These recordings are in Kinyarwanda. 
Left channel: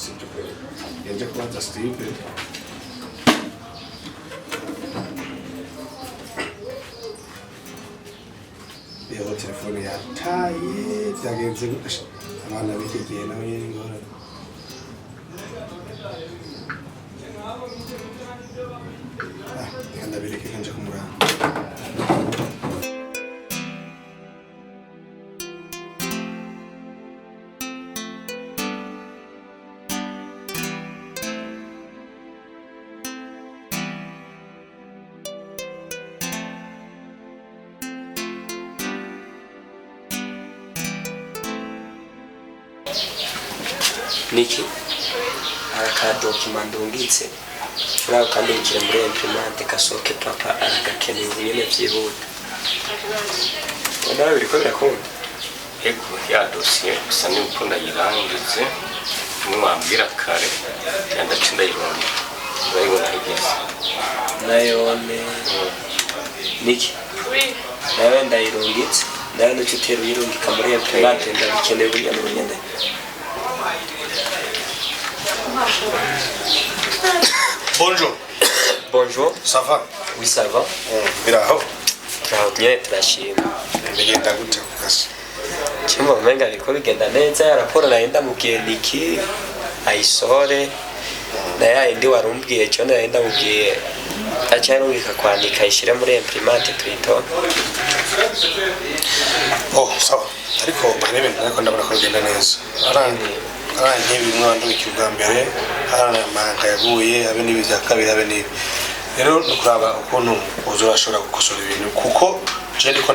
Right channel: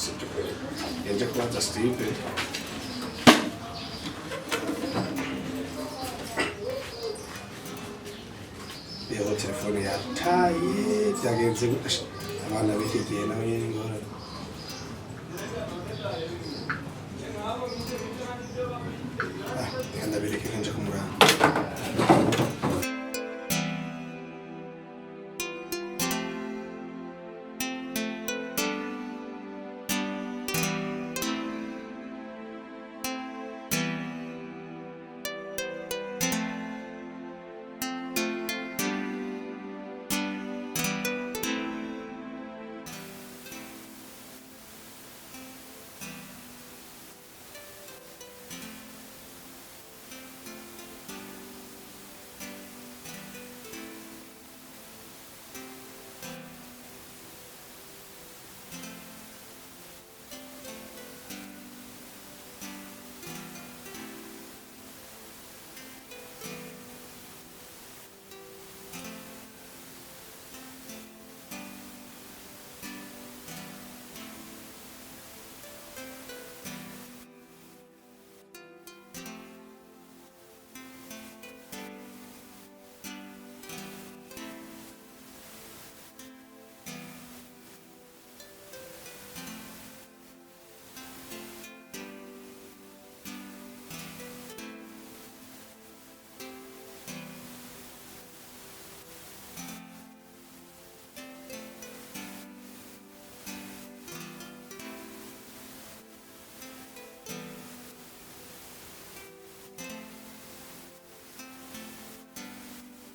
sibyo kweli yaje kubaza Steve iyo telefone yataye byagenze abana bikigiye nawe nyine ngorane ndabireke kanje kumuranga Niki akadocument ndungitse nawe kandi ukire muri imprimante kasoke papa aragakeneye nyine byihuta nawe biriko birakunda ego ya dossier gusa ni uko ndayirangitse nimwambwira kare cyanda cindayibona urayibona igeze nayone Niki nawe ndayirungitse nawe n'ututero yirungika muri imprimante ndabikeneye bunyane Bonjour. Bonjour. Ça va? Oui, ça va. Biraho. Turahutye turashima. Bigenda gute kugasa? Kimwe umenga ariko bigenda neza raporo naenda mubwiye Niki ayisore na yindi warumbwiye cyo naenda mubwiye acyarungika kwandika ishira muri imprimante twito. Oh, sawa. Ariko bane bintu nako ndabona ko bigenda neza. Aranye bimwando ikirwa mbere aramanga yaguye abe nibya kabiri abe nibi. Rero nukuraba ukuntu uzurashobora gukosora ibintu kuko je ndiko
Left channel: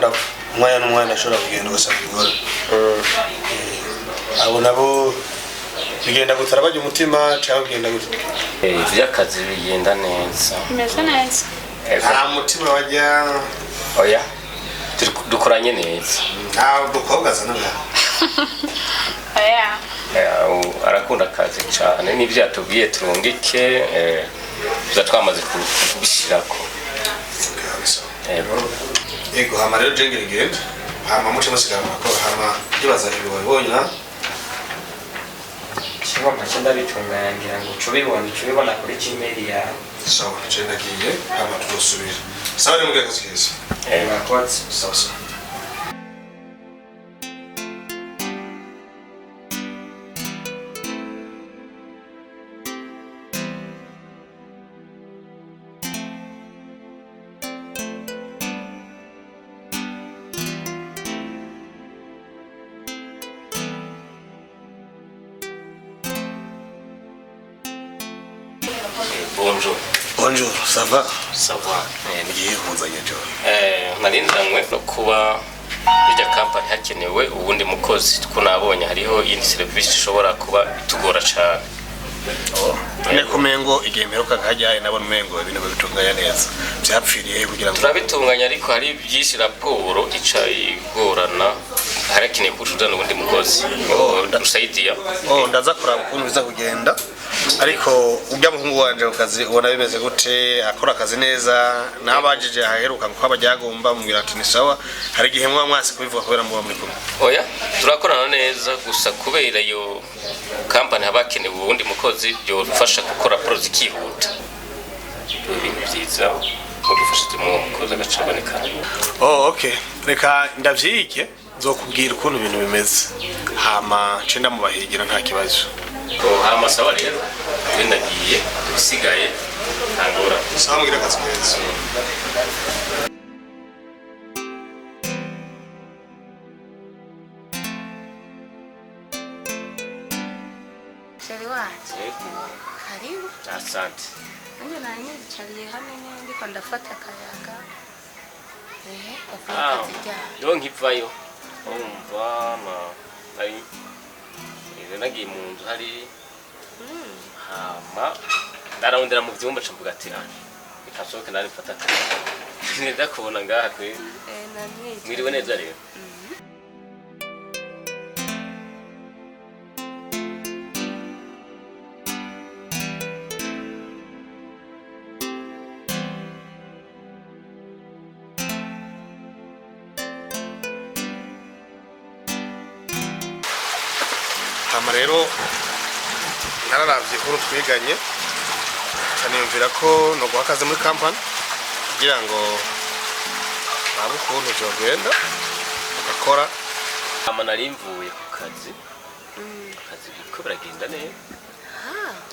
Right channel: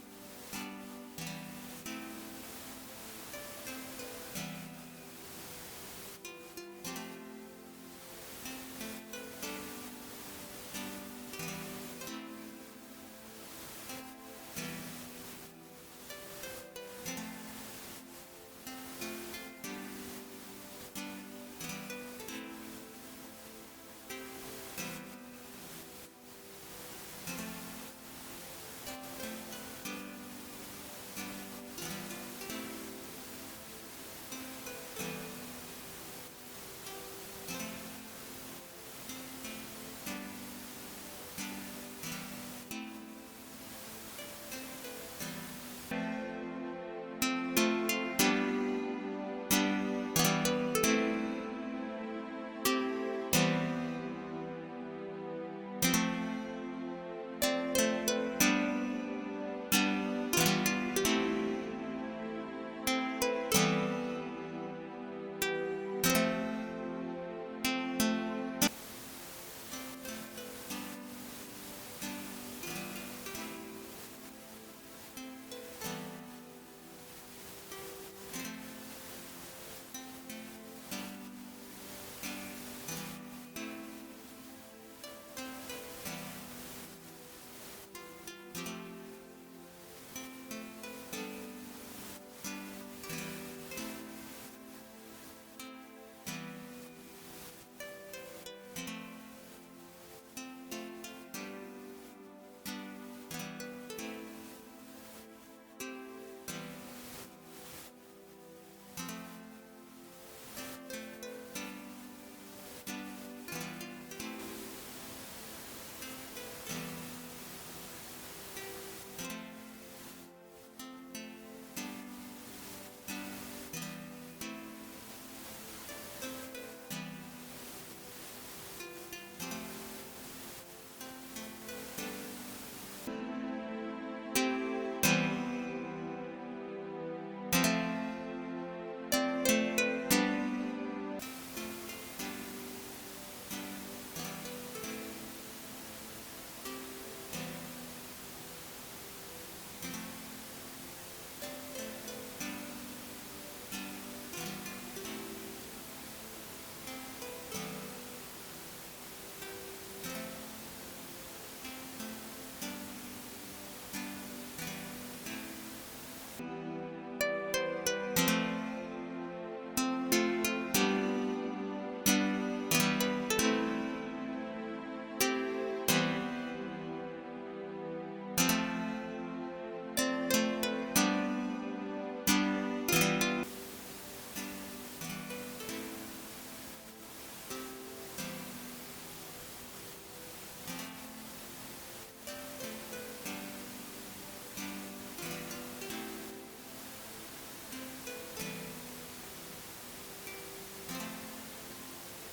umwanya n'umwanya ashobora kugenda ugasanga igora. Abo nabo bigenda gutara bajya umutima cyangwa bigenda gute? Ivy'akazi bigenda neza. Bimeze neza. Nta mutima wajya Oya. Dukoranye neza. nta dukobwa zanaga. Oya. Arakunda akazi cyane n'ibyo yatubwiye turungike twamaze kubishirako. Ego hama rero jengere genda hama muce masigama ko hama ibaza ibibonye Kimwe macenda bitungangira ngo cubibona kuri Gmail ya. sawa jenda giye hama turosubira sawa ni mugaka sikese Mwakoze. sawa sawa Bonjour. Bonjour, ça va? Ça va. Ngiye kuzanya cyo. Narindanywe no kuba irya company hakenewe ubundi mukozi kunabonye hariho indi service ishobora kuba tugora cyane. Kumengo igihe mperuka kajyaye nabona umengo ibintu bitunganya neza. Byapfiriye kugira ngo turabitunganya ariko hari byinshi raporo ica igorana harakeneye kujuda n'ubundi mukozi. Ndusaidia. ndaza kuraba ukuntu biza kugenda. Ariko ujya muhungu wanje ukazi ubona bimeze gute akora akazi neza nabajije aheruka ko abajyagomba mugira ati ni sawa hari gihe mwa mwasi kubivuga kubera muba muri kumwe. Oya turakorana neza gusa kubera iyo company habakenewe ubundi mukozi byo fasha gukora project yihuta. Ibintu byiza mudufashije mu mukozi agacaboneka. Okay. Reka ndavyike nzokubwira ukuntu ibintu bimeze. Hama cenda mubahigira nta kibazo. HAMA sawa rero ndagiye usigaye ntangora. Sawa mugira akazi keza. Sheri wacu. Karibu. Asante. Nje nani chaliye hano ndiko ndafata akayaga. Don't nkivayo. Umva ari nagiye mu nzu hari HAMA ndarondera mu byumba cyo ati ikasohoka nari mfata neza kubona ngaha kwe mwiriwe neza rero. Hama rero nararavye ko twiganye kaniyumvira ko no guhakaze muri company kugira ngo babu kuntu byogenda ugakora HAMA nari mvuye ku kazi ko biragenda neza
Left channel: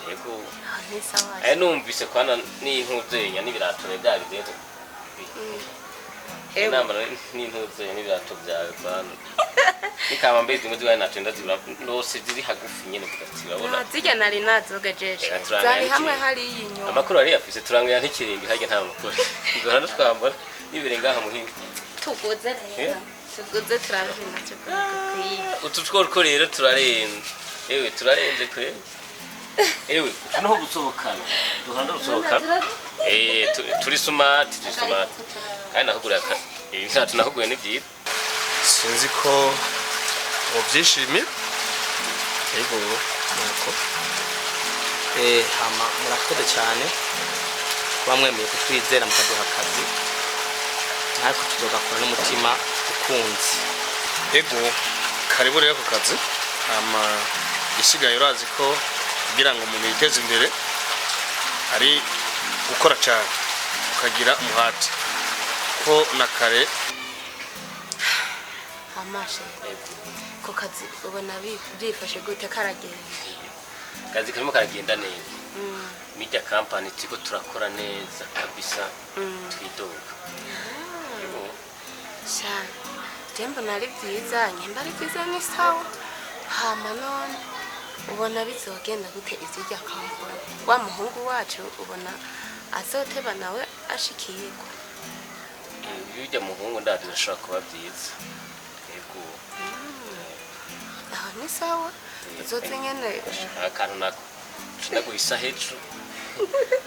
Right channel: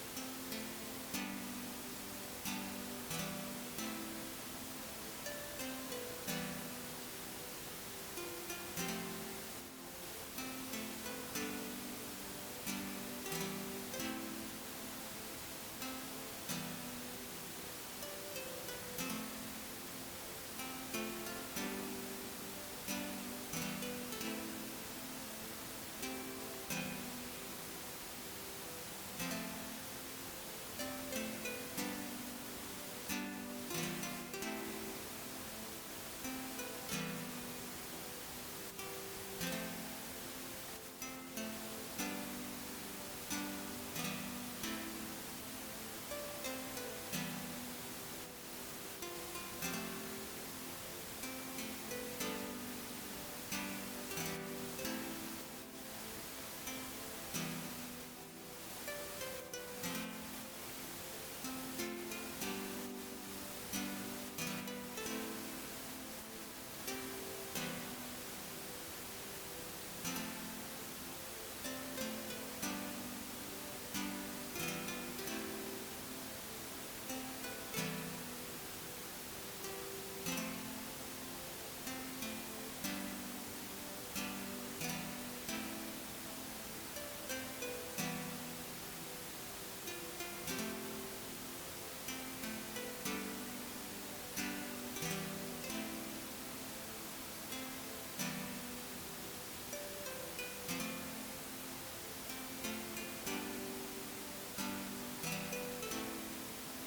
yego numvise kwana n'intuzenya n'ibirato byawe rero inama n'intuzenya n'ibirato byawe kwana nikaba mbezi ngo zibaye natwe ndazibura ndose ziri hagufi nyene kugazibabona zijya nari nazogejeje zari hamwe hari inyuma amakuru ari yafise turangira nk'ikirindi hage nta makuru ngora twambara nibere ngaha muhinga tuguze rero tuguze turangira nacyo ututwo rero turarenze ewe turarenze kwe ewe noho gusobokana duhanda gusobokana turi smart kandi nahugura akazi ibintu nahuguye ni byiza sinzi ko ubyishimiye yego nuko HAMA murakoze cyane kuba mwemeye kutwizera mukaduha akazi ariko tuzogakora n'umutima ukunze yego karibu rero ku kazi HAMA gisigaye urazi ko kugira ngo umuntu yiteze imbere ari gukora cyane ukagira umuhati ko na kare amashe ko kazi ubona bifashe gute karagenda kazi karimo karagenda neza media company tiko turakora neza kabisa twidoga cyane tembo nari byiza nyemba ari byiza ni sawa HAMA none ubona bizogenda gute ivyirya kampani wa muhungu wacu ubona azoteba nawe ashikirwa ibijya muhungu ndazi bishobora kuba byiza yego ni sawa uzoze nyene akantu nako ndaguhisa hejuru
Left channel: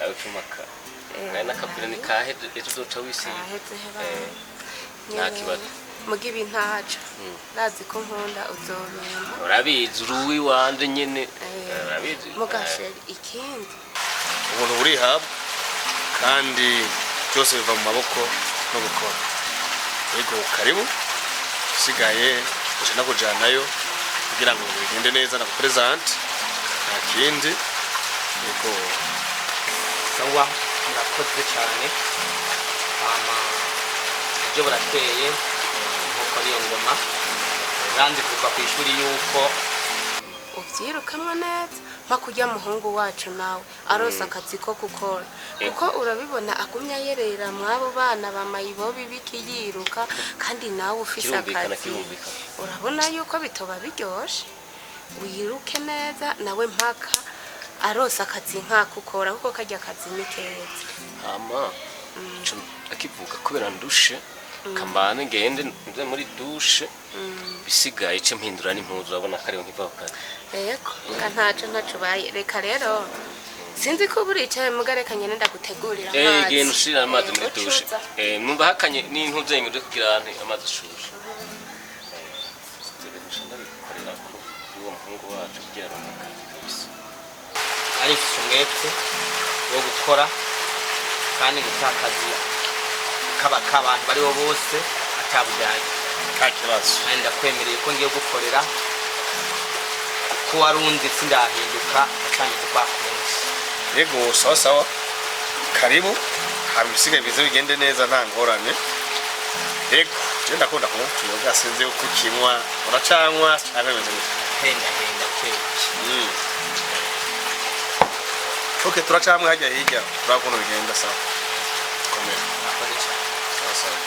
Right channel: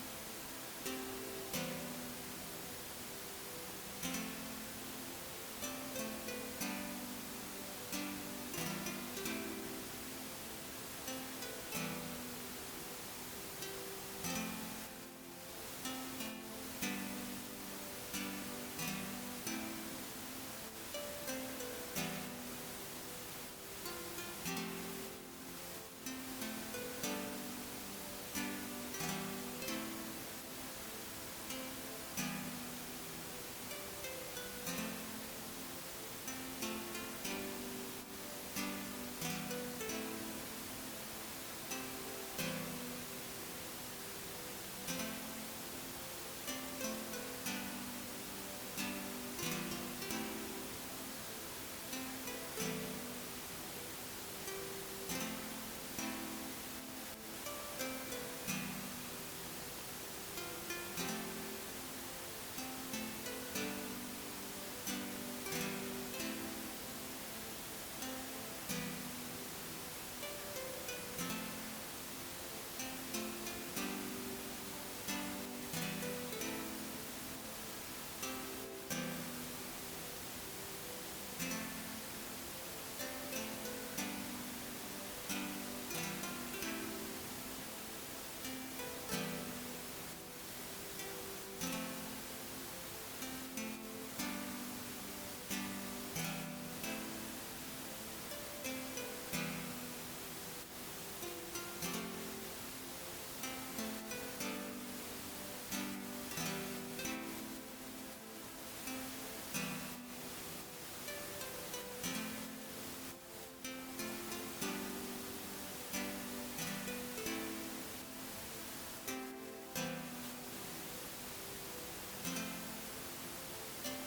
abicumaka nakabwira ni kahe tuzoca wisi nakibazo mugibi ntaco nazi ko nkunda uzobimba urabizi uruwi wanje nyene urabizi mugashe ikindi ubuntu burihabwa kandi byose biva mu maboko no gukora yego karibu usigaye ushaka kujanayo kugira ngo bigende neza na present nta kindi yego sawa murakoze cyane HAMA ibyo burateye nkuko ariyo ngoma kandi kuva ku ishuri yuko uvyirukamwe neza makujya muhungu wacu nawe arosa akazi ko gukora kuko urabibona agumya yerera mwabo bana bamayibobi bikiyiruka kandi nawe ufise akazi urabona yuko bitoba biryoshe wiruke neza nawe mpaka arosa akazi nkakukora kuko kajya akazi ni keza HAMA akivuga kubera ndushe kamane ngende nze muri dushe bisigaye cyo mpindura n'impuzu urabona kare nkiva kazi yego ntaco baye reka rero sinzi ko buricaye mugareka nyene ndagutegurira amazi genda ushira amazi muri dushe numva hakanye n'intu zenyu uri kugira amazi ashushe ari umwete wo gukora kandi gutakaza k'abantu bariho bose atabujyanye nta kibazo ndakwemereye ko ngiye gukorera ko warundi sindahinduka atangiye kwakunze yego sawa sawa karibu hari ibisigaye bize bigende neza nta ngorane yego je ndakunda kunywa tuyoga sinzi uko kinywa uracanywa cyangwa bimeze henda kweli okay turacamwe hajya hirya turabona bigenda sawa komera akoze cyane sawa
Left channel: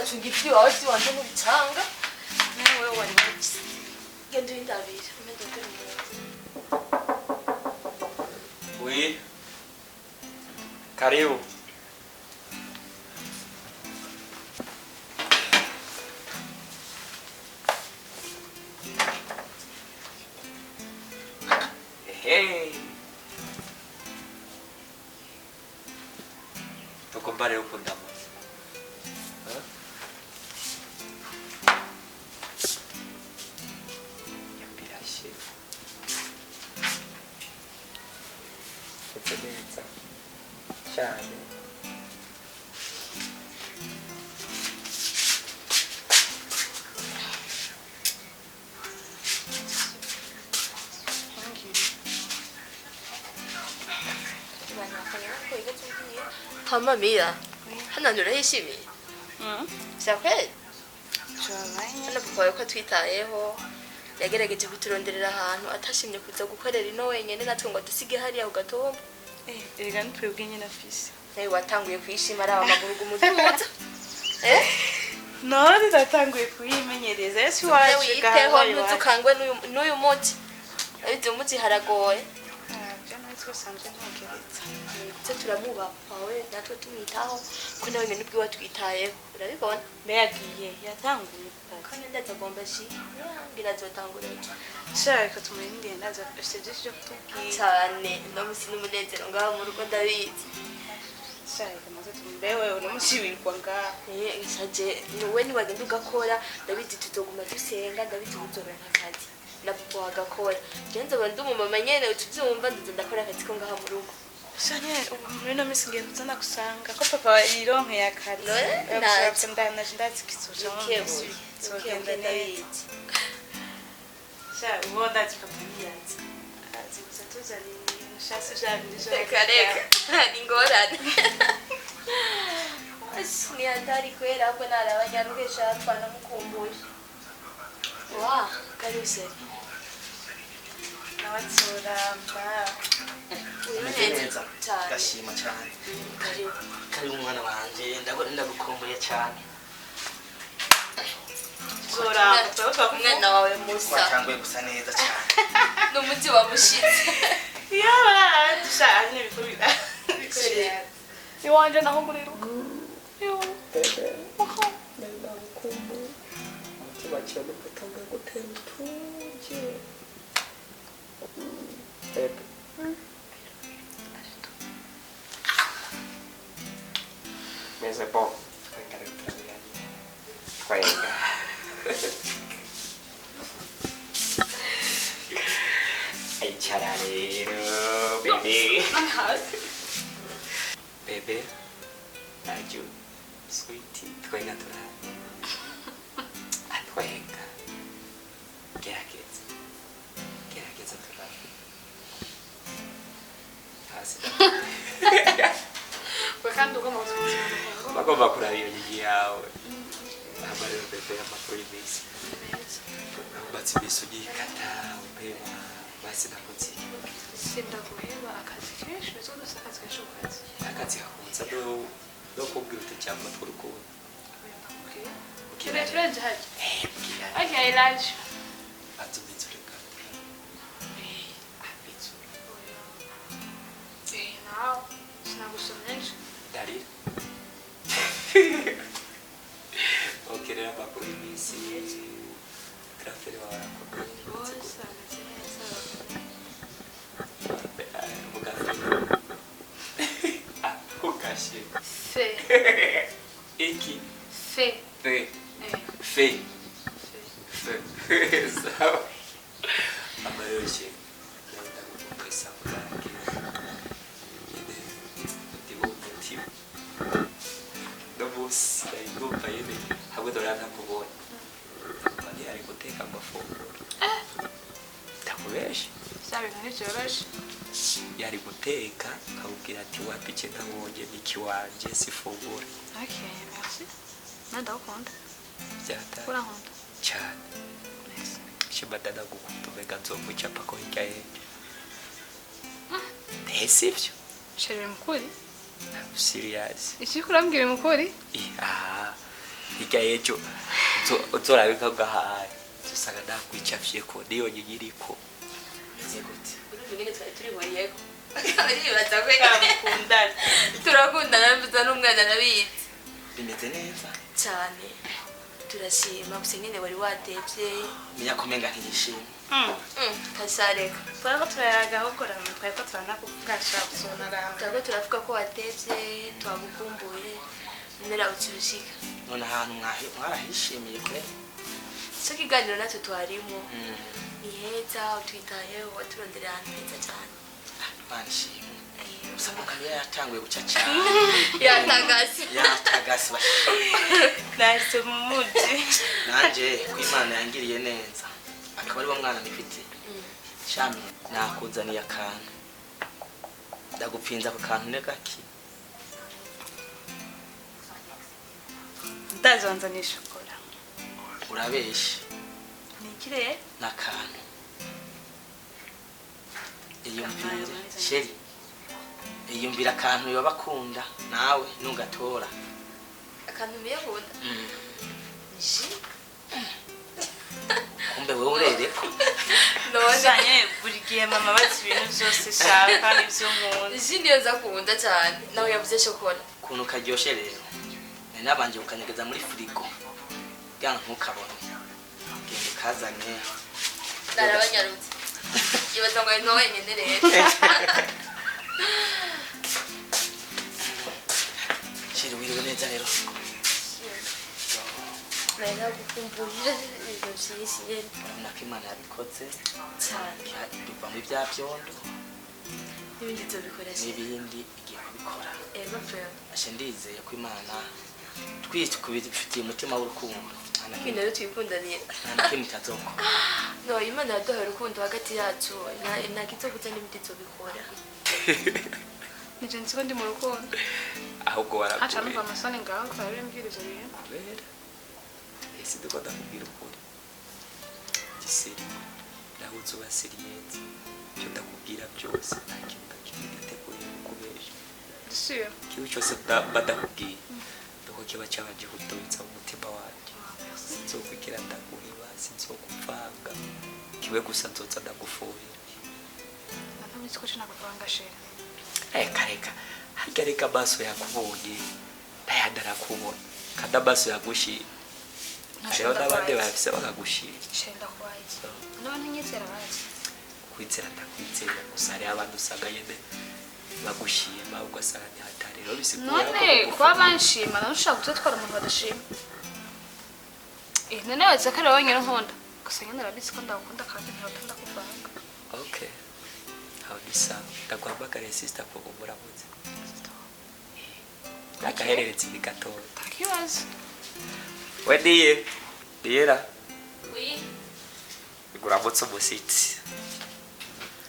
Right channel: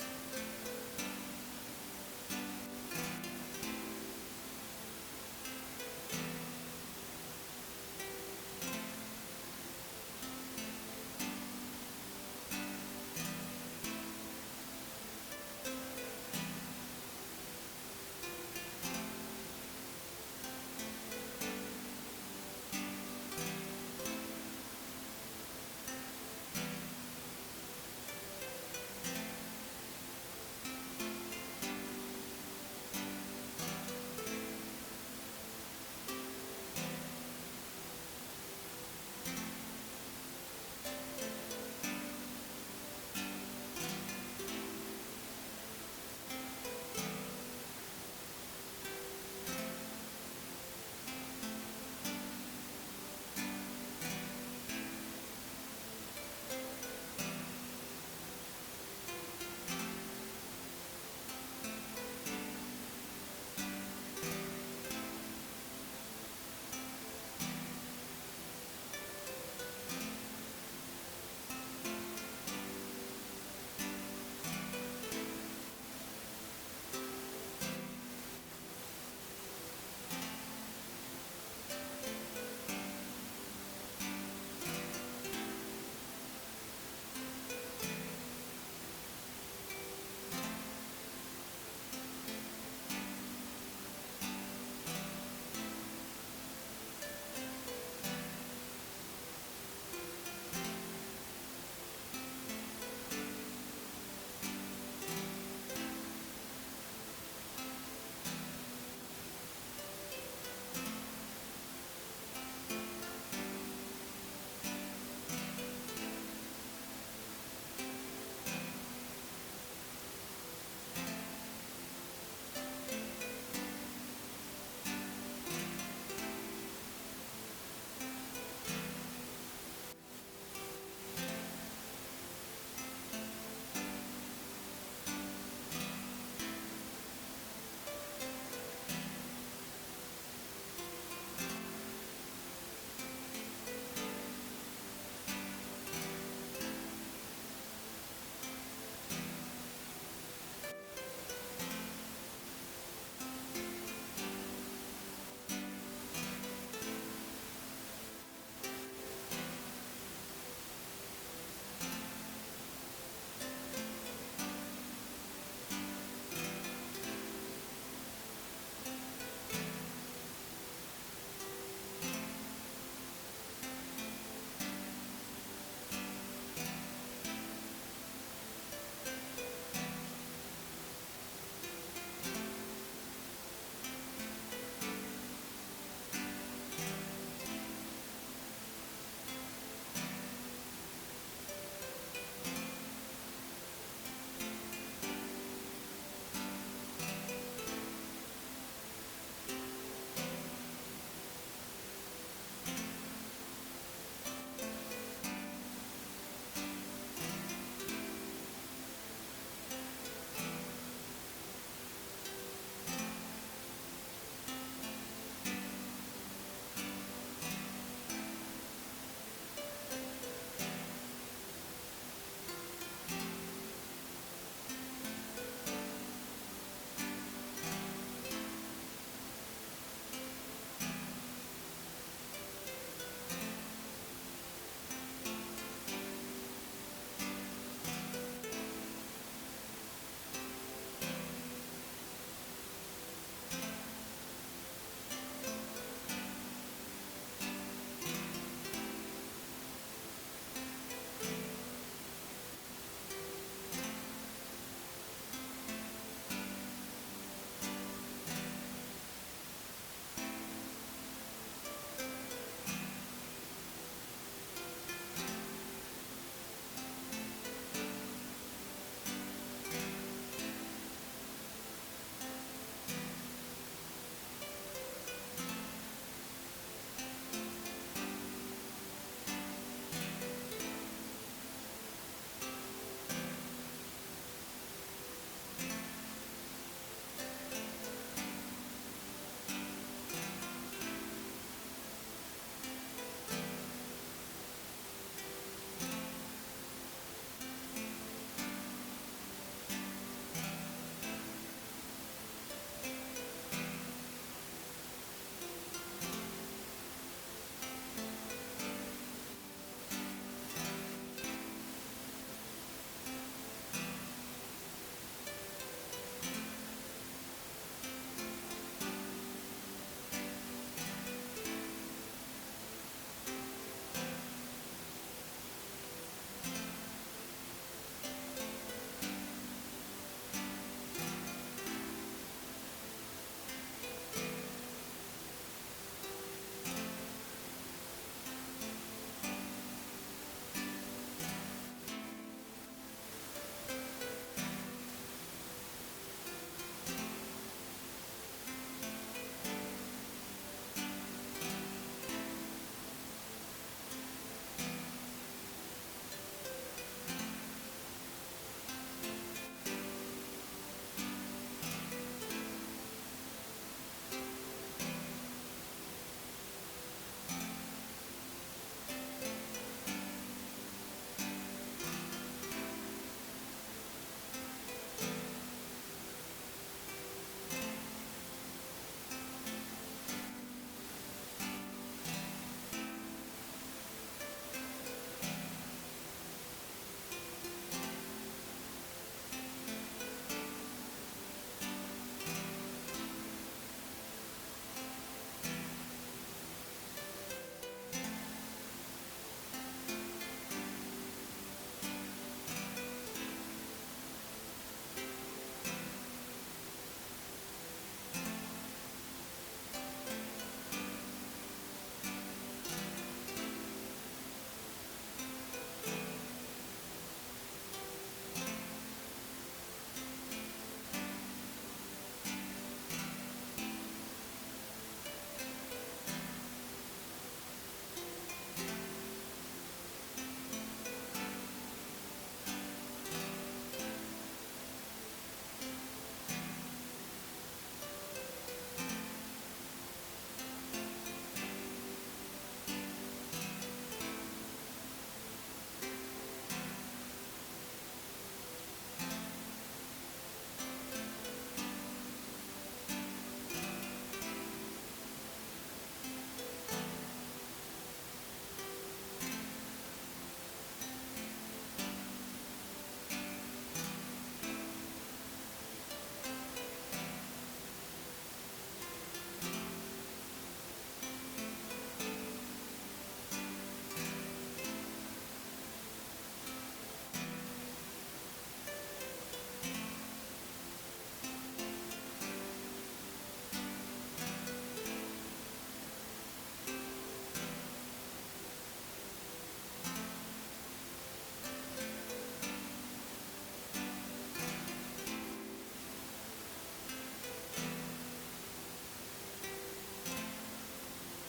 uracunga iby'iwawe by'iwanje n'ubicanga nawe wari wabise genda uyindabire Oui. Karibu. Hey. Tukumbare ukunda. Hama mira, hano ndurahishimiye. Sakweli? Hano papa wawe ko twitayeho yagerageje kuturonderera ahantu atashimye kuza gukorera ino wenyene natwe ngo dusige hariya ku gatobo. Erega nitwebwe nyine afise. Nawe watanguye kwishima ari amaguru gumuduza. None ndatanguye kuyimenyereza. Ese waje witeho ntuzukangwe n'uyu muti. Abite umuti haragoye. Byo natwe sanze ntakibazo. Turamuba wawe natwe tumwitaho ko nawe nyine ubwiwe twitayeho urabibona Yagiye yatanguye. kandi ndazagomba shi birazotangura Shaka tumuye ngenda za afite cyo kutubwira. cyane no musi n'umunezero ngaho mu rugo ndabizi Shaka maze tumbewe unamushibirwa ngaho. isaje niwe niwagenda ugakora ndabizi tutoguma dusenga ndabizi uzobera akazi na papa wagakora genza bandi umumama nyene utubyumva ndakora akazi ko ngaho mu rugo Sanye umurino misingiye kuzana kusanga ko papa yironke yakari. Ntabwo ndanaje ndazikisoje mu kebu sogenda neza. Sha ubona tukamwiyanza. Aziza tuzani shase jabije. reka ingorane ni hatari kwera hapo narabanyarugesha twanamukumbuye wa karuse Nawatsura mba. neza cyane Gashima cyane. karibu Kari umwana wanje ndagukumbuye cyane. Zora umwana wawe musa Watanguye gusa neza cyane. n'umuti wamushitse yaba dushanye bikubira. Iwanje naho muri rugo. Yo. Mais c'est bon. Icara rero, bebe. Bebe. Aju. Sweetie. Twenga turare. Atwenga. Gerageza. Gerageza turare. Hasi. Kandi ugomba kuzimya. Bagomba kuraba iyo nyigi yawe. Ntabwo rero bebe amakuru y'imisi. Batsi bisu gikata. Ubeba. Basi nakutsi. Sindaguheba akazi kenshi uzi ko akazi kenshi ukazi. Akazi kakunza no kubwira uti cyangwa turukundo. Kire turenze haje. Bwira. Okay, large. Atubitsurika. Abitsu. Now, sinagusomesha. Dari. Okay, rero amakuru y'imisi. Kraftere wawe. Fe. Iki. Fe. Fe. Fe. Fe. Sawa. Amayoshe. Pesa kudaki. Ndi umutima. No bosi ayigomba yene. Hamwe dorana kubona. Bani ari guteka amafunguro. Takubesha. Sabe ntibyoroshye. Yari guteka akabwira ati wapike nkabonye niki wanje sifungura. Okay, merci. Ndakunda. Byata Urankunda. cyane. Shibadana gukutumeka nzomuchapa ko hirya yejo. Sivyo? Shere mukuri. Serious. Iki kurambwira mukuri? Ah. hirya y'ejo uzorabika gahaye usanga ndakwicafye ko niyo nyigiriko nyine twari turi buriyeko aribaza ko mukundana turakundana mbiza n'umwana nabizi bimeze neza cyane turashima gusa nyine wari watevye nyakomenga ntiyishimye kasareka Twari turayaga gukora twari ko turanakugasha gusonara. turako turavuga ko watevye twagukumbuye nimera ukirushika none ahantu mwarahishimiye pe so kiganiro natwe twarimo ni heza utwitayeho waturonderera ahantu heza cyane banshimye gusa mukariya yatanguye guca cyane yatagase Nahise mu muji. nanje ko Imana yangiriye neza akaba ari wo mwana nifite shami nakuzaniye akantu ndagupfinza ku kantu negaki Ndazanzana shokora. urabeshe Nikire n'akantu iyumvire sheri iyumvira akantu yobakunda nawe nungatora akantu miyahunda kumbe wewe urereko Nozanye buri gihe mama bazi ibintu byose shaka n'ibyo nkunda. isi niyo nza kunda cyane nawe yavuze shokora ukuntu karyoshe rero nabanje ukanyegeza muri firigo kugira ngo ntukabone genda kazanye narabanyarutse ibaza ngo ari nawe nyine rero sheri wiriwe neza rero nari gukumburira ibintu byinshi rero nako Imana yabikoze cyane biva muri bya byondo n'ibindi tubikoresha n'ibindi igiye kubikora ego pe ashe ndizeye ko Imana twifitiye umutima w'urukundo ibintu rero twikundanira nta kintu cyazokora no Imana yaduhaye urukundo hagati yacu nta kizokuza n'ibindi tubikora Nije nziko ndi mu rukundo. ahubwo Acha warakuye numva amasoni ngaho kwa biri mbwirizo bintu. ese ndikunda kubwira ukuri gisiri naho uzubasiriye cyo ndakubwira byose nta kintu ndategura kubeje Sio. ikintu cyose badakubwiye nuko kiba cyabanje gutubitsa mu mutima wanjye sinzokwigira ndakubiba sinzokuvanga kiwe gusa nzoza ndagufuye Nabonye ko cyo nakuvanga shera. reka harya reka amaso yakubonye ntayandara kubona kandi amaso yagushira hariho n'abandi bahise bakagushira Shenda kwaye. None nyizera wazi. kwizera ndakwizera gusa hariho abantu usanga nyine bagushima ugasanga ntihatari rero bisigura None kuba banshima nawe ushaka kutwara umuntu badashima. None waza ko ari wowe nyine nkunda. Gusa nyine urabizi ko ndakunda kandi ndakunda kuvanga. okay aho bisa ndaguhamagariye sister ko umuramuzi akahereretse ni gatoya Takibazo. we diyera iguramutse umusitsi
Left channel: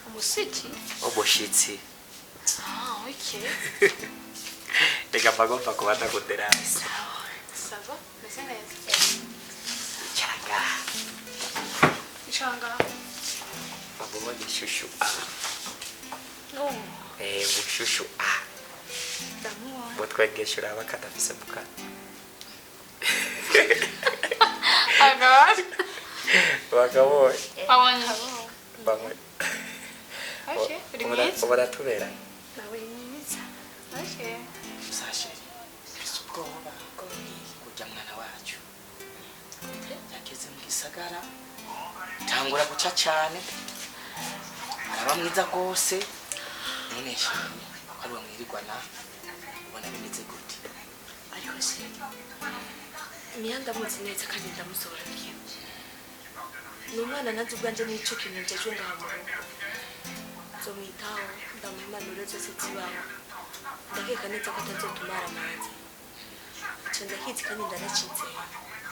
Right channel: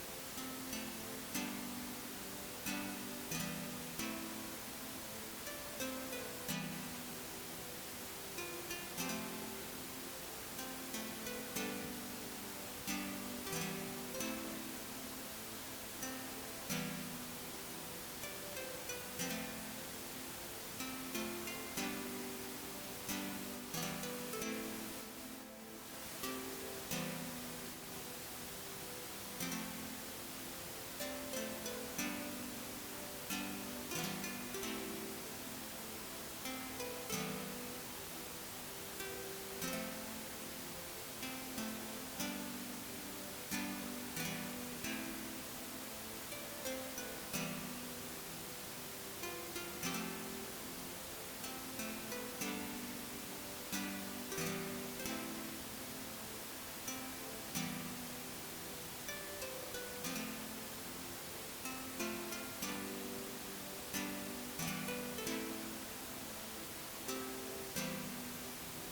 Umusiki? umushitsi Ah, okay. reka mpagomba kuba ndaguderasi Sava? Meze neza. cyanga Changa. bamubona ishushu mushushu Ndamuwa. mutwegesha uraba kadafise mukana Agawari. bakabonye Pawanya. bamwe Okay, uri mwiza. baratubera Nawe mwiza. Okay. sashe mfise ubwoba urya mwana wacu yageze mu gisagara tangura guca cyane araba mwiza rwose none shami ari wamwirirwana ubona bimeze gute ariko se niyo ndamuzi neza kandi ndamusobanuriye ni umwana nanjye ubwanjye n'icyo kintu njyeje ngaho nzomwitaho ndamuha impanuro zose zibaho ndakeka neza ko atazotumara amanzi icyo ndakizi kandi ndanacitse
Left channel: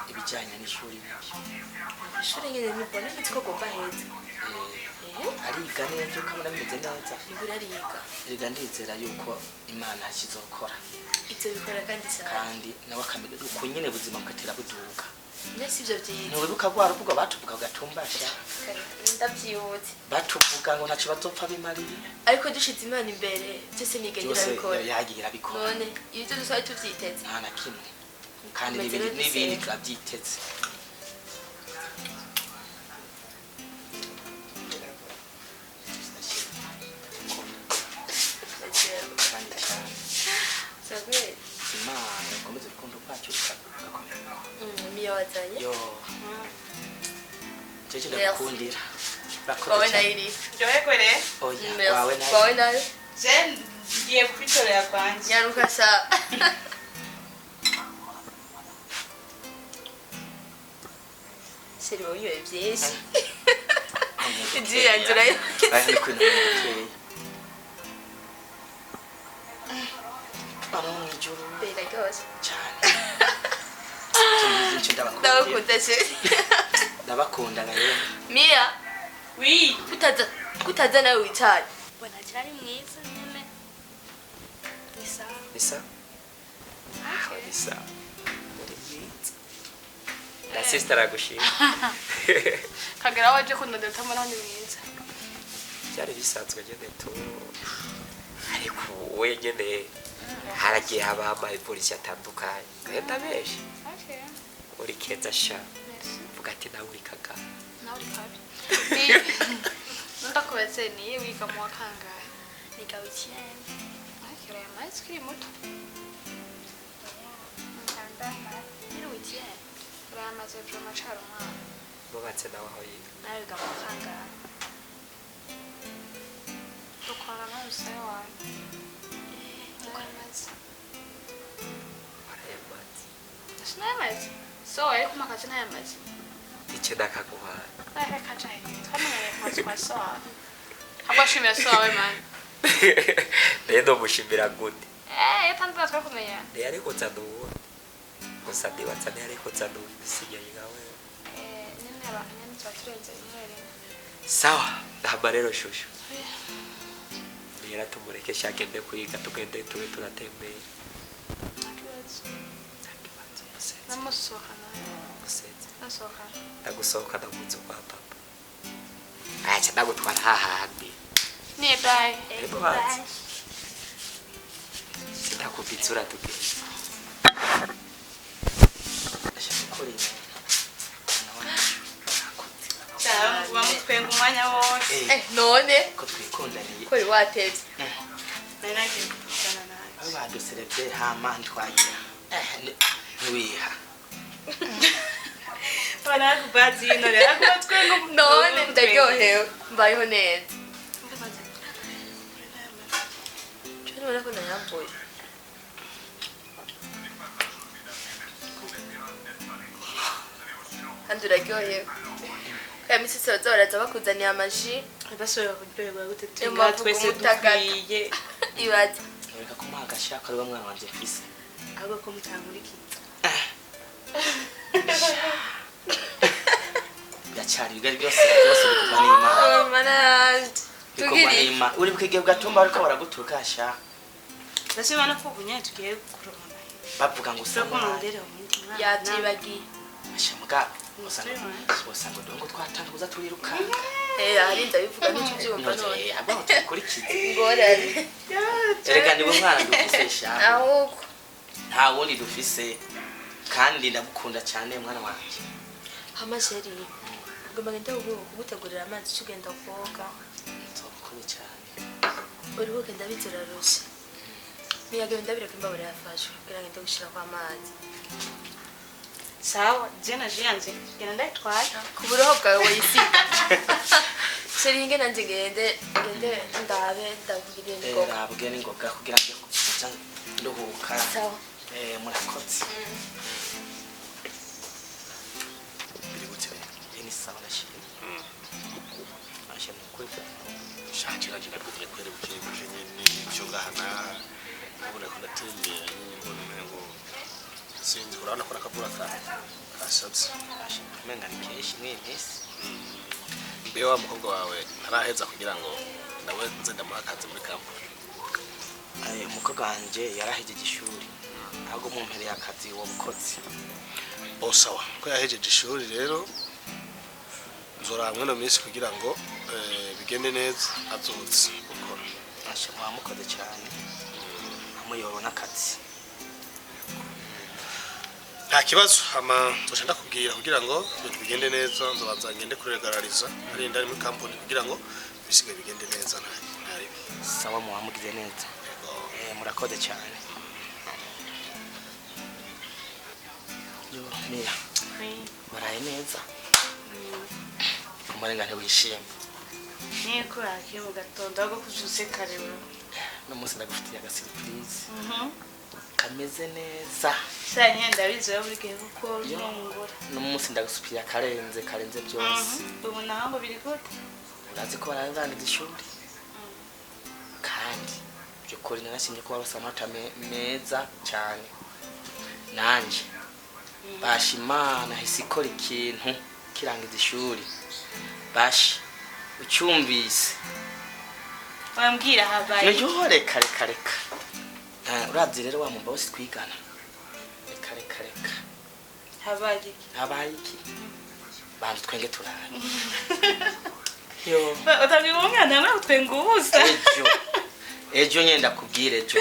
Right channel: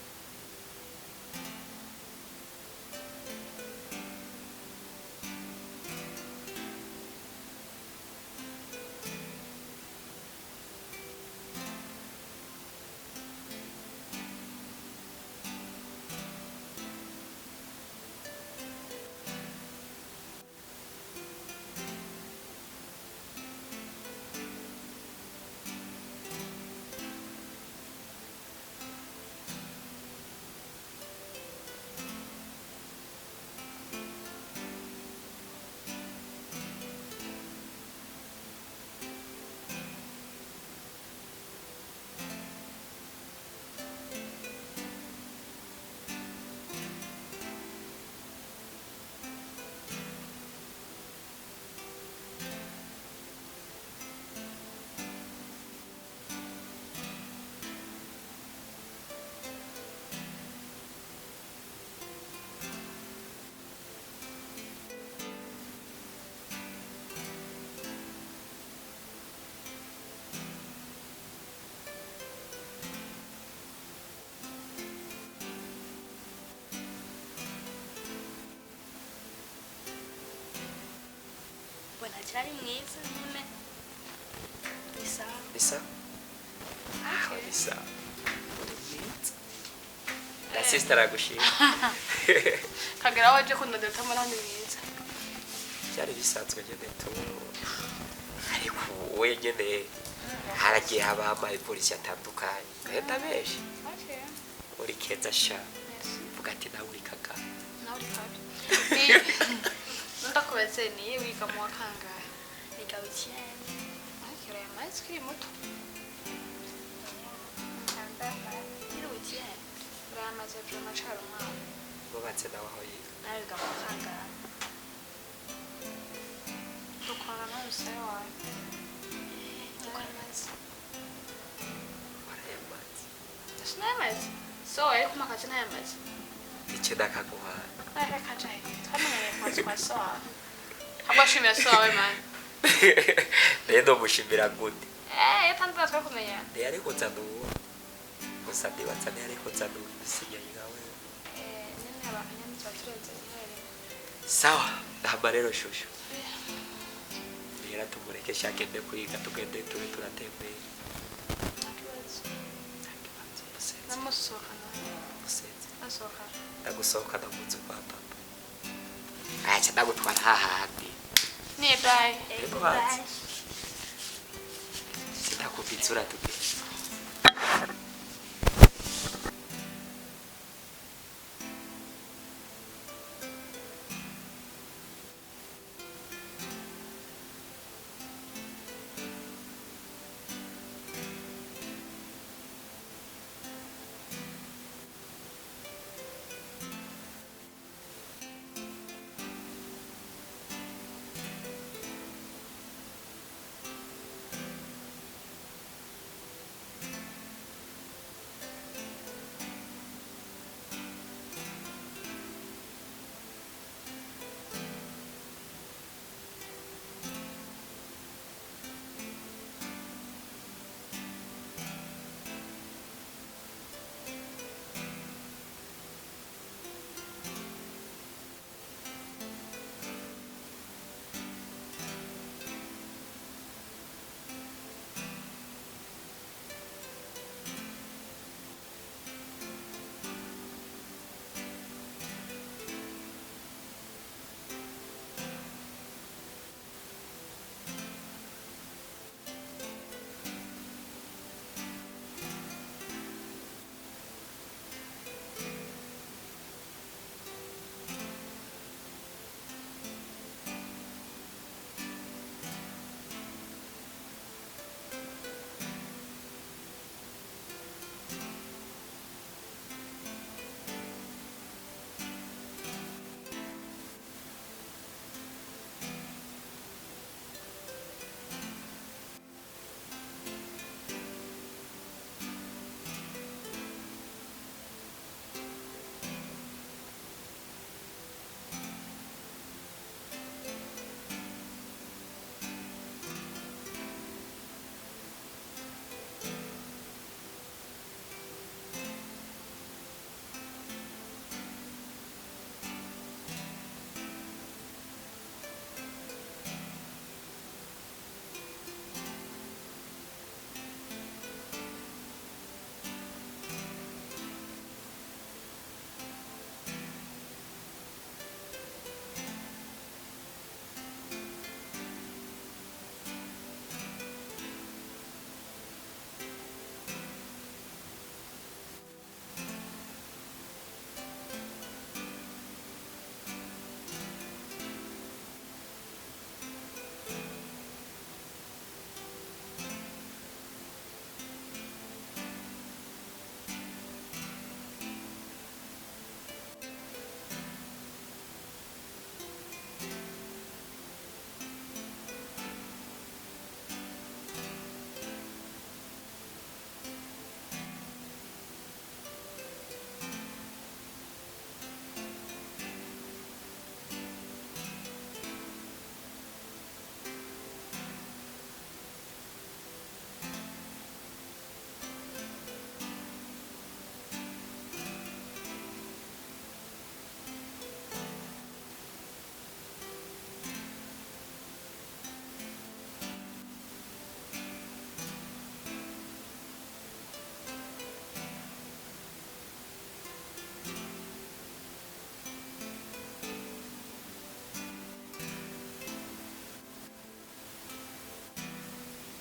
ibijyanye n'ishuri bibyo ishuri nyine nibona nzi ko gomba heza ariga neza ukabona bimeze neza ibirariga reka ndizera yuko Imana kizokora ibyo bikora kandi cyane kandi nawe akamenya uko nyine ubuzima bugatera buduka mbese ibyo byiza ntiwibuka rwa ruvuga batuvuga gatumbashya ndabyibutse batuvuga ngo ntacyo bazopfa bimariye ariko dushize Imana imbere byose nigenda byose irabikora yagiye irabikora none iyo ibyo dusabe tubyiteze nta na kimwe kandi n'ibindi turabyiteze. Bawe nairi. Joye kwere? Bawe nairi. Jen ndiye kubitorera kwanje. Nyaruka sa. Siri oyo byinshi. Igiye ngira. Ari kwina. Baramwijuru Bera gose. cyane. Ndabakunda se. Ndabakunda nayo. Mia. Oui. Kutaza nawe wicaye. Bwana cyari mwiza nyene. Bisa. Bisa? Bisa. Uri mwiza. Na sister agushima. Kagera waje kundodota muri hano mwiza. Byari bisanzwe nyene tu. Ariko wowe nyene haragiye haba amapolisi atandukanye. Gahita benshi. Okay. Uri keza sha. Merci. Vuga ati nawe uri kaka. Nawe uri kabi. Ndakubaze ni wiga mu wakangahe? Nika weekend. Akira ya mazi kiri muto. Iri weekend. Uramaze byo macaro mwana. Bubatse nawe aho yiga. Nawe wiga mu wakangahe. Dukora n'umusaya wawe. Uramaze. Warayamaze. Sinamaze. So ariko makazi ntayamaze. Icyo ndakaguha. Aya kajaye. Twamenye kwa sawa. Abashimira sawa man. Rero mushimira gute. Tantu twakumenya. Yari kutsaduwa. Gusa ndibatsa yari kutsaduwa sinyaye gawe. Nene abanyani twaturenze imwere. Sawa, haba rero shushu. Ngira tumureke shakende kwiga tugende tube turatembera. Nakibazo. Nakibazo musetse. Namusoka nayo. Musetse. Nasoka. Ndagusohoka ndamunzu kwa papa. Acha ndagutwara hahandi. Ni bye. Ego hanze. Sindakupitsura tugende. Bamutwenga umwanya wose. None ko twikundaniye. ko wateze. Nanagiye kuvugana nawe. Abo baduserebye HAMA ntwagira. Ntiwiha. Bana kubazi none akutwenga None ndaryohewe mbayeho neza. Cyo none ko ndayambuye. Kandi uraryohewe. Kaya misi sose baraza bakuzaniye amaji. basubira kuryoherwa gute Yo tunga mpamvu twese kumutagata. dukwiye. Ibaze. Reka ko mwagashaka ari mwana wanje kwisi. Ahubwo ko mutanguriki. Ndacyari bigari byose bikuma n'Imana. Mana Bikuma tugiri. n'Imana. Uri bwige bwatumba ariko baragutuka sha. Ndashima no kubunya tugiye kurona. Bavuga ngo Soko usanga ndero. Yatibagiye. ashamuga usanga dongo twatanguza turirukanga. Ari ndabivuga n'icyo byumva none. Abaho tukurikiye. Ngorane. Erega ni mwana dufise sha. Ahubwo Nta wundi dufise kandi ndagukunda cyane mwana wanje. amasheri ugomba ngende kugutegurira amazi tugenda koga. Nzokukunda cyane. Uri bugenda biturarusha. Niyagenda bireka imbabura yafashe kugira ngo gushira kwa amazi. Sawa, jena jianze. Yana ndayitwara. Ku buroho bwawe wayisiga. Seri ngene nanje ngende ndabe ndavugire ngo. Nabwe ningoga kugira ngo kuza nduhuka. Sawa. Murakoze. Ni sawa nashimye. Nashimye kuko shakira kinakuye kwere kuje nyene cyo gahana ubura ko natembera ngo sinzi urabona ko nakabura kasabye menga nikeshi mwese. mbe wa mukongo wawe araheza kugira ngo nawe nze ndamakaze muri kampo. Umukobwa wanje yarahejeje ishuri. Ahubwo mu mpere y'akazi wo mukozi. Sawa ko yahejeje ishuri rero nzora hamwe no minsi kugira ngo bigende neza azutse gukora. Ashobora mukoze cyane. Amuyobona akazi. nta kibazo hama tushaka kubwira kugira ngo ibintu bigende neza nzabanza ngende kuregarariza ari ndari muri kampani kugira ngo bisigaye bigende neza ntari sawa muhamugize neza murakoze cyane yo mira baraye neza umurengane wishimye niko yakiye mu gatondo aho kujuse karewe no munsi ndagufitiye aga surprise kameze neza cyane ndabizo yo burigiye kuko n'umugore no munsi ndagusupiye karenze byose ubu naho biri gute urazi ko barabangiza ishuri kandi byukuri narashimye ko babasa amata meza cyane nanje bashimana isikora ikintu kirangiza ishuri bashi ucyumvise wambwira habaye yo reka urazi rero wa mumba wose twigana reka habaye iki bantu twenge turanye yo utabwiye umwana nawe utwenga ubusa ejo nyenda kubwira ejo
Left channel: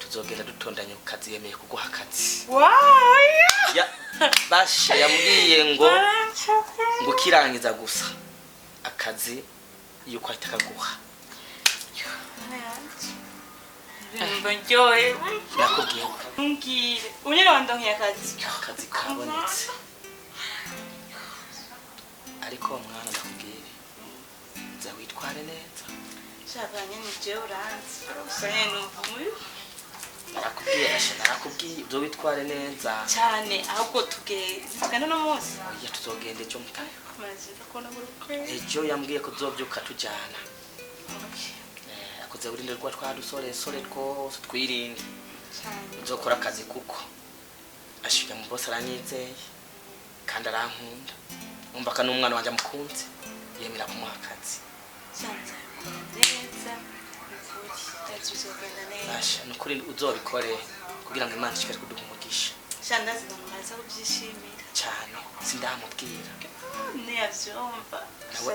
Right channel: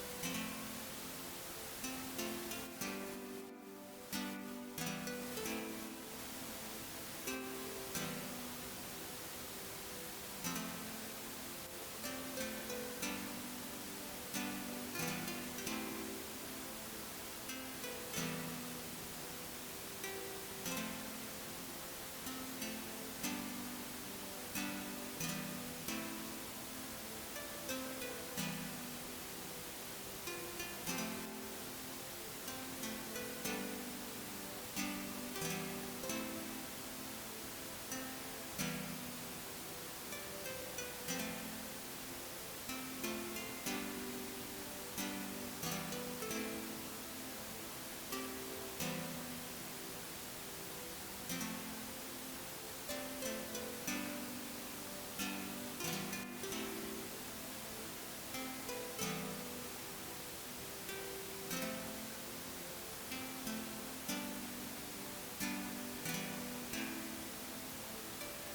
tuzogera dutondanye ku kazi yemeye kuguha akazi wow basha yambwiye ngo kirangiza gusa akazi yuko ahita kaguha mbonjoye nakubwiye mbwire unyere wandonke akazi kabonetse ariko mwana nakubwire za witware neza shabanye ni je uranzi usanye n'umuyu narakubwiye zo witware neza cyane ahubwo tugenda no munsi ya tuzogenda ejo mutayo maze kubona muri ejo yambwiye ko tuzobyuka tujyana akuze urinde rwa twadusore twose twirinde uzokora akazi kuko ashira mu bose aranyizeye kandi arankunda umva ka n'umwana wanje amukunze yemera kumuha akazi Asha nukuri uzobikore kugira ngo Imana ishikare kuduha umugisha shandazi mumaze kubyishimira cyane sindamubwira niyavyumva nawe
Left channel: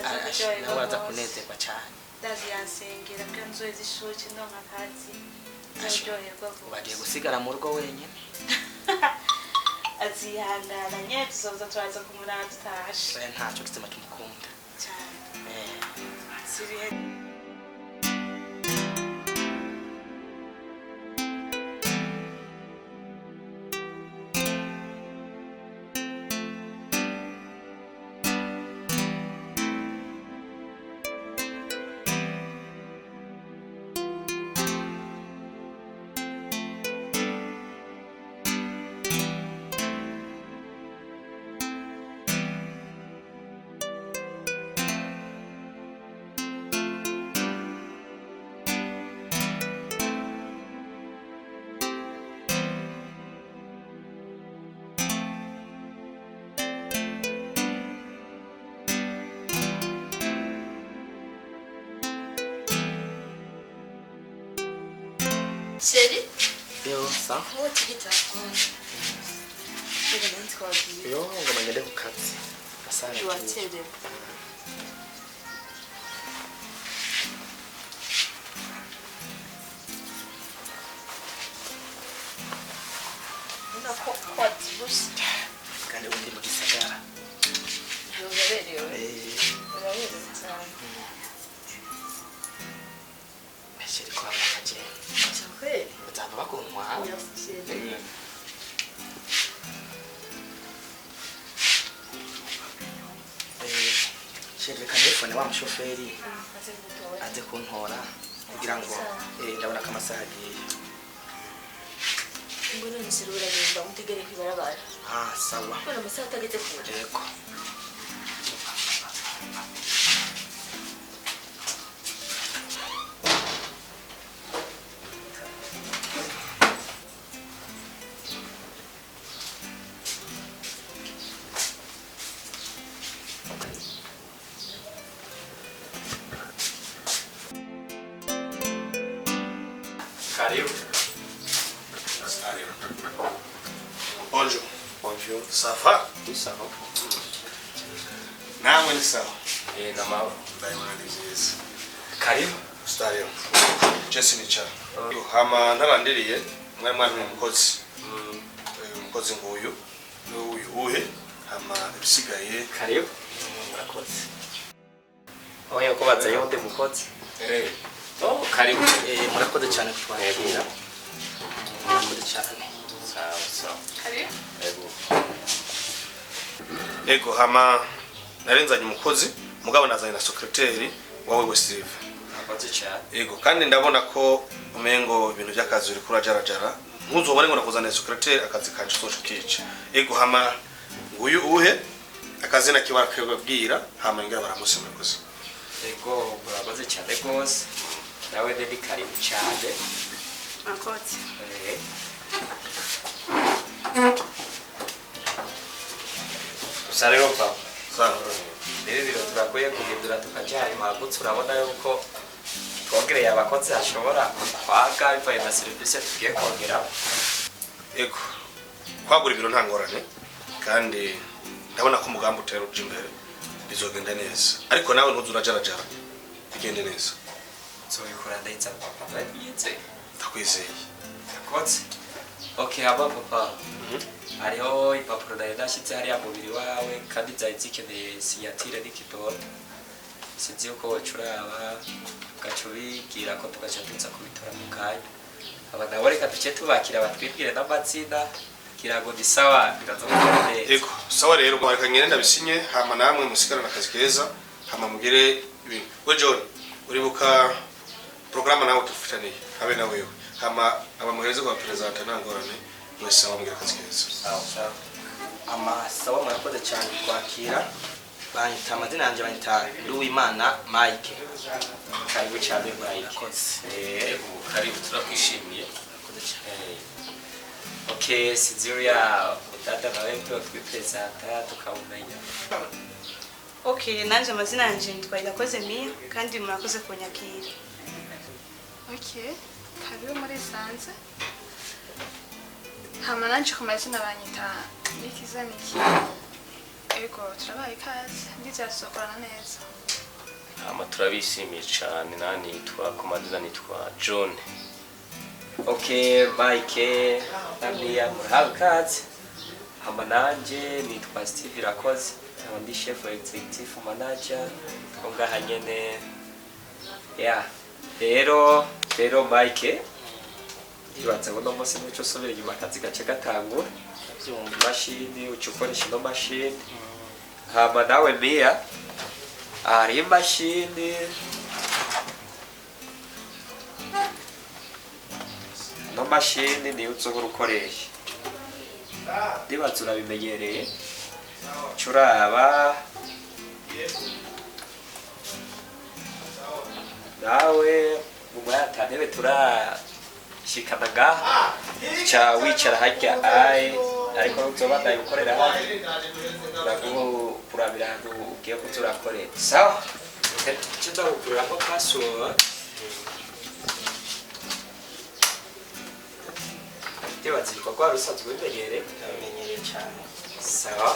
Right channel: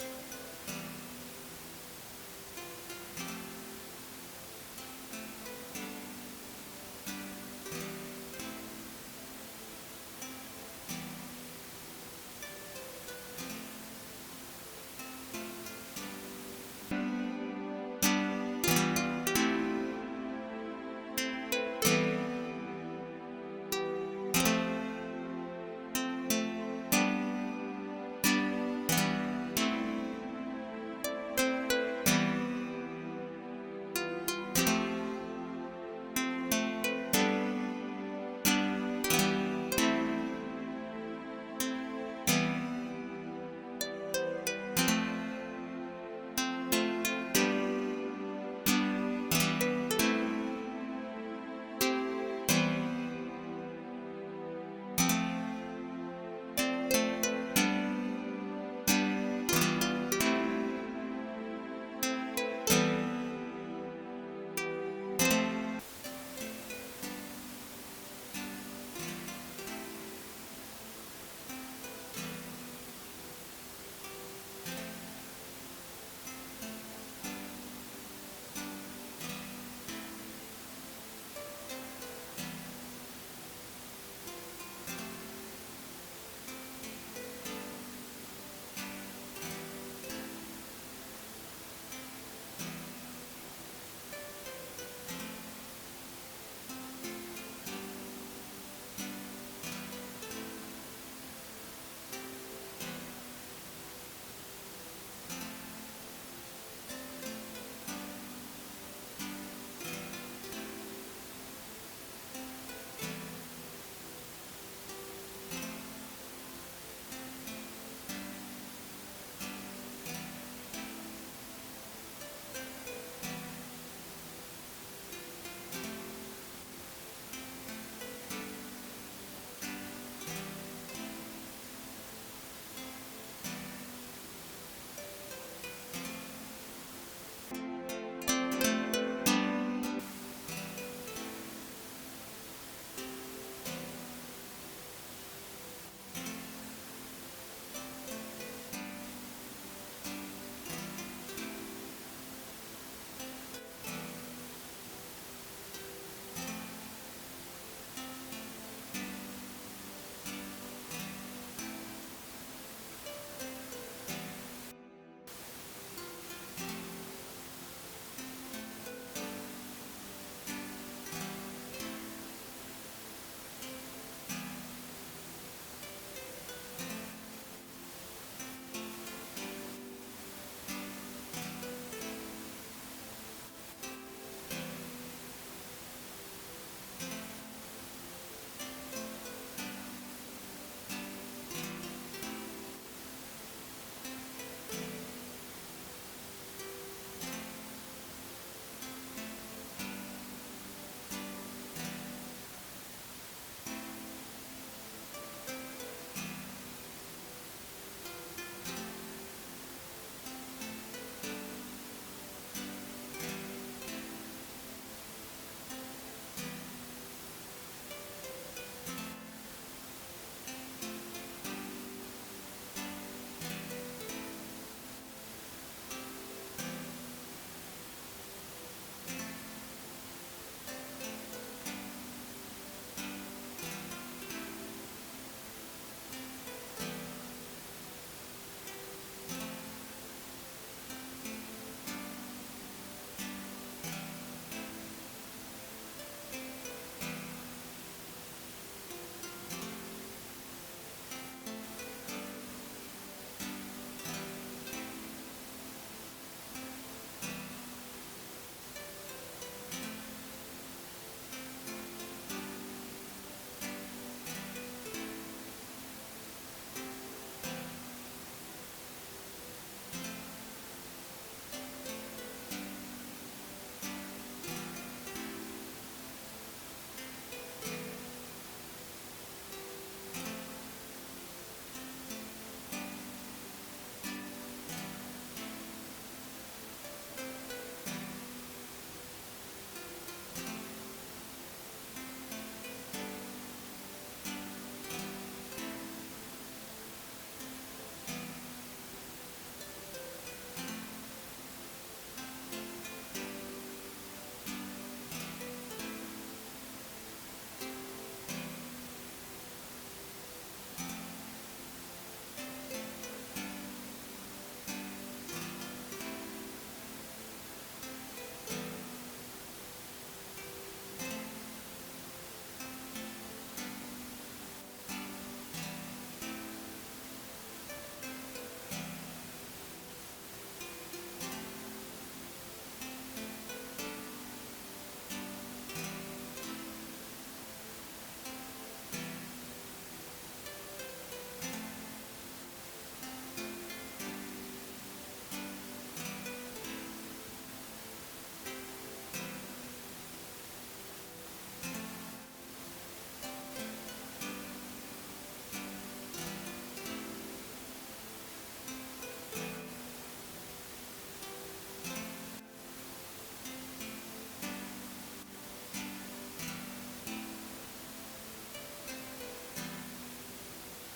araza kunezerwa cyane ndazi yansengera ko nzozi ishuki ndonka akazi aryoherwa bagiye gusigara mu rugo wenyine azihangana nyine tuzoza turaza kumuraba tutashe ntacyo gituma tumukunda cyane sibihe Chérie, ça oh tu es là. yo ngo mangende ku kazi asana Tu vas t'aider. Na kwa tibus. kandi undi mu gisagara Unaberewe. Unaberewe cyane. ashiri kwa bakaje Kweli. uzava bakuntwa shiri kanefone wa mushoferi aze kuntora kugira ngo ndabona ko amasaha agiye Mbona nisirura ngenda utigere kibarabara. sawa Mbona amasaha atageze kure. yego Bonjour. Bonjour. Ça va? Tout ça va? Namwe ni sawa. Na mawe. Ndayimana ni byiza. Karibu. Stadio. Jesse ni cha. Hama narandiriye mwari umukozi. umukozi nguyu uhe hama ibisigaye karibu murakoze oya ko baza yonde mukozi karibu murakoze cyane kutwandikira murakoze cyane sawa karibu ego hama narenzanye umukozi mugabo nazanye na secretary wawe Steve murakoze cyane ego kandi ndabona ko umengo ibintu by'akazi uri kurajarajara ntuzobone ngo nakuzaniye secretary akazi kanje soje kici ego hama nguyu uhe akazi nakibara kwebabwira hama ngira baramusi murakoze ego murakoze cyane rwose nawe ndi karibu cyane murakoze usarero papa sawa rero biro turakwiye guhindura tukajyana impagutse urabona yuko twongereye abakozi hashobora kwaga bivaye na serivisi tugiye kongera ego kwagura ibiro nta ngorane kandi ndabona ko umugambi utera uje imbere bizogenda neza ariko nawe ntuzurajarajara bigende neza nzobikora ndahitsa papa babize ndakwizeye akotse okay aba papa hariho impapuro nayo nashyitse hariya mubiri wawe kandi zari zikeneye sinyatire n'ikidoro sinzi yuko wacuraba ugaca ubibwira ko tugaca tuza kubitora mu kanya aba nabo reka duce tubakira batwibwire n'amazina kugira ngo ni sawa birazogenda neza ego sawa rero mwareka ngene ndabisinye hama namwe musigarana akazi keza hama mugire ibintu we John uribuka programa nawe tufitaniye habe na wewe hama abamuhereze kwa president ntangorane wese abamugire akazi keza sawa amasawa murakoze cyane kwakira banyita amazina yanjye banyita Uwimana Mike karibu cyane murayi murakoze karibu turakwishimiye okay Sinzira dada nawe ndo twipresenta tukabumenya okay nanje amazina yanje nitwa Irakoze Mia kandi murakoze kunyakira okay karibu muri sanze hama nanje ku mazina banyita Nikizaniki ego turabaye ikaze ndizasokorana neza hama turabishimiye cyane nani nitwa komandira nitwa John okay Mike namia murakazi hama nanje nitwa Steve Irakoze ndi chef executive manager ngaha nyene yeah rero Mike ibanza ngo no musi n'icyo sobera inyuma akazi gace gatangura byumva mashini ucukoresha no mashini hama nawe Mia ari mashini no mashini ni uzohora ukoresha ndibaza urabimenyereye curaba nawe mumayatantebe turashikana ngaha ca wicara harya aye ariko uzobandanya gukorera kurabira ahantu ugiye kuza urakorera sawa icyo nzakuguriraho password ndibaza ibikorwa wari usanzwe ubimenyereye ndabimenyereye cyane sawa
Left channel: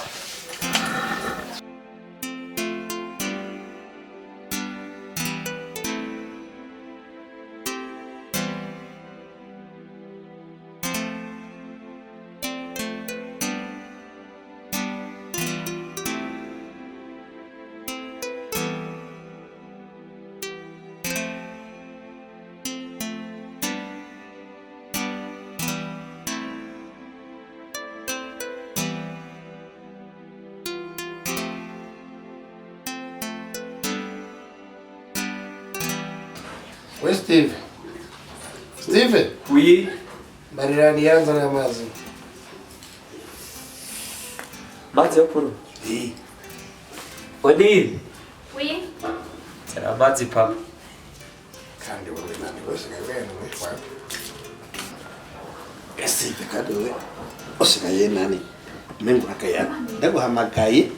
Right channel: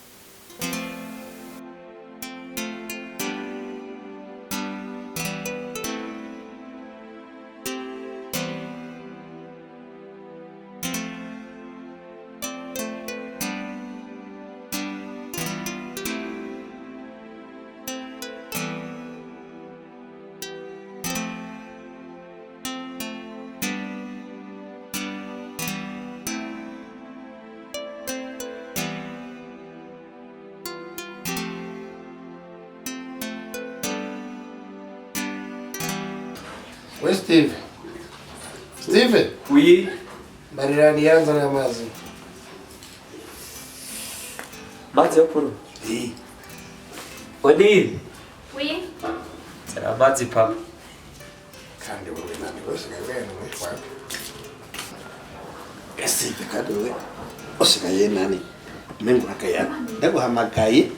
We Steve. Steve. Oui. Barira nianza na mazi. Mazi yo kuru. Odi. oui Tera mazi papa. Kandi wewe nani wese wewe ni kwa. Steve kandi wewe usigaye nani? Mengo akaya. Ndaguhamagaye.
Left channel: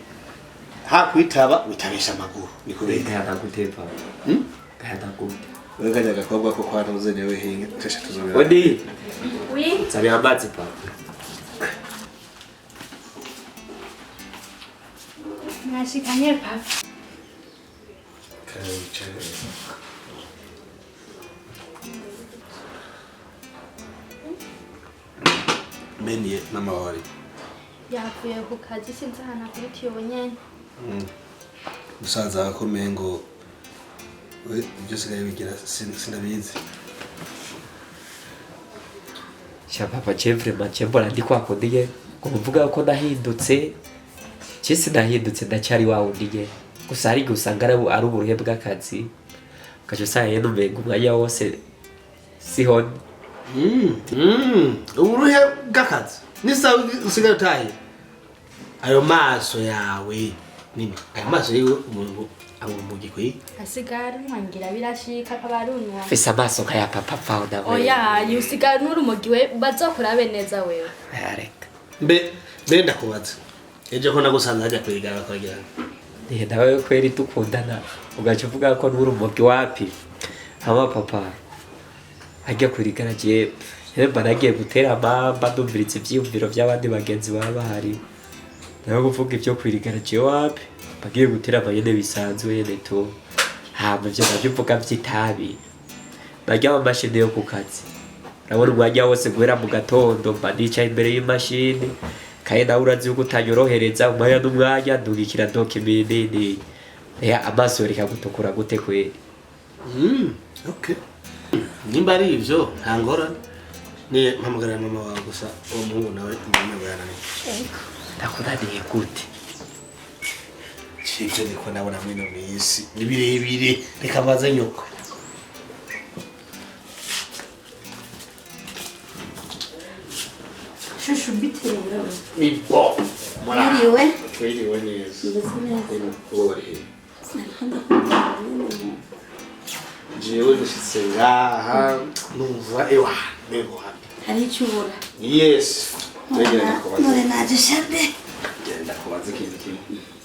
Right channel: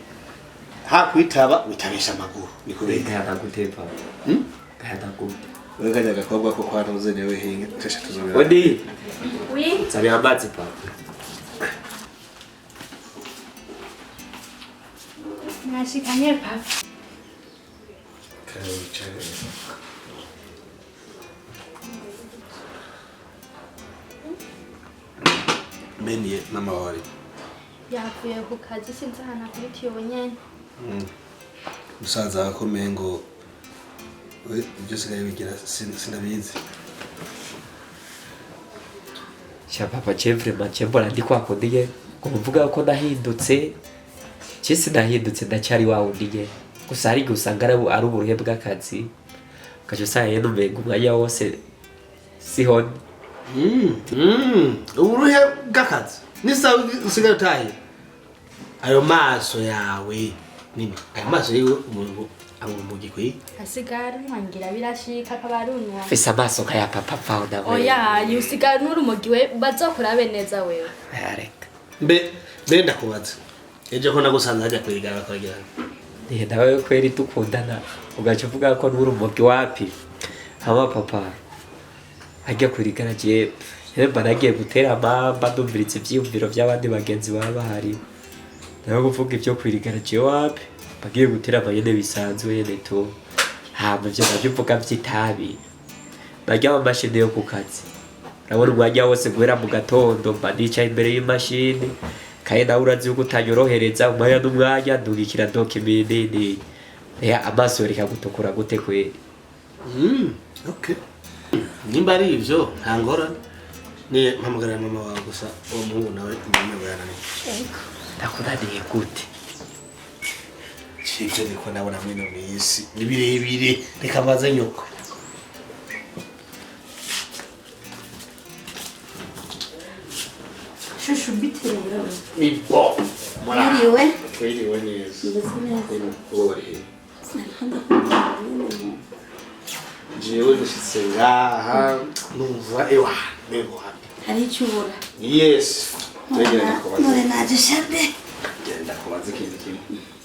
Hakwitaba witabisha amaguru. Nikubeka. Kaya gute papa. Kaya gute. Wewe kaja gakobwa ko kwa ntuze newe hinge. Tesha tuzobera. Odi. oui Tera mazi papa. nashikanye papa Kaya wicaye. meniye n'amabari yavuye ku kazi sinzi ahantu akubitiye nyene musaza akomeye ngo ibyo sigaye bigira sinabizi papa vraiment mbona ndi kwakundiye ngo mvuga ko nahindutse cyese nahindutse ndacyari wawundiye gusa ari gusanga ari uburuhe bw'akazi kaje saye n'umengo umwanya wose sihoni uburuhe bw'akazi nisa usigaye utaye ayo maso yawe nini ayo maso yiwe umuntu amumugi kwi asigara ntangira birashika kabarunwa fisa amaso kaya papa fauna we oya yusigara n'urumogi we bazokurabe neza wewe areka mbe ndakubaza ejo ko nagusanze hajya kwigara bakagirana nawe kweri dukundana ugaca uvuga ko n'urumogi wapi hama papa ajya kurigara je mba nagiye gutera amamba ndumviriza ivyiyumviro by'abandi bagenzi baba bahari nawe kuvuga ibyo kwirigara je wapi bagiye gutera amayene bisanzwe yene to hama ivyo navyo uvuga vy'itabi barya amamashini yo ku kazi urabona umwanya wose guhera mu gatondo mba nicaye imbere y'imashini kaye nawe urazi yuko utanyorohereza umwanya n'umwanya ndungikira dokimini amaso yoreka gutukura gute kweri okay nimba ari ivyo nta ngorane ni mpamagarira mama wawe gusa uwo muhungu nawe mama yananiye ndakunaniye gute ivyo niko nabona mwino mwisi ni birebire reka baze nyoko shushu bitera ni bo mwiriwe twiriwe neza uri jewe nishitse ngaha numva ewa nego hari icyubura yes tegera kubaza none naje shade genda kubaza ikintu kimwe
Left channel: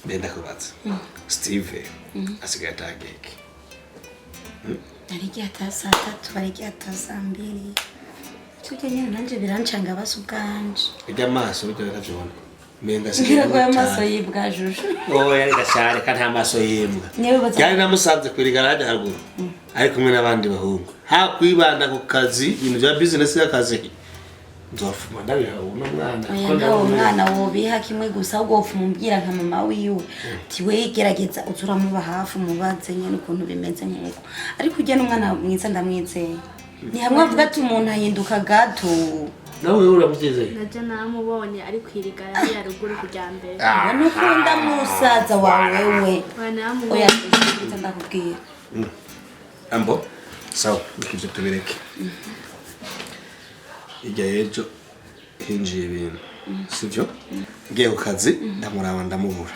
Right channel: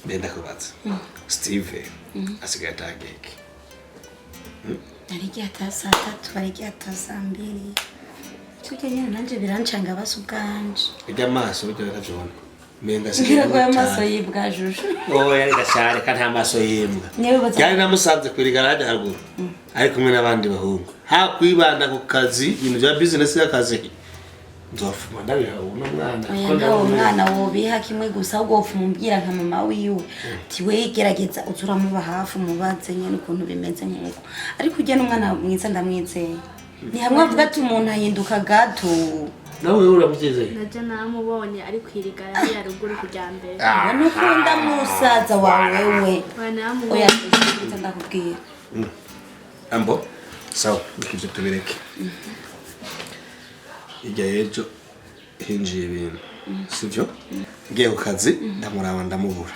benda kubaza Steve asigaye atageke arigiye atasa 3 arigiye atasa 2 tujye nyine nanje birancanga basubwanje ijya amaso bijya biravyona menga sigira ko amaso yibwa juje yari gashare kandi amaso yimbwa cyane namusanze kuri garage haruguru ari kumwe n'abandi bahungu ha kwibanda ku kazi ibintu bya business y'akazi nzofuma ndabiha uno mwana ko umwana wobiha kimwe gusa ahubwo ufumumbwira nka mama wiwe ati we gerageza uzura muba hafi mubaze nyene ukuntu bimeze nk'uko ariko ujye n'umwana mwiza ndamwizeye ni hamwe avuga ati umuntu ahinduka gato nawe uramubyizeye naje namubonye ari kwirigara ya ruguru kujyambere nukunda musaza wawe we oya ndakubwira ambo sawa bikije tubireke ijya yejo hinjiye ibintu sivyo ngiye ku kazi ndamuraba ndamubura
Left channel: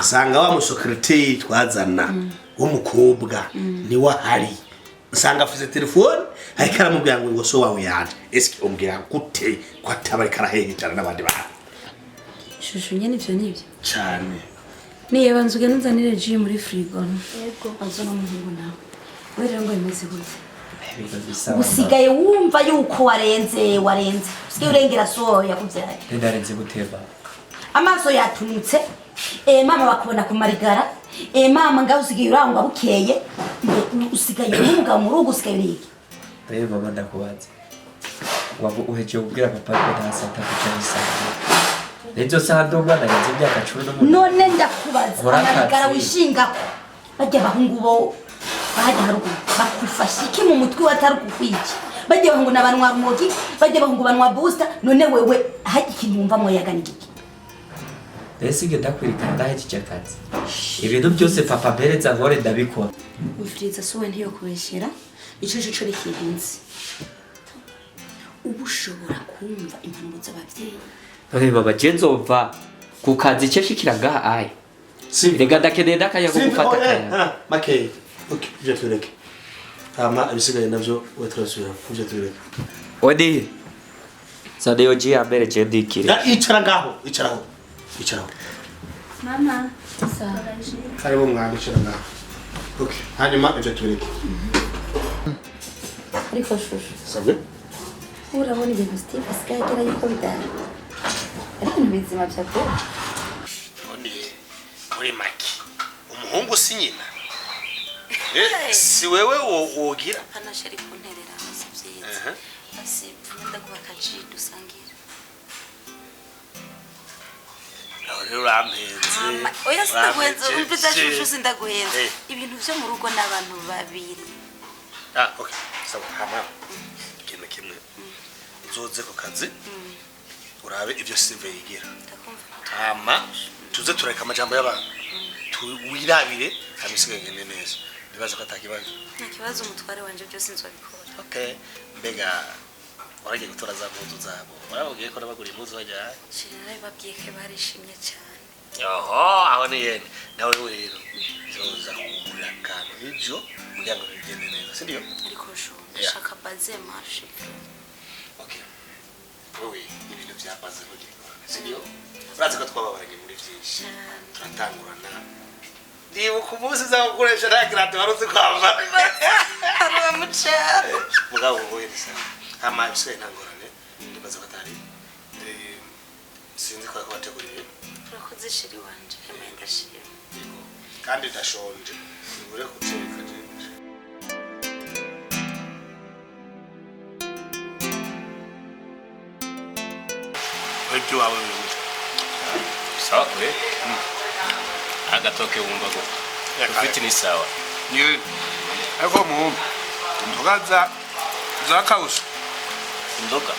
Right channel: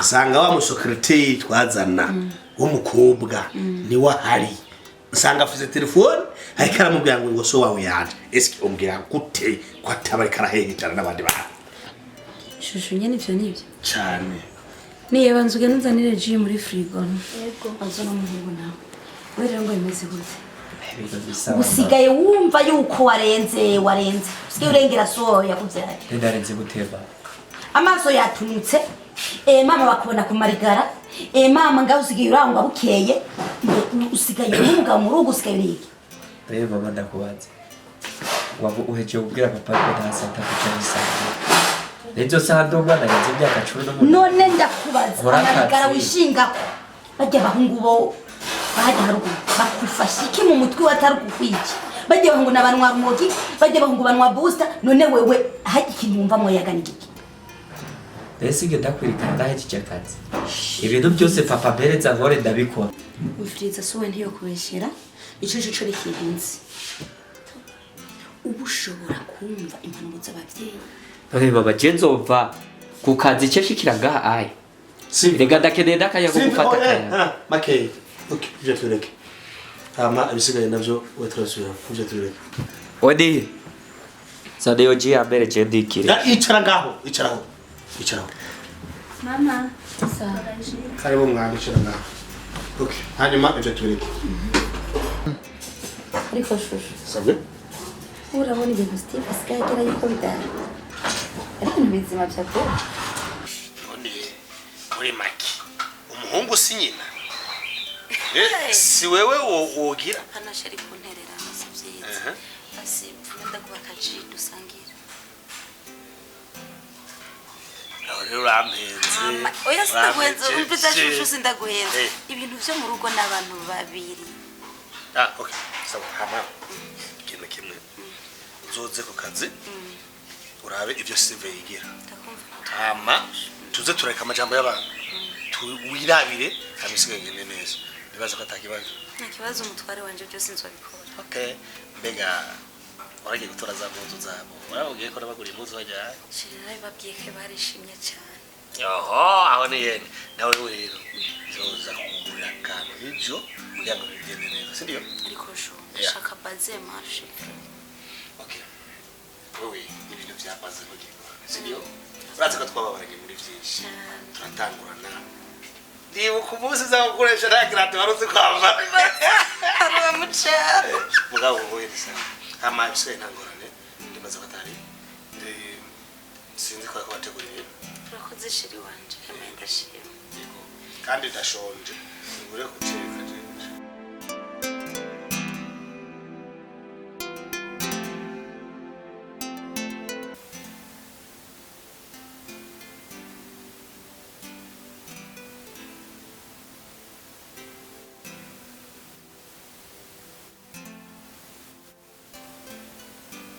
usanga wa musecretary twazana w'umukobwa ni wahari usanga afite telefone ariko aramubwira ngo so wawe yaje eske umbwira gute ko atabari karahehitana n'abandi bantu shushu nyene ivyo nivyo cyane niye banzuge nuzanire ji muri frigo yego azona umuhungu nawe wera ngo imeze gute usigaye wumva yuko warenze usigaye urengera soya kuvyara ndarenze guteba amaso yatunutse mama bakubona ku marigara mama ngaho usigaye urangwa bukeye usigaye umugabo mu rugo usigaye uriki rero mama ndakubaza waba uheje ubwira papa ko ntasanta kucyana isanga ejo sando mwana yaje imyaka 10 none ndakubaza amarigara wishingako bajya bahungu bo bajya haruguru bakufasha iki mu mutwe watari kukwiki bajya bahungu nabanwa rumogi bajya bahungu banwa booster none wewe haje ikinumva mo yaganigiki ese ngenda kwirikana ndaheje akazi ibintu byose papa bereza nkore ndabikora wifuriza sowe ntiyo kubeshera ico rikinzi ubushobora kumva impanuro z'abavyeyi none baba jenzova ku kazi cyashikira ngaha aye rega ndakeneye ndakaya ko gufata kaya makey okay je tureke ama abisigaye navyo wetrasubira kuje tureke odi sade yoji ambere jendikire icara ngaho mama sawa karibu mwana icara ngaho okay hanyuma ivyo tureke ariko shushu sabwe urabona ibintu Steve asigaye agira yuko bidara ariko nibizima byako none muri maki umuhungu si nyina si wewe wogira anashari kunterera amasivyiza basi nda kubaka ji dusangira rero urampenze oya sindaguhenze umviza shushu sindaguhenze ibintu byo mu rugo n'abantu babiri okay sawa hama ikintu kimwe uzoze ku kazi urabe ivyo CV yigira hama tuze tureka amajambo y'abantu wirabire amisigaye gende neza bibaza ko atakibazo nta kibazo umutware wanje byose nzobikora okay mbega waragiye gutora za mpuzu zabo waravugiye ko nabagura impuzu bajya shirira babwiye ko barishimye cyane oho aho ni yene nawe rero zoza kugura kantu ivyo kugira ngo bigende neza sindiyo ariko sho shaka baze marche okay wewe ibintu byabaze kugira sindiyo urazi ko twababaranye muri byinshi turatangurana ndibu ku munsi za gukoresha nta kirate waruzi kwambara araba mucero mugabo wowe bisa hama ibise ntangorane ndibaza batari sinzi ko bateguriye urakoze shiri wanje kamaye ndashima yego kandi ndashonje ngure kuceka je wewe wawe sawa kwe agatoke wumva ko ufite ni sawa ni ariko mu ndogaza zakawusha indoga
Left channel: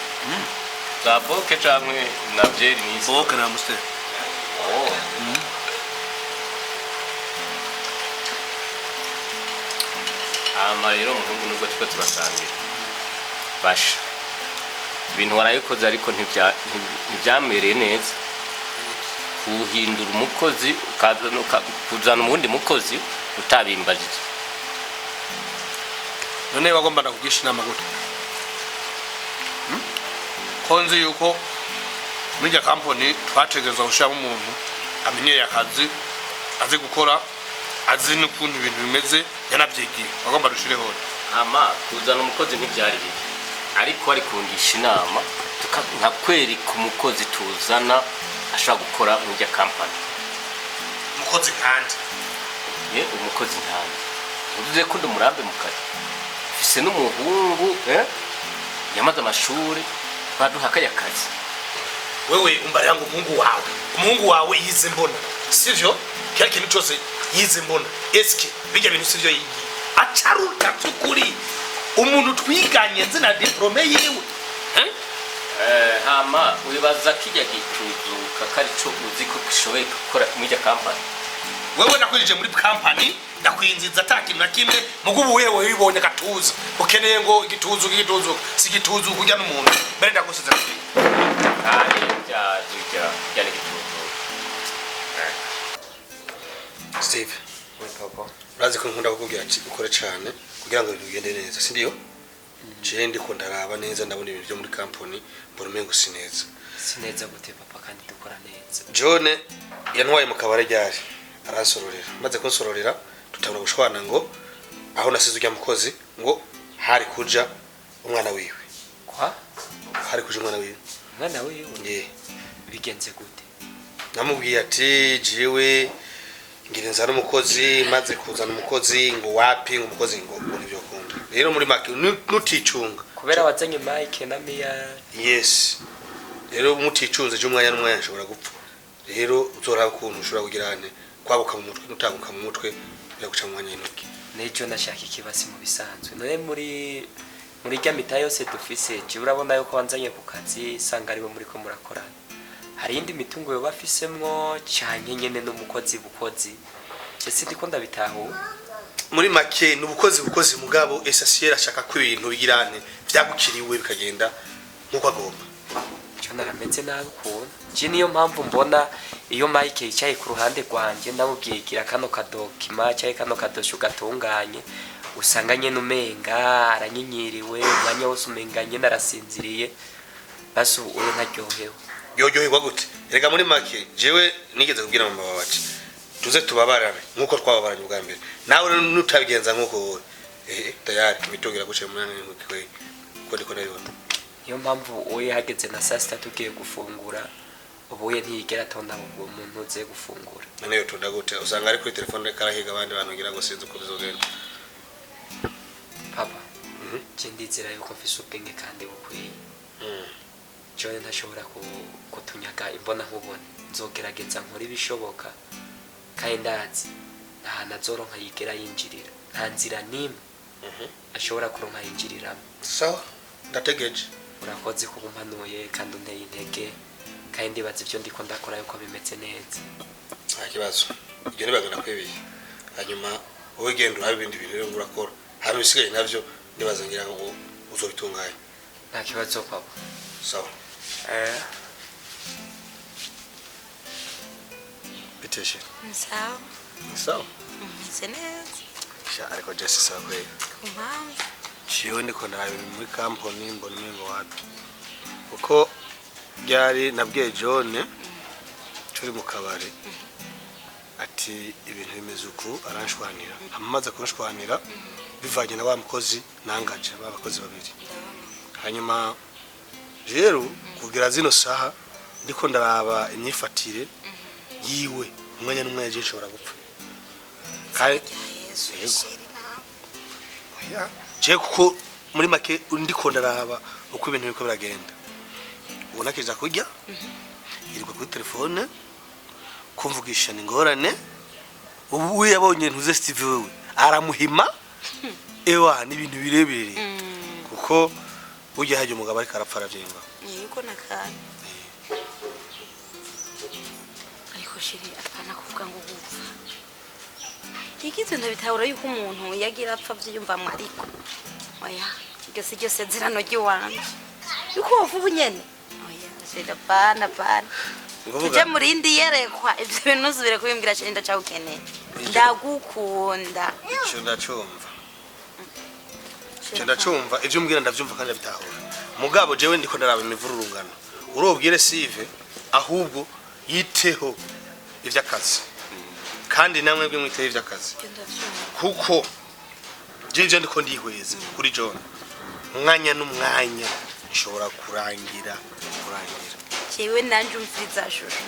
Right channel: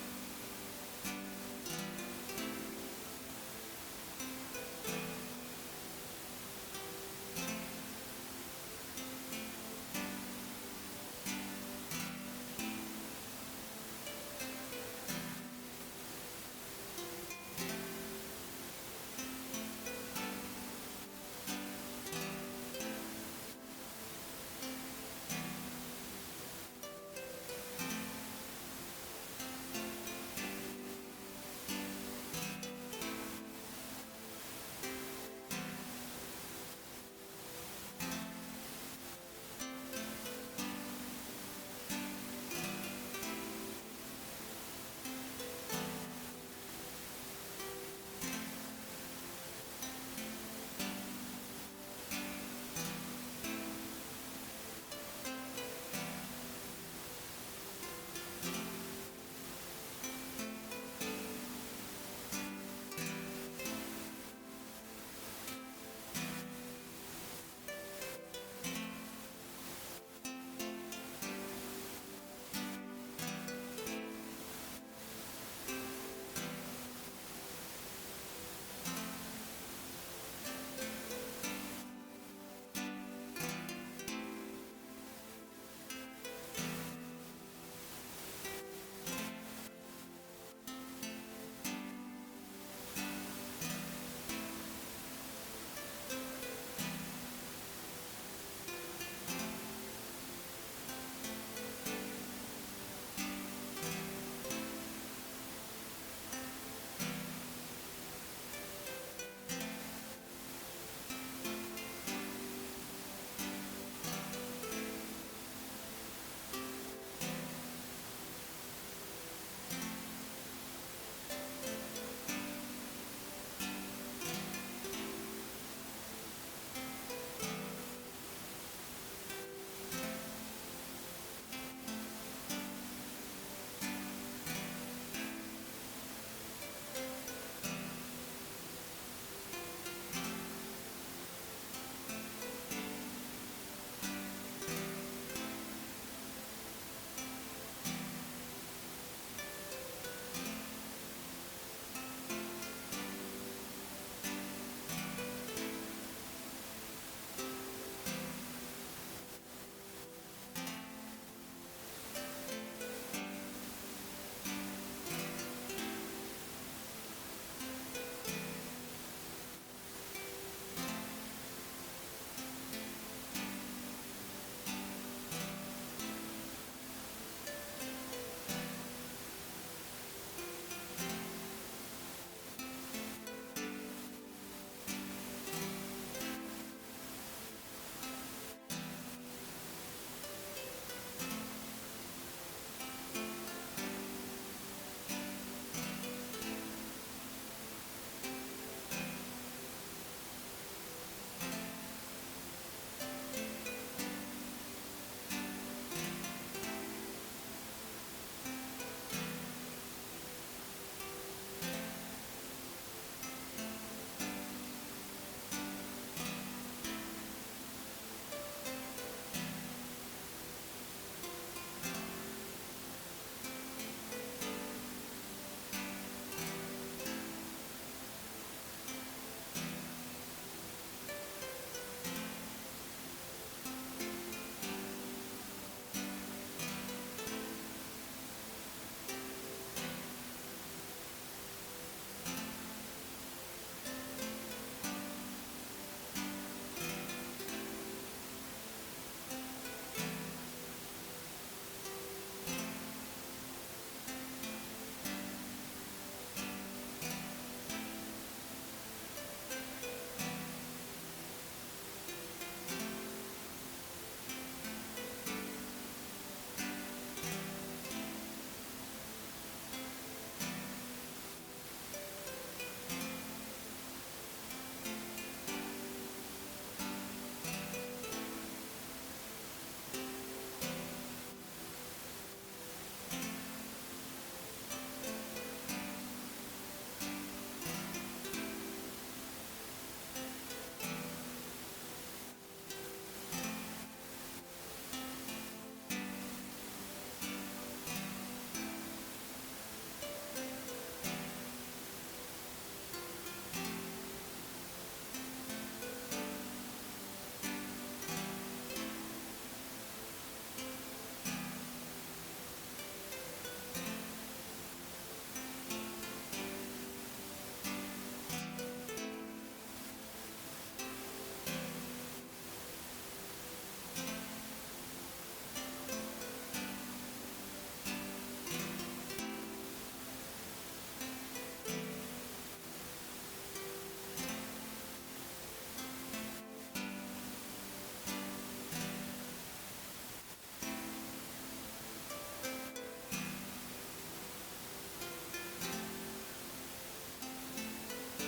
za boke canke na byeri ni boke na muste amarero muhungu nubwo twe turasangira basha ibintu warayikoze ariko ntibyamereye neza kuhindura umukozi kuzana umundi mukozi utabimbajije none bagomba kugisha inama gute konzi yuko muri ya company twategeza gushiramo umuntu amenyeye akazi azi gukora azi n'ukuntu ibintu bimeze yanabyigiye bagomba rushireho hama kuzana umukozi ntibyari bibi ariko ari kungisha inama nkakwereka umukozi tuzana ashobora gukora muri ya company umukozi kandi umukozi ntabwo uvuze ko ndumurambe mu kazi ufise n'umuhungu yamaze amashuri baduhakaye akazi wewe umbarira ngo umuhungu wawe yize mbona sivyo kya kintu cyose yize mbona eske bijya bintu sivyo yigiye acaruta tukuri umuntu twiganye nzina diplome yiwe hama wibaza kijya gituzuka kari cyo uzi ko kishoboye gukora muri ya company wewe nakwije muri company nakwinziza atakintu na kimwe mugubu wewe wibonye gatuza ukeneye ngo igituzu si gituzu kujya n'umuntu mbere ndagusiza kandi bya gituzu Steve urazi ko nkunda kukubwira ati ukore cyane kugira ngo bigende neza sindiyo je ndiko ndaraba neza ndabona ibintu byo muri company mbona umengo sineza gute papa kandi dukora neza John yantwaye mu kabare ryari arasororera maze kunsororera tutabona gushwana ngo aho nasize ujya mukozi ngo hari kuja umwana wiwe hari kuja umwana wiwe bigenze gute namubwiye ati jiwe ngirenza n'umukozi maze kuzana umukozi ngo wapi ngo umukozi ngo nibyo kunda rero muri make nuticunga kubera wazanye Mike na Mia yes rero muticunze je umwanya n'umwanya nshobora gupfa rero uzora ukuntu ushobora kugira ane kwabuka mu mutwe utabuka mu mutwe biraguca mu mwanya y'intoki nejo nashaka ikibasi mu bisanzwe none muri rya mita yose dufise je urabona yuko wanzanye ku kazi sanga ari bo muri ko murakora hari indi mitungo yo bafisemwo cyane nyene n'umukozi ese ndiko ndabitaho muri make n'ubukozi mugabo essentiel ashaka ko ibintu bigirane byagukiriwe bikagenda nkuko agomba cyo narameze nabi ko je niyo mpamvu mbona iyo Mike yicaye ku ruhande rwanje ndamubyigira kano kadokima cyaye kano kadosho gatunganye usanga nyene umenga aranyinyiriwe umwanya wose umenganye narasinziriye basu uwo ntaryohewe yoyoherwa gute rega muri make jewe nigeze kubwira mama wacu tuze tubabarane nkuko twababaranye ubwa mbere nawe nutabigenza nkuko tayari bitogera guce munani nkwe ko ndiko nabibona niyo mpamvu uye hageze na saa sita tugiye gufungura ubuye ntiyigera atonda umuntu uze gufungura nayo tonda gute usanga ari kuri telefone karahiga abandi bantu ngira ngo sinzi uko bizogenda papa je ndizera yuko mfise ubwenge kandi bukwiye John ntashobora kutunyaga imbona nkubone nzogerageza nkora ibishoboka kandi ndazi ahantu azoronka yigera yinjirira nta nzira n'imwe ashobora kuronka yinjirira. Sawa ndategereje. Urakoze kuba umpanuye kandi unteye intege kandi ndibaza ibyo ndiko ndakora yuko bimeze neza. Nta kibazo ibyo nibaga nakwebeye hanyuma wowe genda urabe ibindi bintu rero urakora hari ibisigaye navyo nibaza ngira ngo uzobitunganya. Nta kibazo papa. Sawa biteshe. Sawa. Sawa Meze neza. Ariko Jesse sawa kweli. Kumpamvu. Ciwe ndiko nayo muri kampani mbona ngo wapi. Uko byari nabwiye John turi mu kabari ati ibintu bimeze uku aranshwanira. Amaze kunshwanira bivanye na wa mukozi nangaje abakozi babiri. Hanyuma rero kugira zino saha ndiko ndaraba imyifatire yiwe umwanya n'umwanya je nshobora gupfa. Kai je kuko muri make ndiko ndaraba uko ibintu biko biragenda. Ubona kiza kujya iriko kuri telefone kumvugisha n'ingorane ubu yabonye ntuze Steve wewe aramuhima ewa n'ibintu birebere kuko ujye haje umugabo ariko arapfara vyemba. Yiko nakanye. Ariko shiri apana kuvuga ngo gupfa. Ikizo ndabitahura yuko umuntu yagira apfa vyumva mwariko. Oya, byose byose zirano giwanje. Yuko wavubu nyene. Oya, sida bana. Tuje murindi yerekwa ivyo bintu zubire kubimbwira cyane ndacagukeneye. Ndagukunda. Ndacumva ivyo umbwira ndavyumva kandi bitahura. Mugabo jewe ndiko ndaraba imivururungano. Urobwire Sive ahubwo yiteho ivy'akazi. Kandi namwe bwe mwiteho ivy'akazi. Kuko jeje ndiko ndihweza kuri John. Umwanya n'umwanya ishobora kurangira. Jewe nanje umviriza shusho.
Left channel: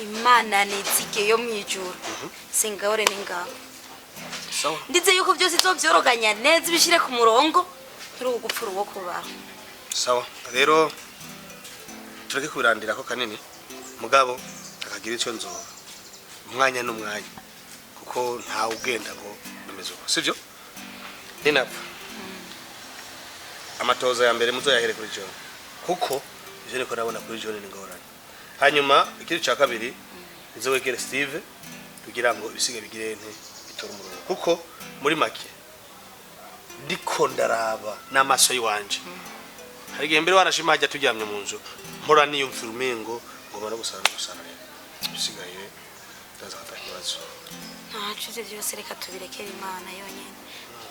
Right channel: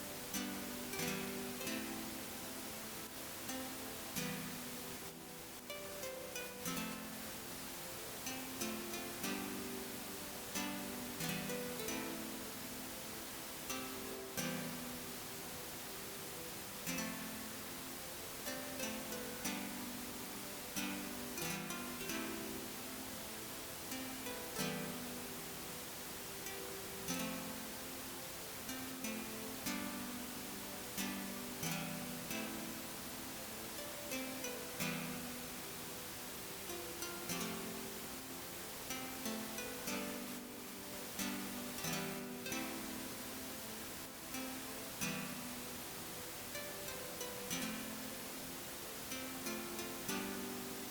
Imana nitsike yo mwijuru. Singahore n'ingabo. Sawa. Ndize yuko byose izovyoroganya neza bishire ku murongo turi ugupfura uwo kubaho. Sawa. Rero tureke kubirandira ko kanini. Mugabo akagira icyo nzoba. Umwanya n'umwanya kuko nta ugenda ngo bimeze uko. Sivyo? Ninapfa. Amatoza ya mbere muzoyahere kuri John. Kuko ivyo niko nabona kuri John n'ingorane. Hanyuma ikindi cya kabiri izowegere Steve kugira ngo ibisige bigire itora umurongo. Kuko muri make ndiko ndaraba n'amaso yiwanje. Hari igihe mbere wanashima hajya turyamye mu nzu mpora niyumvira umengo ngo bana gusana. Bisigaye tazafata ikibazo. Ntacuze byose reka tubirekere Imana yonyine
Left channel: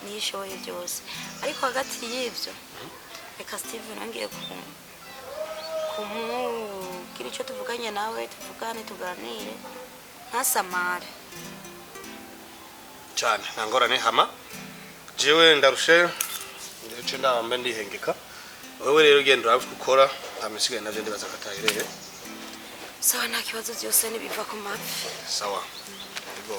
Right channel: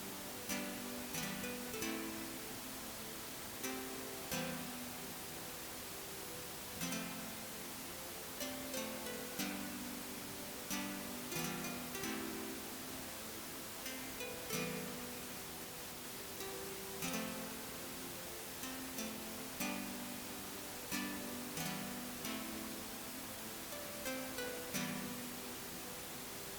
nishoboye byose. Ariko hagati y'ivyo reka Steve nangiye kumubwira icyo tuvuganye nawe tuvugane tuganire ntasamare cyane ntangorane hama jewe ndarushe ndetse ndambe ndihengeka wewe rero ugenda urabikora amisigaye navyo ndibaza katayirere. Sawa nta kibazo byose nibiva ku mavi. Sawa. Go.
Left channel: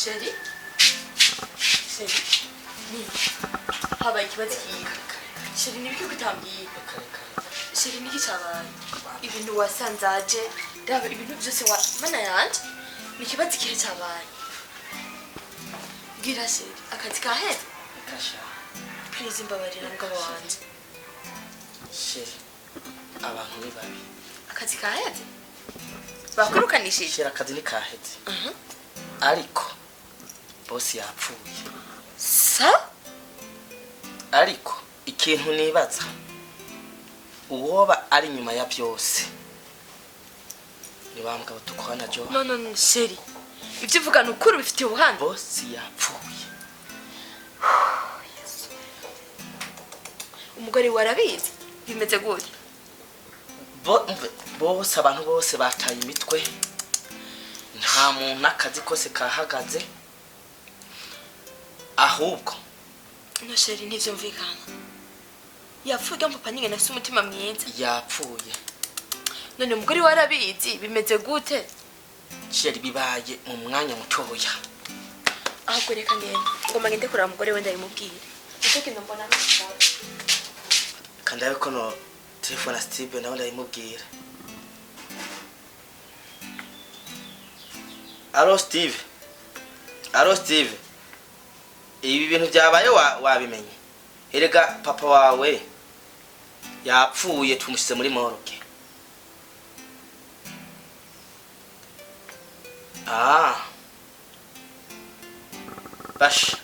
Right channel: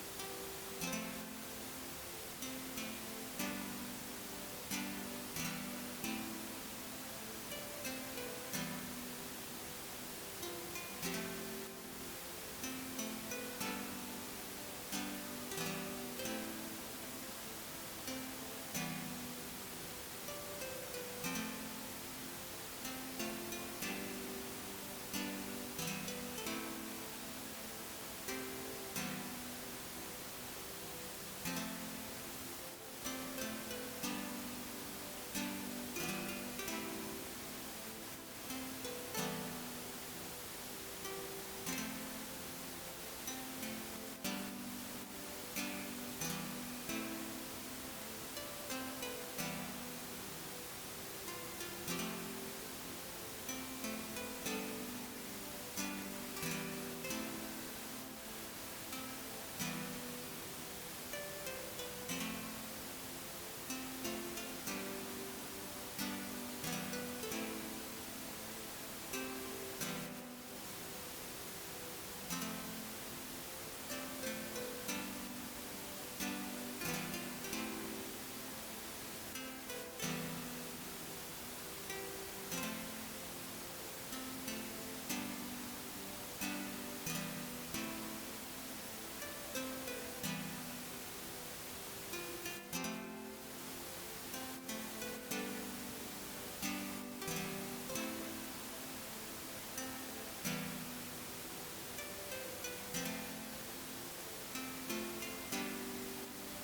Sheri? Sheri? Habaye ikibazo kiga. Sheri nibiki kutambwiye? Sheri niki cyabaye? Ibintu wasanze aje raba ibintu byose wa mana yanje ni ikibazo igihe cyabaye bwira se akazi kaheze please mbabarira mugabo wanje sheri abantu ni babi akazi kaheze bakurukanishije sheri akazi ni kaheze ariko bose yapfuye sa ariko ikintu nibaza uwoba ari nyuma ya byose nibambwa batukwana jo no sheri ibyo uvuga ni ukuri bifitiye ubuhanga bose yapfuye umugore warabizi bimeze gute bose abantu bose bataye imitwe nta muntu akazi kose kahagaze ahubwo no sheri nivyo mvikana yapfuye papa ninge nafise umutima mwiza yapfuye none umugore warabizi bimeze gute sheri bibaye mu mwanya mutoya ahubwo reka ngoma ngende kuraba umugore we ndabimubwira nicyo kintu mbona nawe kandi ariko no telefone Steve nawe ndabimubwira Allo Steve ibi bintu byabaye wabimenye erega papa wawe yapfuye tumushyize muri morgue basha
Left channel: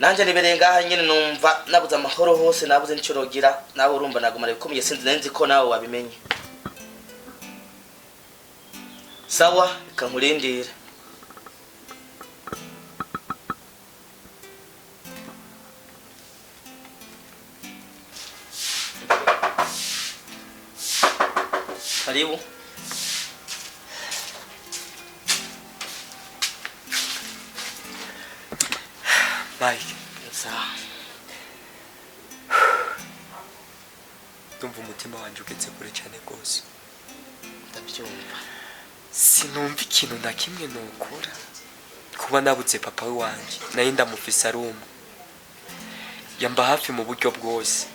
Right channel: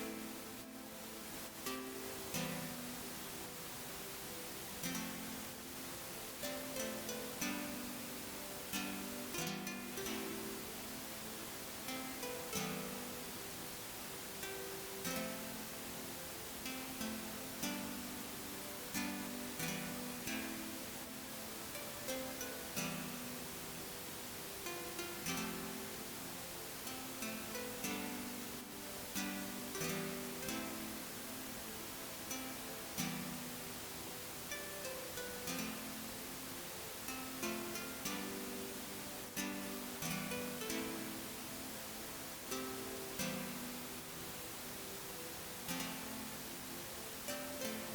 nanje nibereye ngaha nyene numva nabuze amahoro hose nabuze nico rogira nawe urumva nagumara bikomeye sinzi nenzi ko nawe wabimenye sawa kankurindira karibu Mike sawa ndumva umutima wanjye ugetse kure cyane rwose ndabyumva sinumva ikintu na kimwe nukora kuba nabuze papa we wanjye nayo ndamufise ari umwe yamba hafi mu buryo bwose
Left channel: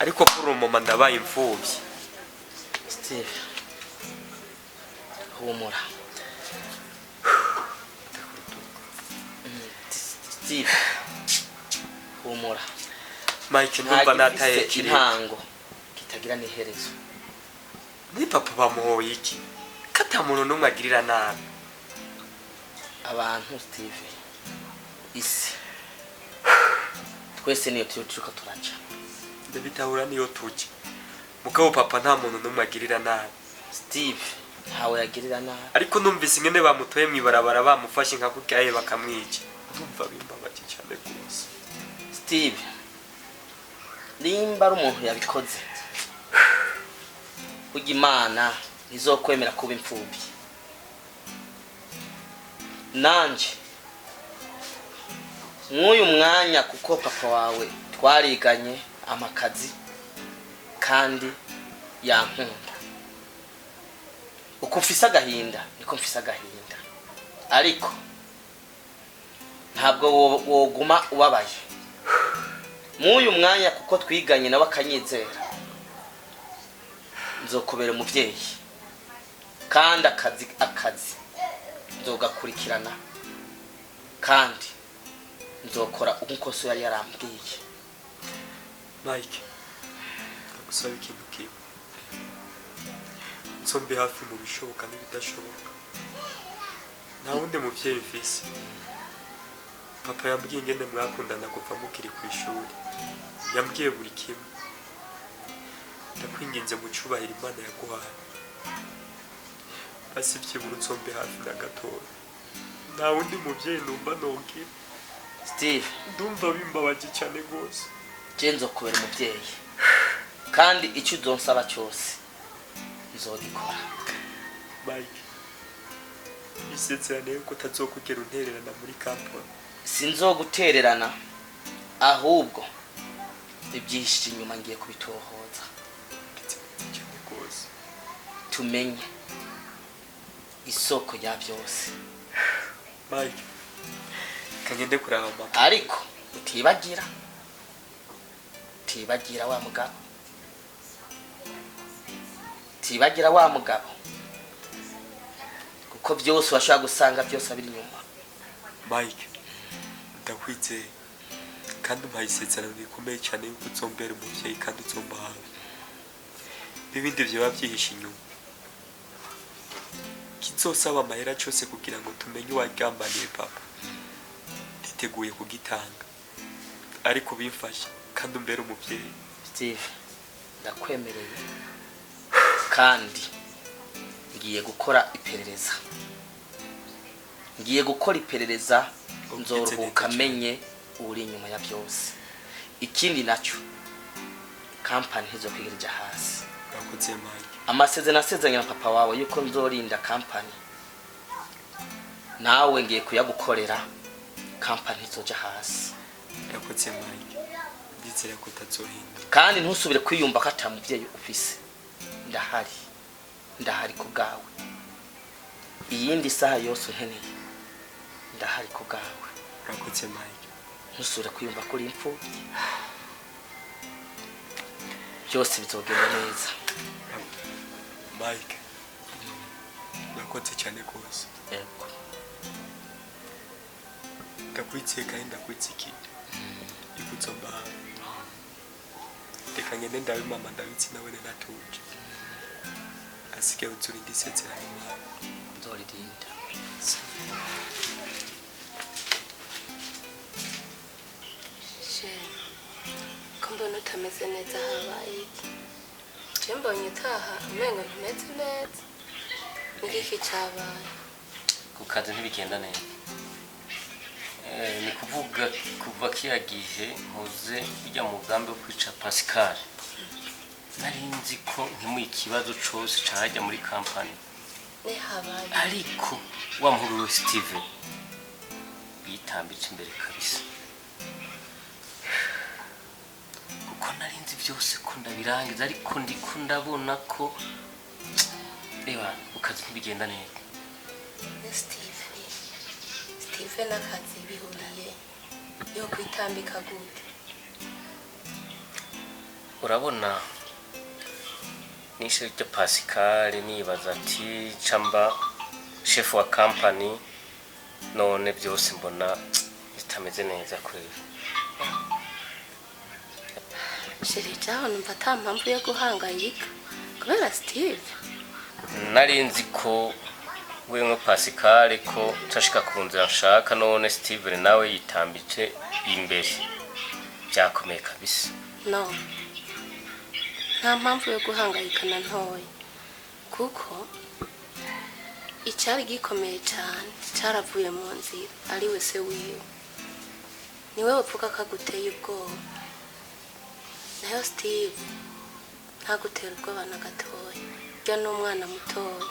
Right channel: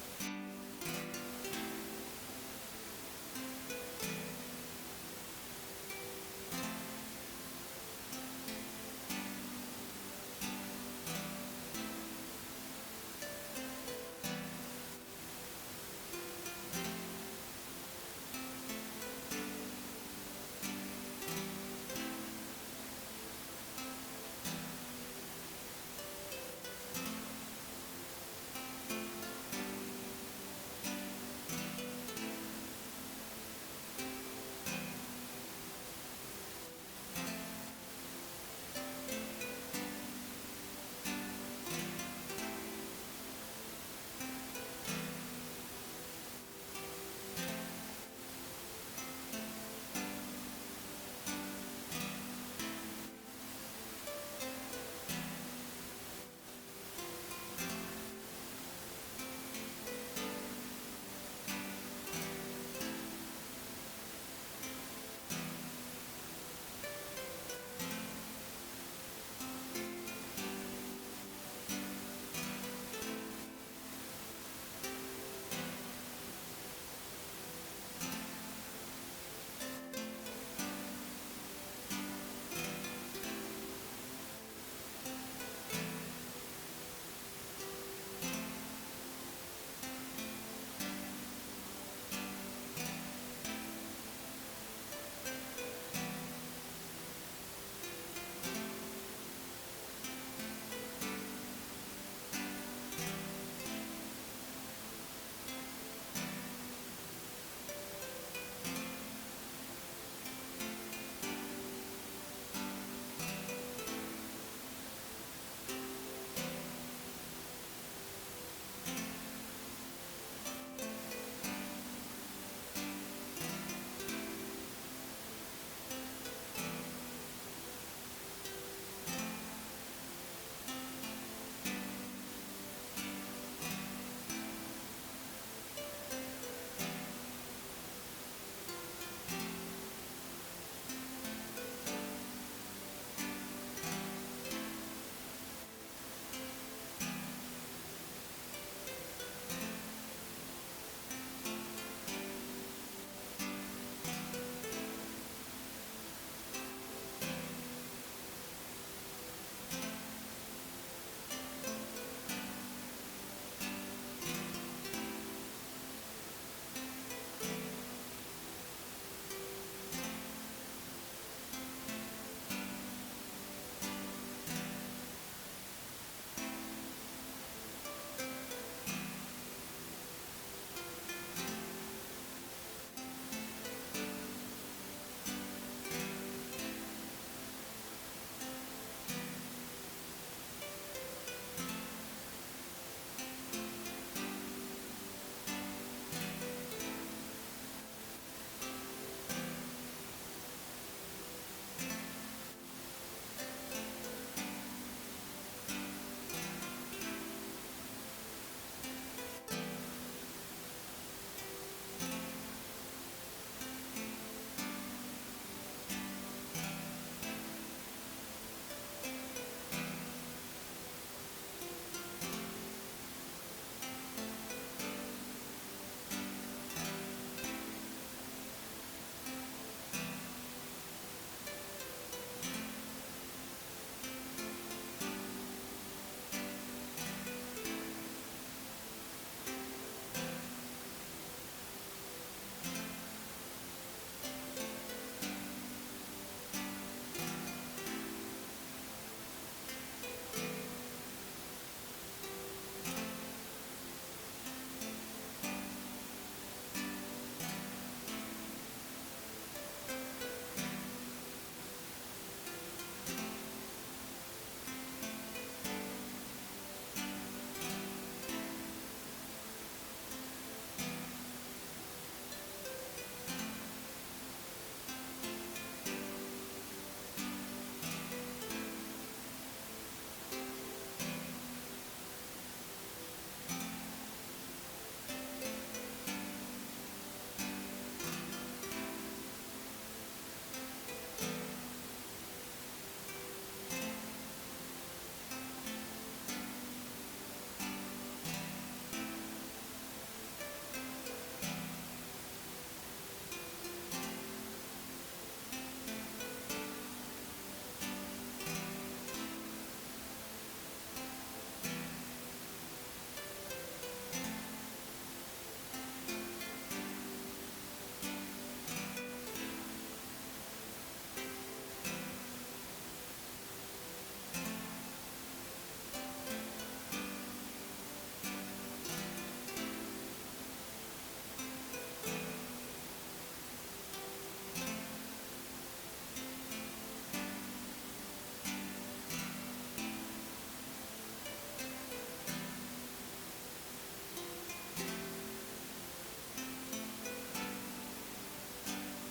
ariko kuri uwo mama ndabaye imfubyi Steve humura Steve humura Mike ndumva nataye intango kitagira n'iherezo ni papa bamuhoye iki kata muntu numwe agirira nabi abantu Steve isi twese niyo turuka turaca ndabitahura niyo tuki mugabo papa nta muntu numwe agirira nabi Steve ntawe yagirira nabi ariko numvise ingene bamutoye mwibarabara bamufashe nka kukaye bakamwica ndumva bimbabaje cyane rwose Steve nimba ari umuntu yabikoze kugira Imana izokwemera kuba imfubyi nanje nk'uyu mwanya kuko papa wawe twariganye amakazi kandi yankunda uko mfise agahinda niko mfise agahinda ariko ntabwo woguma ubabaye nk'uyu mwanya kuko twiganye nawe akanyizera nzokubera umubyeyi kandi akazi nzogakurikirana kandi nzokora uko so yari yarambwiye Mike gusaba ikintu kimwe nsombe hafi mu bishoboka n'ibidashoboka nta wundi muvyeyi mfise papa yambwiye ingene mwakundana kuva mukiri ku ishuri yambwiye buri kimwe ndakwinginze mu cyubahiro Imana yaguhaye basi byibura nsombe hafi na gatoya nta wundi muvyeyi numva nobwira Steve ndumva bimbabaje cyane rwose jenzo kubera umubyeyi kandi icyo uzonsaba cyose izogikora Mike isezerane yuko utazokugera untererana muri kampani sinzogutererana ahubwo ibyihishe inyuma ngiye kubitohoza tumenye isoko ya byose Mike kagende kuraba mama ariko utibagira wa mugabo utibagira wa mugabo kuko byose washaka gusanga byose abiri inyuma. Mike ndakwizeye kandi umpaye isezerano rikomeye cyane yuko uzombera umuvyeyi kandi uzomba hawe. Ibindi vyoba vyihishe inyuma kizosaba amahera cyose kugira ngo tumenye uwagambaniye papa nditeguye kugitanga ariko bimfasha kandi umbere umuvyeyi. Steve ndakwemereye kandi ngiye gukora iperereza nzoruhuka menye uri inyuma ya byose. Ikindi nacyo kampani hizo kwirija hasi. Urakoze Mike. Amasezerano asezeranye na papa wawe yuko nzorinda kampani nawe ngiye kuyagukorera kampani izoja hasi. Urakoze Mike. Ndizera ko utazohinda. Kandi ntusubire kwiyumva ko atamuvyeyi ufise. Ndahari ku bwawe. Iyindi saha yose unkeneye ndahari ku bwawe. Urakoze Mike. Ntusubire kwiyumva ko uri imfubyi. Byose bizogenda neza. Mike. Urakoze cyane rwose. Yego. Ndakwizeye kandi ndakwizikira. Ikuzomba hawe. Reka ngende ndabe mama ndabitsi nawe natuje. Asike uzurinde isezerano yawe. Nzoririnda. Ko mbona utameze neza habaye iki? Je mbonye utaha umengo ntumeze neza. Ngiki cyabaye? ku kazi ntibigenda neza. Ni kuvuga kuva kiriya gihe muze ujya mu mugambi wo kwica Pascal nari nzi ko ntimuye ikibazo cyose cyajya muri kampani Ni habaye. ariko wa muhuru Steven yitambitse imbere kabisa kuko nari nzi byose ko ndabirangiza ariko ndiko ndabona ko reba ukazi ntibigenda neza. Steve n'akazi bihuriye yo kwitambika gute? Urabona nishe ryo Pascal nibaza ati camba chef wa company none byose mbona bitameze neza kuri Shiri cyaho numva ata mpamvu yo guhangayika kubera Steve. nari nzi ko wewe Pascal ko tashika kunzira nshaka none Steven nawe yitambitse imbere byakomeye kabisa. No. Nta mpamvu yo guhangayika na ntoya kuko icyari gikomeye cyane cyaravuye mu nzira ari we se wiwe. Niwe wapfuka kaguteye ubwoba. Nayo Steve ntagutera ubwoba na gatoya. Byo n'umwana mutoya.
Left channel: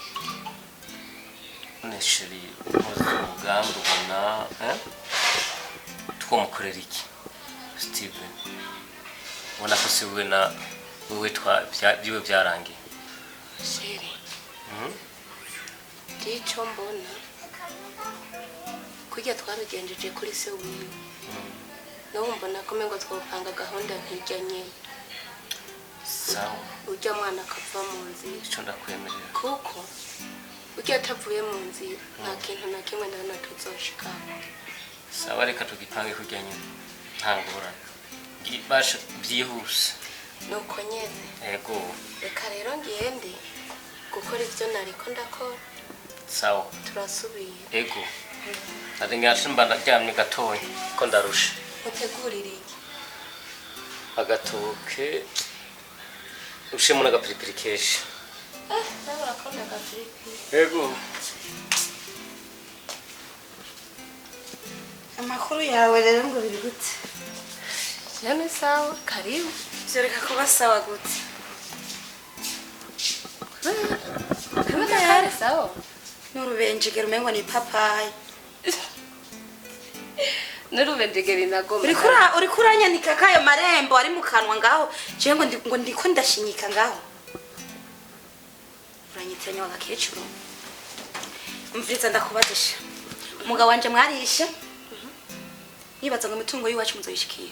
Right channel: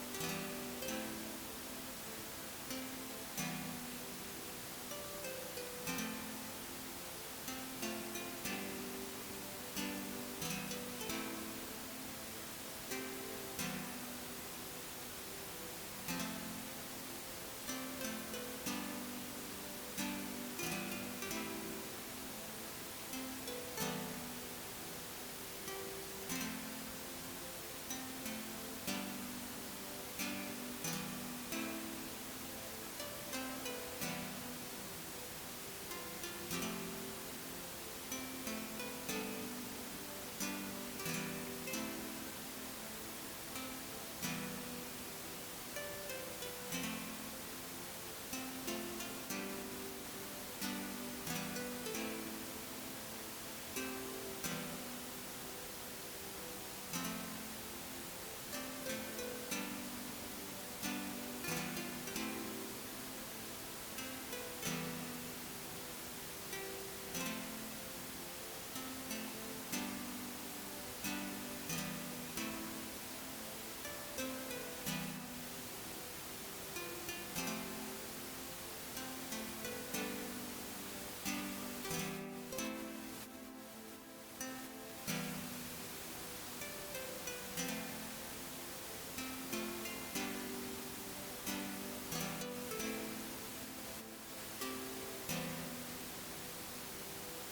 Neshiri umugambi ubona twomukorera iki Steven ubona ko se we na wewe byiwe byarangiye. Sheri icyo mbona kujya twabigenjeje kuri se wiwe n'ubu mbona ko mengo twopanga gahunda nk'ijya nyine. Sawa ujya mwana akava mu nzira icyo ndakwemerera kuko ujya atavuye mu nzira nta kintu na kimwe ndabona tuzoshikamo. sawa reka tugipange kujya nyine nta ngorane ibasha byihuse nuko nyine yego reka rero ngende gukora ibyo nariko ndakora. sawa turasubiye yego ati ngashimba ndaryamye gatoya ko ndarusha. utegurire iki? agatoke ushemo n'agapiripiri keshi. nawe urakunda agapiripiri? Yego. Amakuru yawe rero ngo biri gute? None sawa karibu. Zoreka kuba sawa gute? Kamera yari sawa. Nurubenjegera umengo ni papayi. Nurubenjegera inagoma. Uri kuranyanika kayo marembo ari mu kanwa ngaho. Je ngo ndiko ndashinyika ngaho. Uranyitanya wagakecuru. Mviriza ndakubadisha. Umugabo wanje mwarishe. Nibaza ngo imitungo yiwacu muzoyishikira.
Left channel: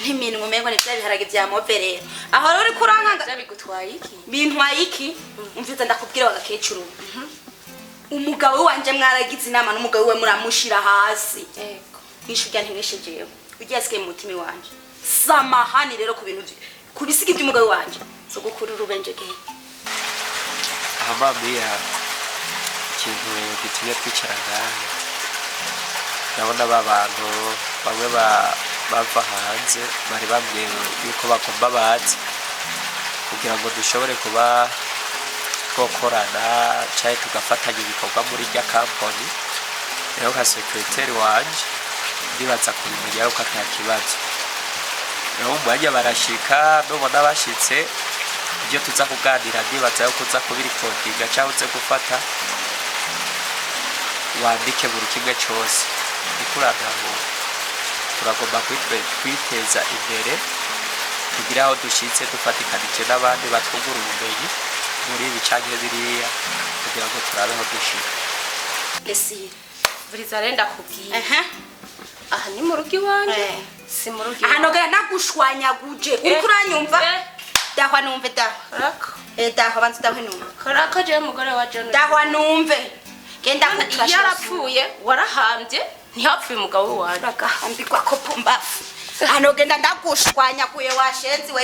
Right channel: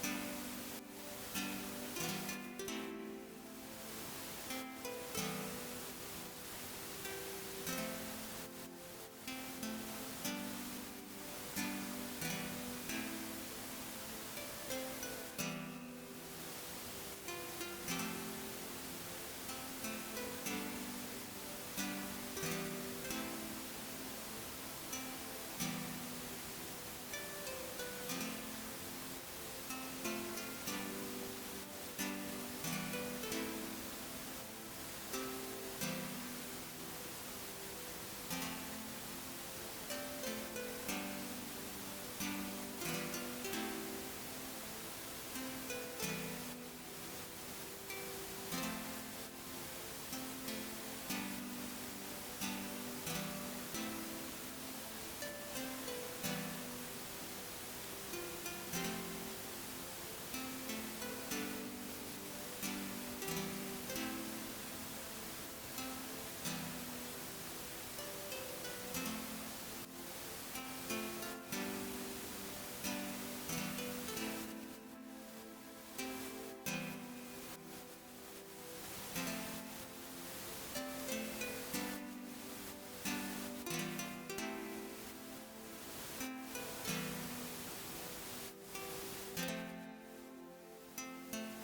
nk'iminwa umengo ni bya biharage bya moverera aho rero uri kurankanga bigutwaye iki bintwaye iki umviza ndakubwira bagakecuru umugabo wanje mwaragize inama n'umugabo we muramushira hasi yego kwishurya ntiwishijewe ugiye asigaye mu mutima wanje samahani rero ku bintu kubisiga by'umugabo wanje so gukura urubenjege amamiya ikintu gitumye twicara ngaha ndabona bantu bamwe bava hanze bari bambwiye yuko bagomba bazi kugira ngo dushobore kuba twokorana cyangwa tugafatanya ibikorwa muri rya kampani rero nka sekreteri wanje ndibaza kubimenya yuko ata kibazo rero mu mwanya barashika nubona bashitse ibyo tuza kuganira ndibaza yuko uza kubirikodinga cyangwa uze gufata wandike buri kimwe cyose ikurana ngo turagomba kwiteza imbere kugira aho dushitse dufatikanije n'abandi batwungura ubumenyi muri ibi canke biriya kugira ngo turabe aho dushika Lesire buriza renda kubwira aha ni mu rugo iwanje si mu rugo aha nogera nagushwanyaguje uri kuranyumva dahwa numve rako dahwa bantu dahwa numve rako je mugore wa John dahwa numve genda kutrasha yarapfuye warahambye ntihapfuye umugabo wanje agahambirwa ko pumbafu hano genda ndagushwanyaguye washenzi we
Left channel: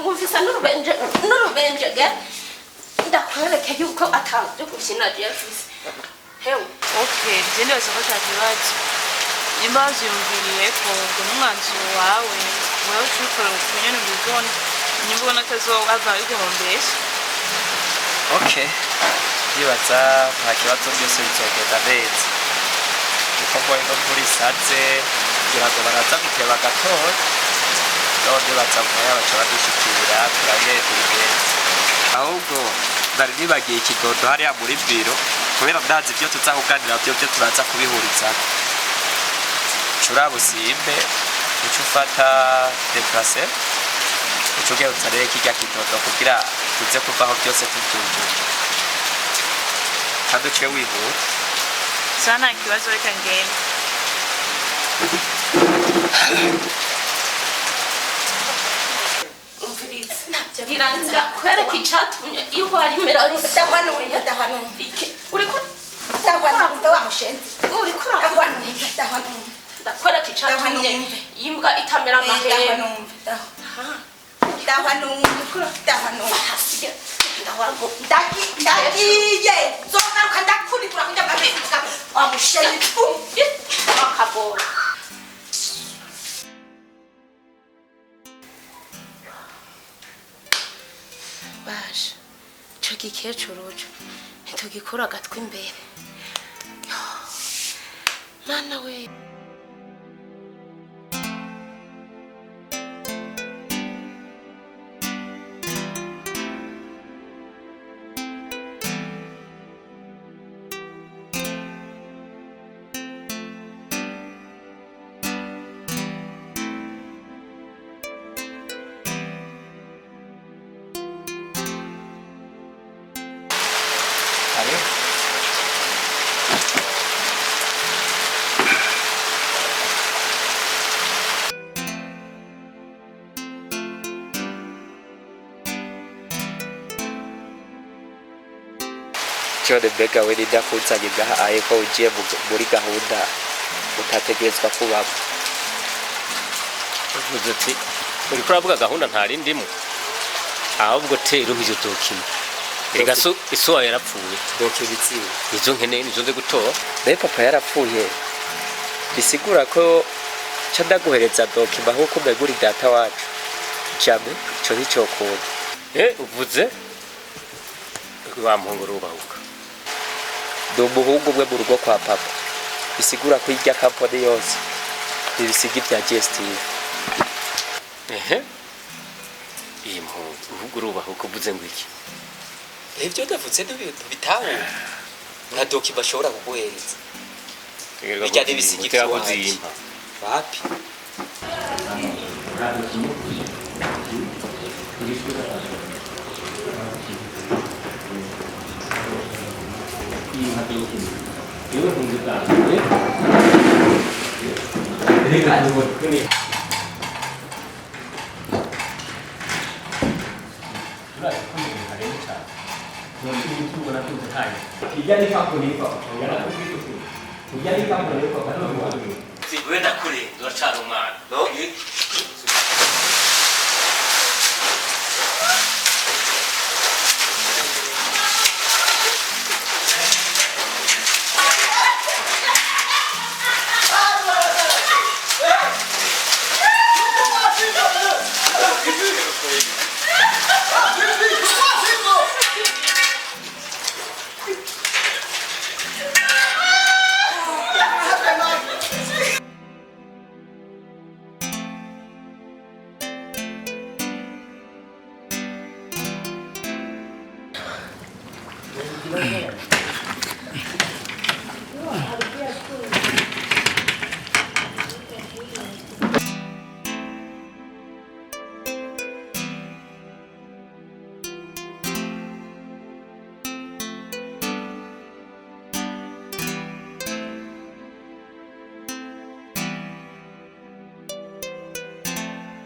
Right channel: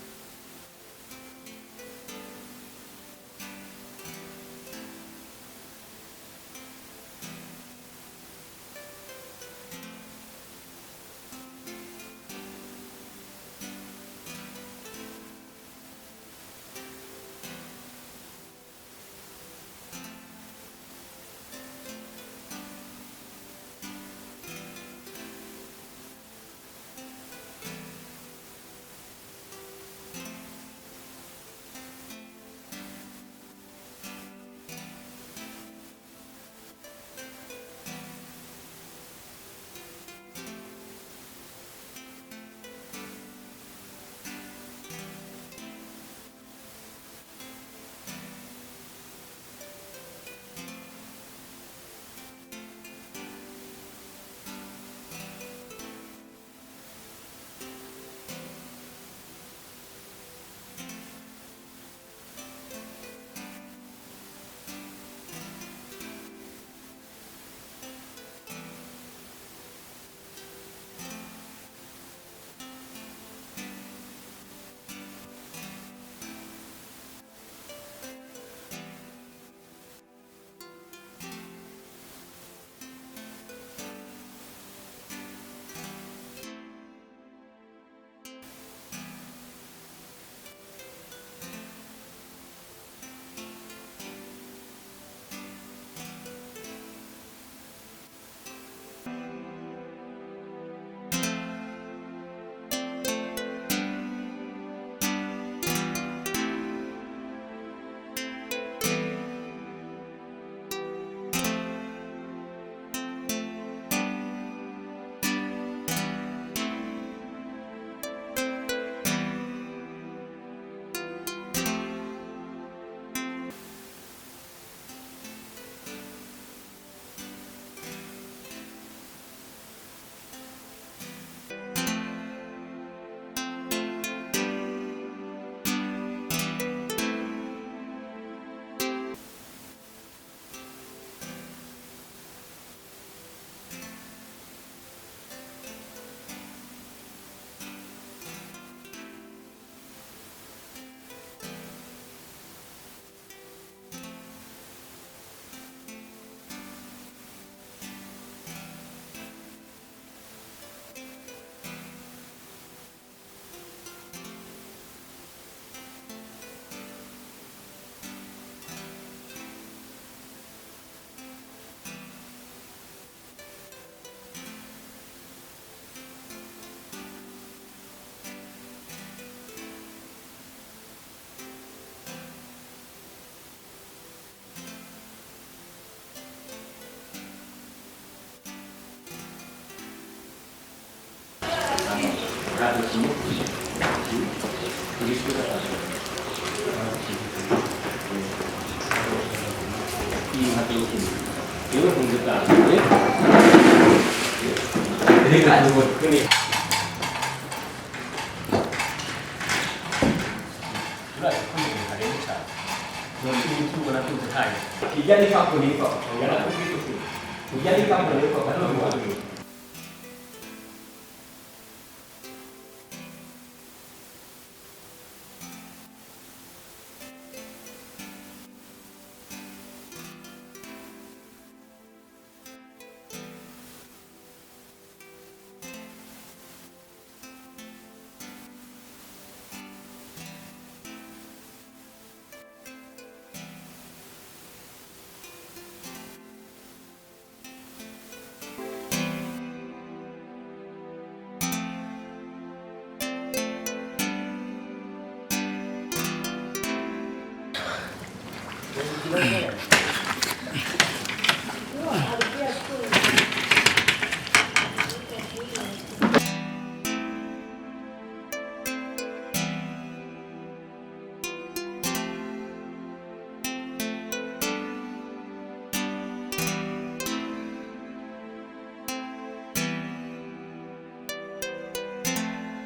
ngumvisa n'urubenje ge ndakwereke yuko atabyo gukina Jeffries hewe okay nje ndibaza ko atakibazo nimba wavyumviriye ko ngo n'umwanzuro wawe wewe ushobora kunyana ubigona nimba ubona atazowava biguhombesha okay ndibaza nta kibazo byose bizogenda neza kuko mbonye no muri satse kugira ngo baraza guteba gatoya none baza mwaya baca badushikira turabe tubigenza ahubwo nari nibagiye ikidodo hariya muri biro kubera ndazi ibyo tuza kuganira byo turaza kubihuriza curabusimbe uco ufata deplase uco ugenda rero kijya kidodo kugira tuze kuvaho byose tubyujuje kandi uciye wihuta sana ikibazo reka ngende birangira kwereka icyatumye iyo warimera dahwanuye dahwanuye uri ko dahwanuye wa mushenzi uri ko dahwanuye dahwanuye ndakwereka icyatumye imbwa itamera amahembe ndagiye zogaruka ndakunikura kujya amahembe wa mushenzi akagora baje ico gikecuru ntitugikura agatwi imbere mana we John Bega we ndakuzanye gaha ayeko ugiye muri gahunda utategerezwa kubamo uvuze ati uri kuravuga gahunda ntari ndimo ahubwo tero nk'izo dokima erega so isuwa yarapfuye dokibitsi izo nkene nizo nze gutora naye papa yarapfuye bisigura ko ca ndaguhereza dokima nk'uko mbegura data wacu cyane ico nicyo kuba uvuze wa muhungu rubahuka ndi umuhungu umwe mu rugo kwa papa bisigura ko irya kampani yose ibisiga ibya GSTV iyi muhungu urubahuka uvuze ngo iki ibyo ndavutse n'ibintu bitahura nka dokima ashobora kuguhereza bijya n'ibisiga iby'iwacu wapi Iwe kumbuka. Reka tubone. Kijani kapo nipo. Kijani kapo nipo bado. Wenda kuri urashara umwana. No?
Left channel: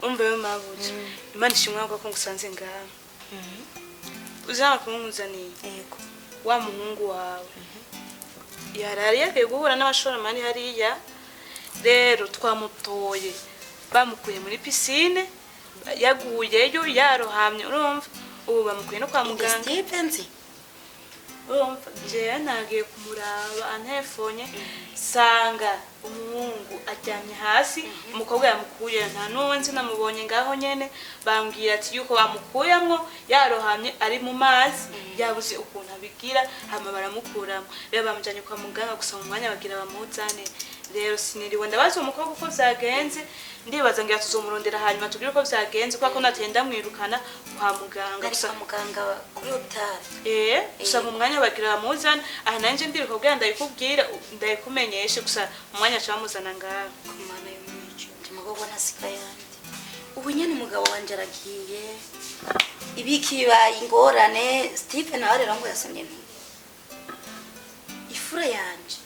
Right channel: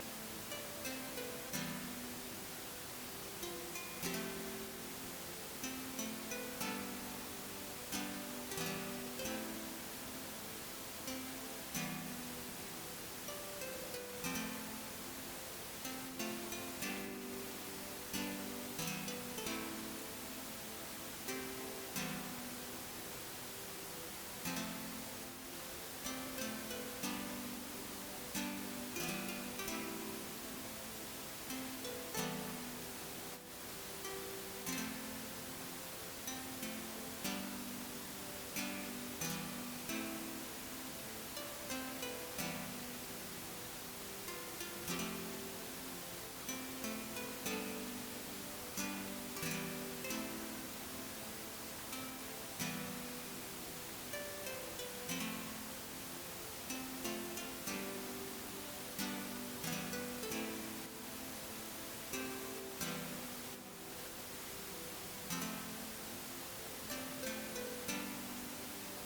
Umbe mabuji. Imana ishimwa ko ngusanze ngaho. Uzana kumuzaniye. Yego. Wa muhungu wawe. Yarari yagiye guhura n'abashoramani hariya. Rero twamutoye. Bamukuye muri piscine. Yaguyeyo yarohamye urumva. Ubu bamukuye no kwa muganga. Stevensi. Urumva je nagiye kumuraba antefonye sanga umuhungu ajyanye hasi umukobwa yamukuye nta nuwenzi namubonye ngaho nyene bambwira ati yuko bamukuyamwo yarohamye ari mu mazi yabuze ukuntu abigira hama baramukuramo rero bamujanye kwa muganga gusa mu mwanya bagira bamuzane rero siniriwe ndabaza umukobwa uko vyagenze ndibaza ngira tuzomurondera hanyuma tubwire uko vyagenze kuko natenda mwirukana kwa muganga gusa muganga kuri hotel gusa mu mwanya bagira bamuzana aha nanje ndiriko bwa ndayikubwira ndayikumenyeshe gusa mu mwanya cyamuzana ngaho kumana y'umuco umugabo nasigaye ubu nyene umugabo wanje aragiye ibiki bibaye ingorane Stephen nawe rero ngo yasomye ifura yanje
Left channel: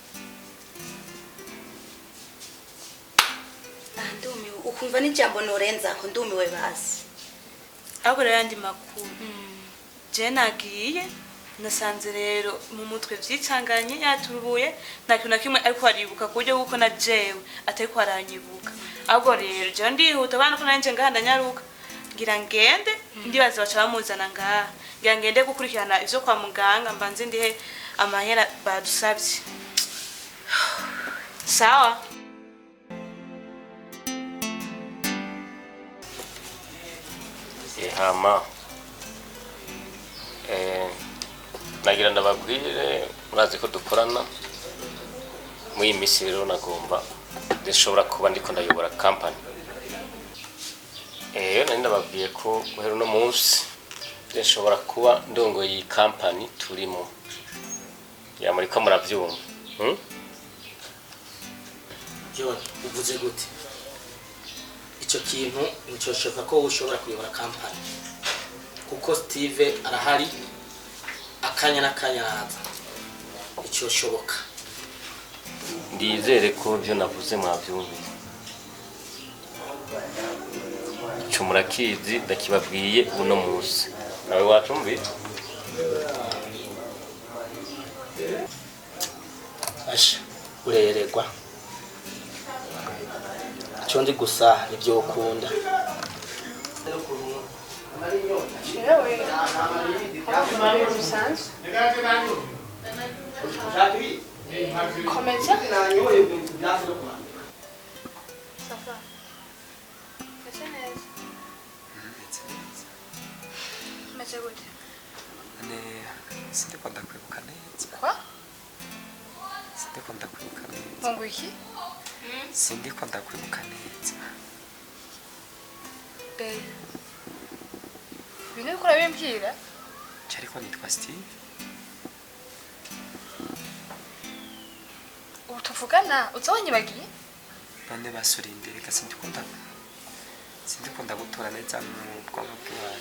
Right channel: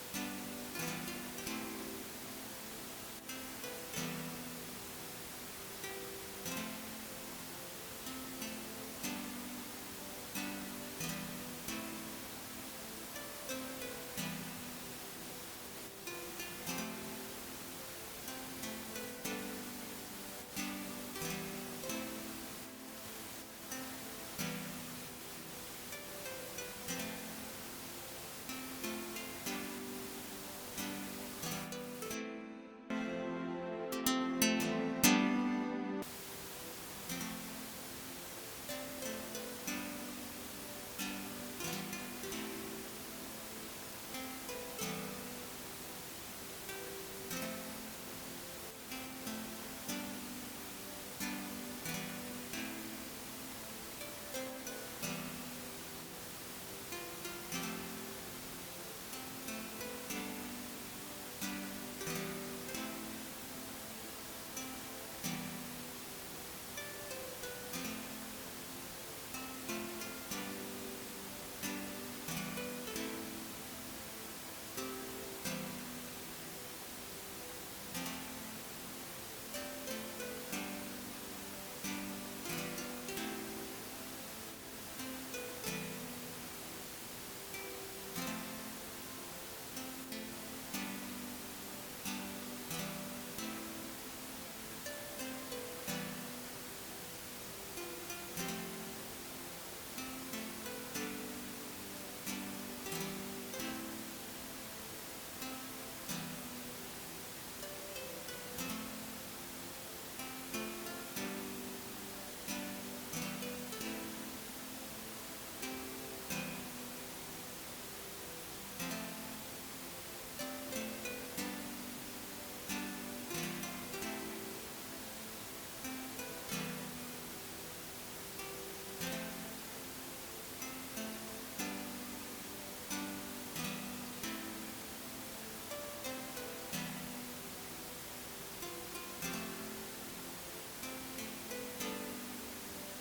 ndumiwe ukumva n'ijambo norenza ko ndumiwe basi abura yandi makuru je nagiye nasanze rero mu mutwe vyicanganye yaturuye nta kintu na kimwe ariko aribuka kuryo kuko na jewe atariko aranyibuka ahubwo rero je ndihuta bana ko nanje ngahanda nyaruka ngira ngende ndibaza baca bamuzana ngaha ngira ngende gukurikirana ivyo kwa muganga mbanze ndihe amahera badusavye sawa HAMA nagira ndababwire murazi ko dukorana muri misi rero nagomba ndashobora kuba ndiko ndayobora company nari ndababwiye ko guhera no munsi ndashobora kuba ndongoye iyi company turimo ya muri ko muravyumva John uvuze gute icyo kintu nicyoshaka ko ushobora kuyobora company kuko Steve arahari akanya n'akanyaraza icyo shoboka ndizere ko byo navuze mwabyumva cyo murakizi ndakibabwiye uno munsi nawe wacumbi asha urererwa cyo ndi gusa nibyo ukunda Komeza. Sindiko ndakwibuka neza. Kwa? Sindiko ndakwibuka neza. Mungu iki? Sindiko ndakwibuka neza. Babe. Bine ukora bimbwira? Cyariko nitwa Steve. Ubu tuvugana uzonyibagiye? None basuri imbere ka sindiko ndagutora neza mu bwonko bwawe.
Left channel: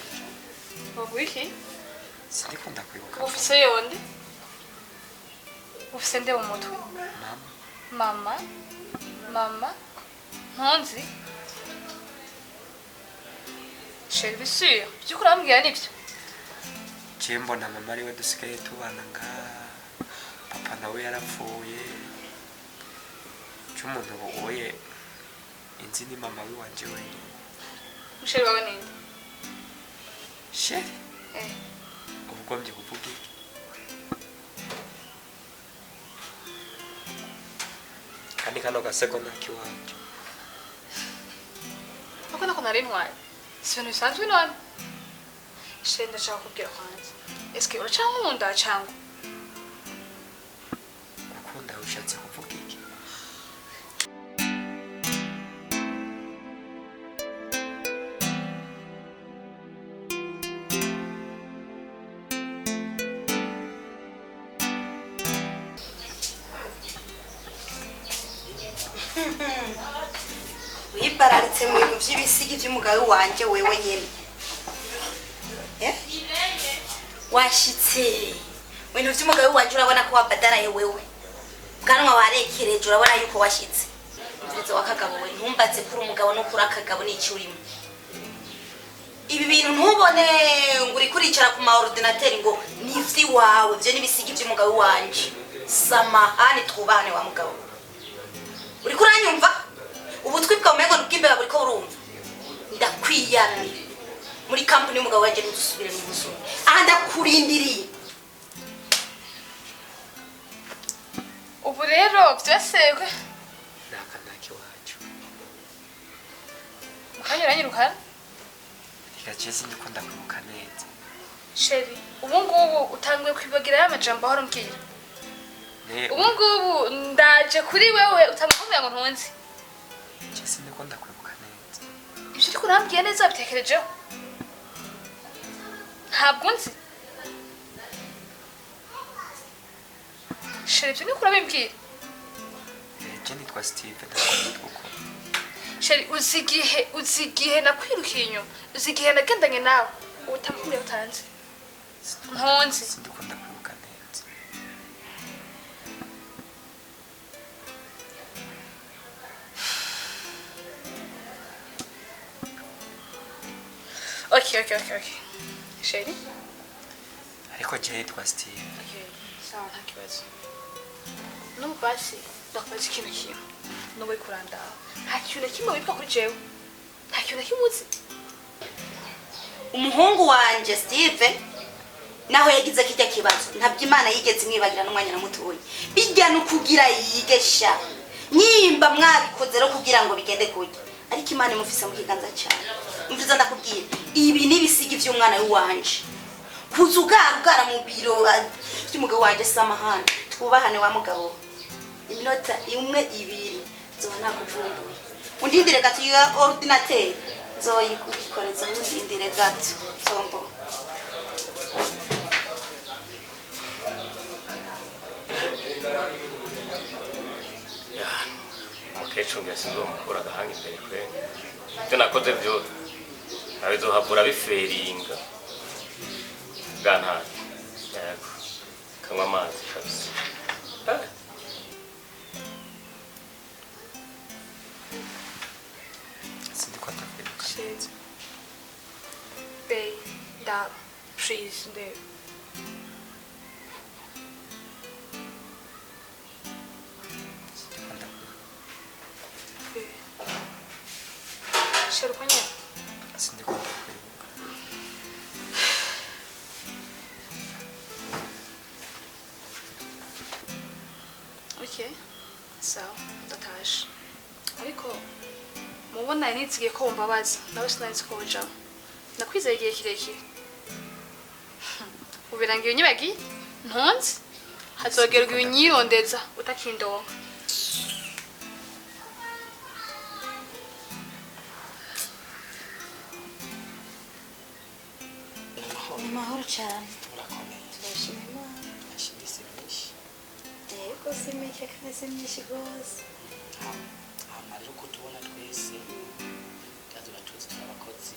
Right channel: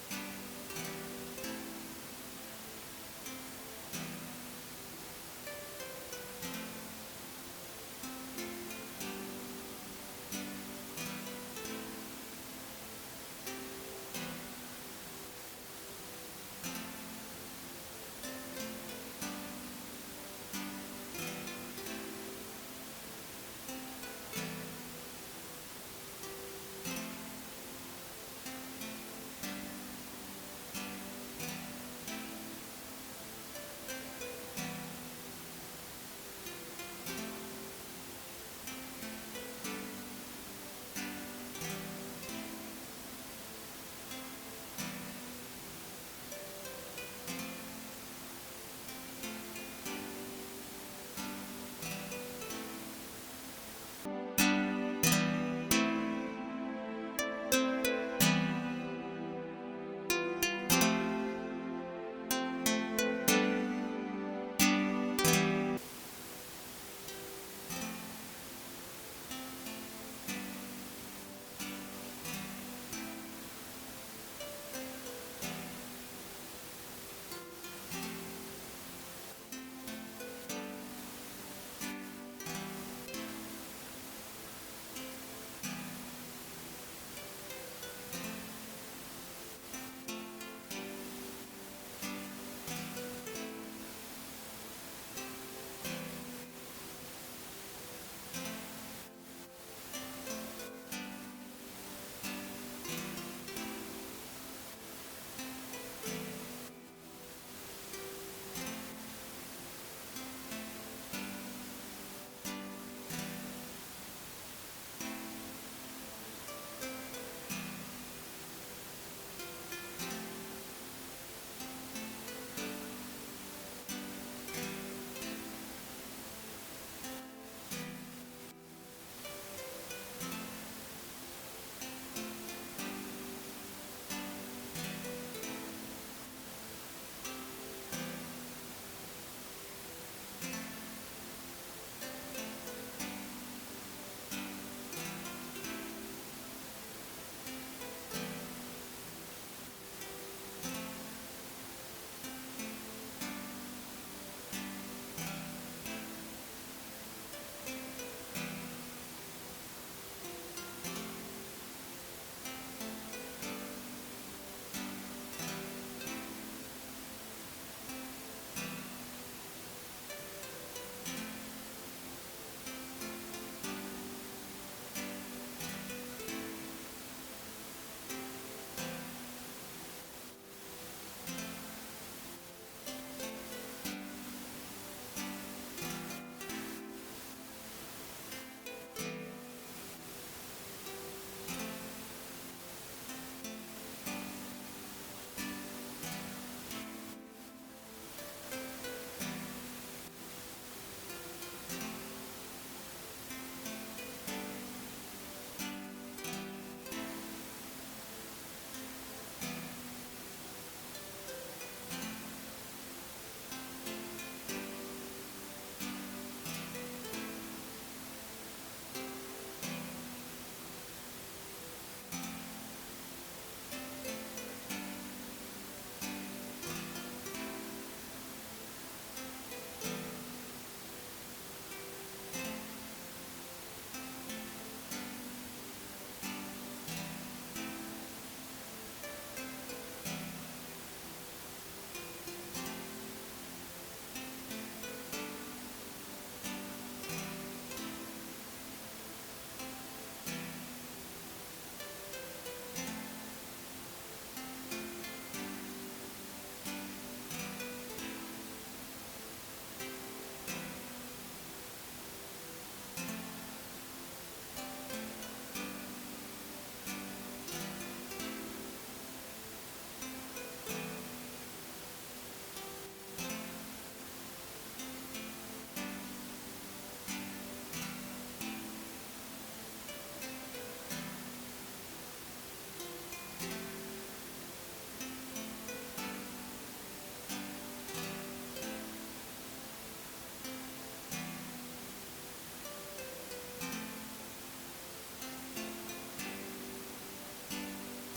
Mungu iki? Sindiko ndakwibuka. Ufise yonde? ufise nde mu mutwe mama ntunzi sheri bisuye by'ukuri urambwira nibyo je mbona mama ariwe dusigaye tubanaga papa nawe yarapfuye cy'umuntu wowe inzi ni mama wanje we sheri wawe ninde sheri ubwo mbi kuvuga kandi kano gasegonda kiwanje uko nako nari ntwaye si ibintu bisanzwe none sheri ndashaka kubwira kwanza eske uracankunda cyangwa ukunda ushatse kuvuga iki wibararitse mu bintu by'ibisigi by'umugabo wanje wewe nyene washitse ibintu by'umugabo wanje urabona ko wabadaraye wewe bwanwa warekereje urabona yuko washitse ndetse wakagabo we ntumbatse kuri umugabo no kuri akagabo n'iki urimo ibi bintu ntubone ngo uri kuricara ku ma ordinateur ngo nivyi wawe byo n'ibisigi by'umugabo wanje samahani twubane wa mugabo uri kuranyumva ubutwi bwa umengo n'ubw'imbeba buriko urumva ndakwiyamye muri company y'umugabo wanje n'udusubire mu buzima aha ndakurindiriye ubu rero byasekwe nakandaki wacu ukanyuranyirukana igacese ndiko ndakwibuka neza sheri ubu ngubu utanguye kwibagira y'amajambo ahora umbwira ubu ngubu ndaje kuri wewe utanguye kumbwira ngo ntunzi igacese ndiko ndakwibuka neza ibyo uriko urambwiye neza bitekerejeho ntabwo nzi sheri ibyo niko urabimbwira je nitwa Steve ndakunda sheri uzi igihe nakwirukiye inyuma uzi igihe nagendanye nawe utamubwira utanzi ntunzi ndiko ndakwibuka neza okay sheri ariko je nitwa Steve sawa nta kibazo n'ubu basi ndakubaza ikintu kimwe n'ubu uri kurandaho nta kintu na kimwe witwa kuri jewe nta kintu na kimwe uzi umuhungu wanje Steve naho yagize kijya kibazo ntabyo Imana yigeze imwibagira n'umwanya na mutoyi bijya no kugira yigesha nyimba mwabikoze rero kugira ngo bigende kujya ariko Imana imufise mu kiganza cyane umviza ndakubwira ibi nibisigi by'umwana wanje kuzugara mu biro by'umugabo wanje samahana twubahane wa mugabo iminota imwe ibiri zoba nakuvumbuye undindire gato ya ordinateur zoyikoreza undindire gato sombo umukecuru yasize umukura agahanga imbere kwe ibyo nakoze byose abizohavura biferinga bwantari yego kanywa amazi kabisa ndiko ndakwibuka neza Bay down trees there sheri uko nyine ndiko ndakwibuka okay sawa ndataje ariko mubona nitsigiye ko mbabaza nawe sinari ko ujamo nakwizeye igihe kirekire ubirangiye unyibagi ntunzi hazogerwa ibinyirondeza utakindonka mahoro cyane turashimira yego simeke kameze myinshi rwose amara uko tubona twese tuzaba tuzi abakozi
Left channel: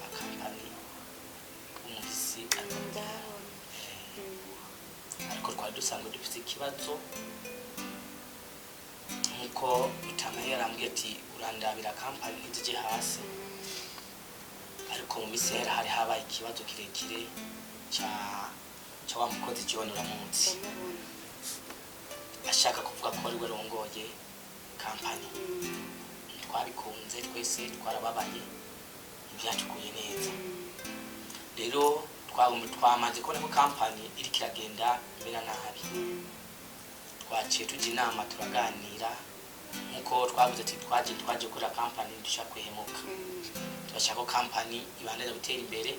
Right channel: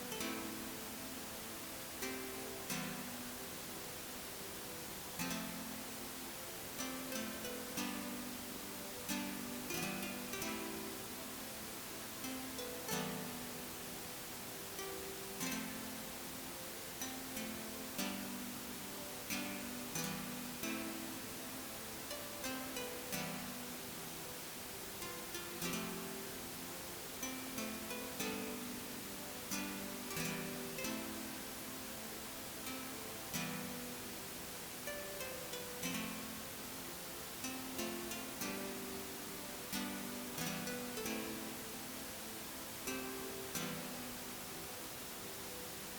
bakampani umuzi ariko twari dusanzwe dufite ikibazo kibazo nkuko Ntanzira yarambwiye ati urandabira kampani ntizije hasi ariko mu minsi yera hari habaye ikibazo kirekire cya wa mukozi John uramutse ashaka kuvuga ko ari we rongoye kampani twabikunze twese twarababaye byatukuye neza rero twamaze kubona ko kampani iri kiragenda mbera nabi twaciye tujya inama turaganira nkuko twavuze ati twaje gukora kampani dushaka kwihemuka turashaka ko kampani ibandanya gutera imbere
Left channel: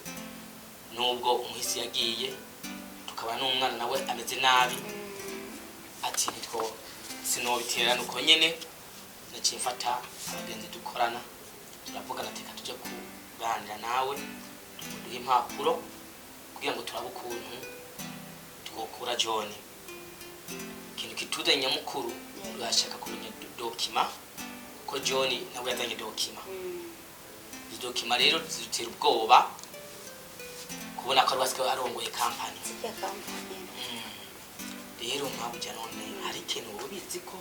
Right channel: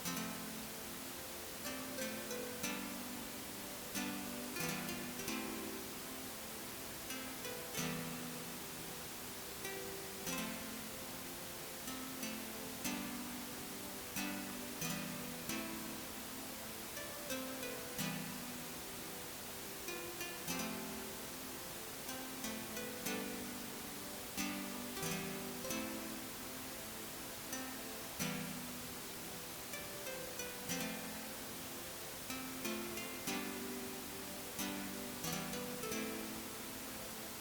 nubwo umuhisi yagiye tukaba n'umwana nawe ameze nabi ati nitwo sinobiterana uko nyene naciye mfata abagenzi dukorana turavugana teka tujya kuganira nawe tugura impapuro kugira ngo turabe ukuntu twokura John ikintu kituzanye nyamukuru urashaka kumenya dokima ko John nawe yazanye dokima rero zitera ubwoba kubona ko rwaswe arongoye kampani rero ntabwo ujya none hari ikintu ubizi ko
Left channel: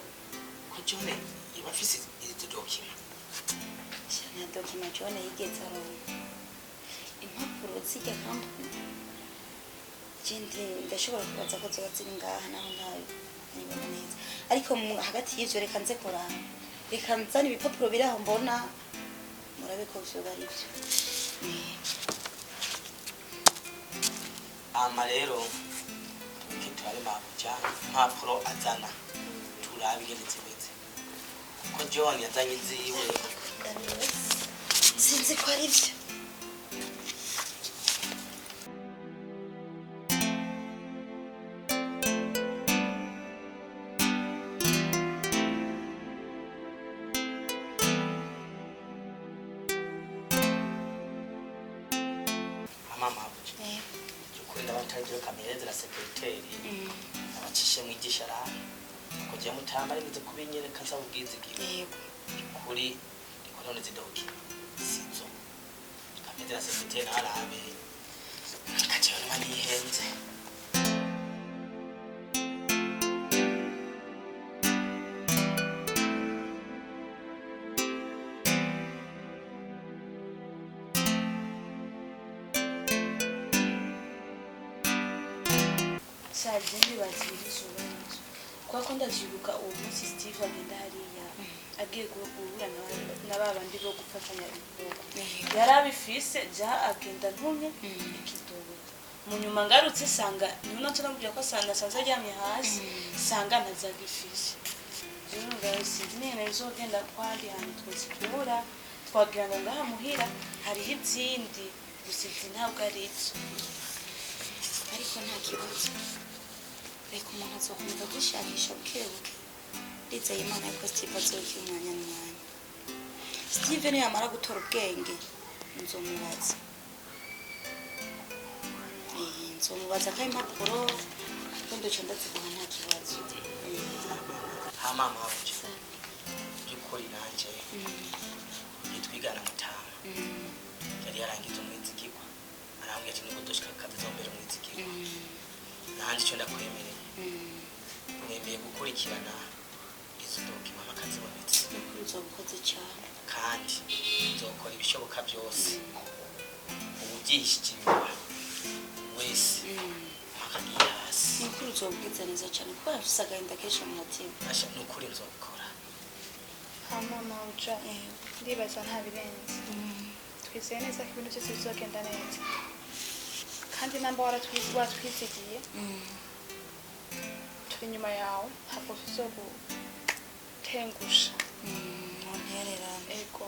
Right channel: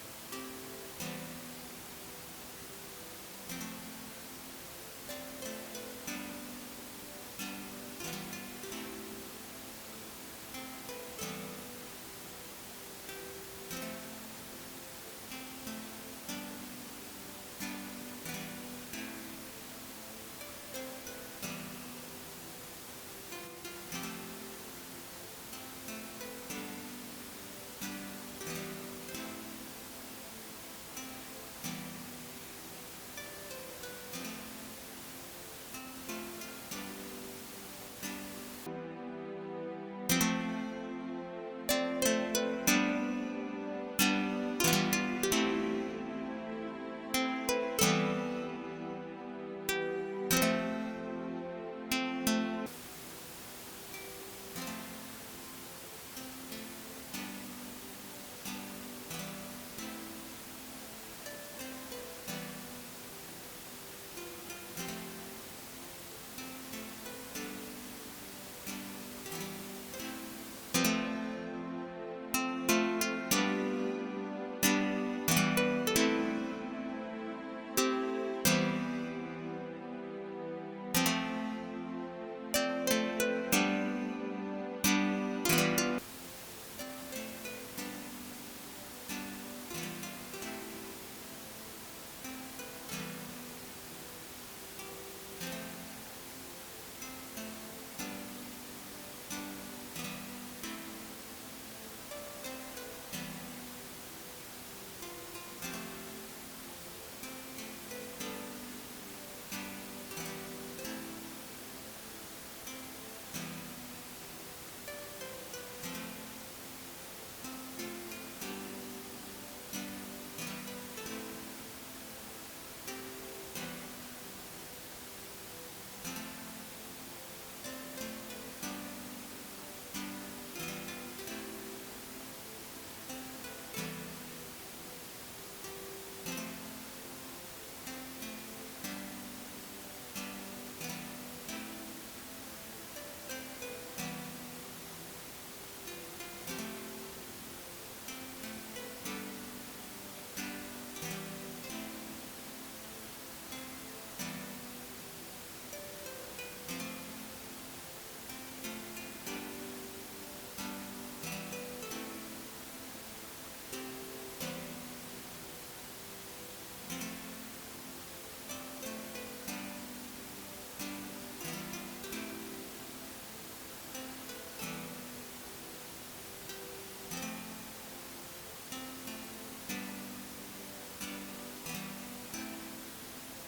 John iba afise izi dokima cyane dokima John yigeze aronka impapuro zijya kampani ikindi ndashobora kubaza ko zoba ziri ngaha naho nkawe nibona neza ariko hagati y'ivyo reka nze kurana reka nzane ibipapuro biri aho mbona murabe ko vyoba ari vyo ama rero turabe makuja impapuro azana turabe ingene zimeze ko John yazanye ziwe sinzi ko ari vyo kuri none zidoki sinzo kamera sekreteri arabe kacyo mani henze Sajini basirije kwa konda jibuka uwo munsi Steve amendariya agiye guhura na babandi bo gufatanya ibikorwa yarabifise ja agenda ntumye ikidobo mu nyuma ngarutse sanga none turambye ko sanga sanze aryamye hasi sanga nazagifise rero sinzi nazo genda kwandi hano twizikura twagira ngo ngaha muhira hari izindi gusiza ntabwo ari icyo ariko nta kibazo reka umuntu azokomeza gusharisha bukebuke ndetse Imana yuko Steve azogira umwanya mwanya Steve niyo yamara gutora ubwenge nzomubaza ko impapuro kandi uca ndazibaha nta kibazo HAMA mawuje yuko inanje nitwigana mutama yari yarangiza umwizigirwa arambwira ati nukudoshika kabizo mbere umwizigirwa nanje cyo ndakwemereye nemeye gukurikirana ikidoki mama kazibonetse uzokoze cyane kandi nzokora ibishoboka byose ubugishije wese akagiye hasi nukuri uzobwiza neza cyane kuko afise agahinda kenshi mu mutima asha nukuri nzokora HAMA mawuje ndibaza nta birenze twizeye neza ko ibintu byose bizogenda neza kandi namba watwizigiye turi inyuma yawe ntabwo tuzogutengusha ego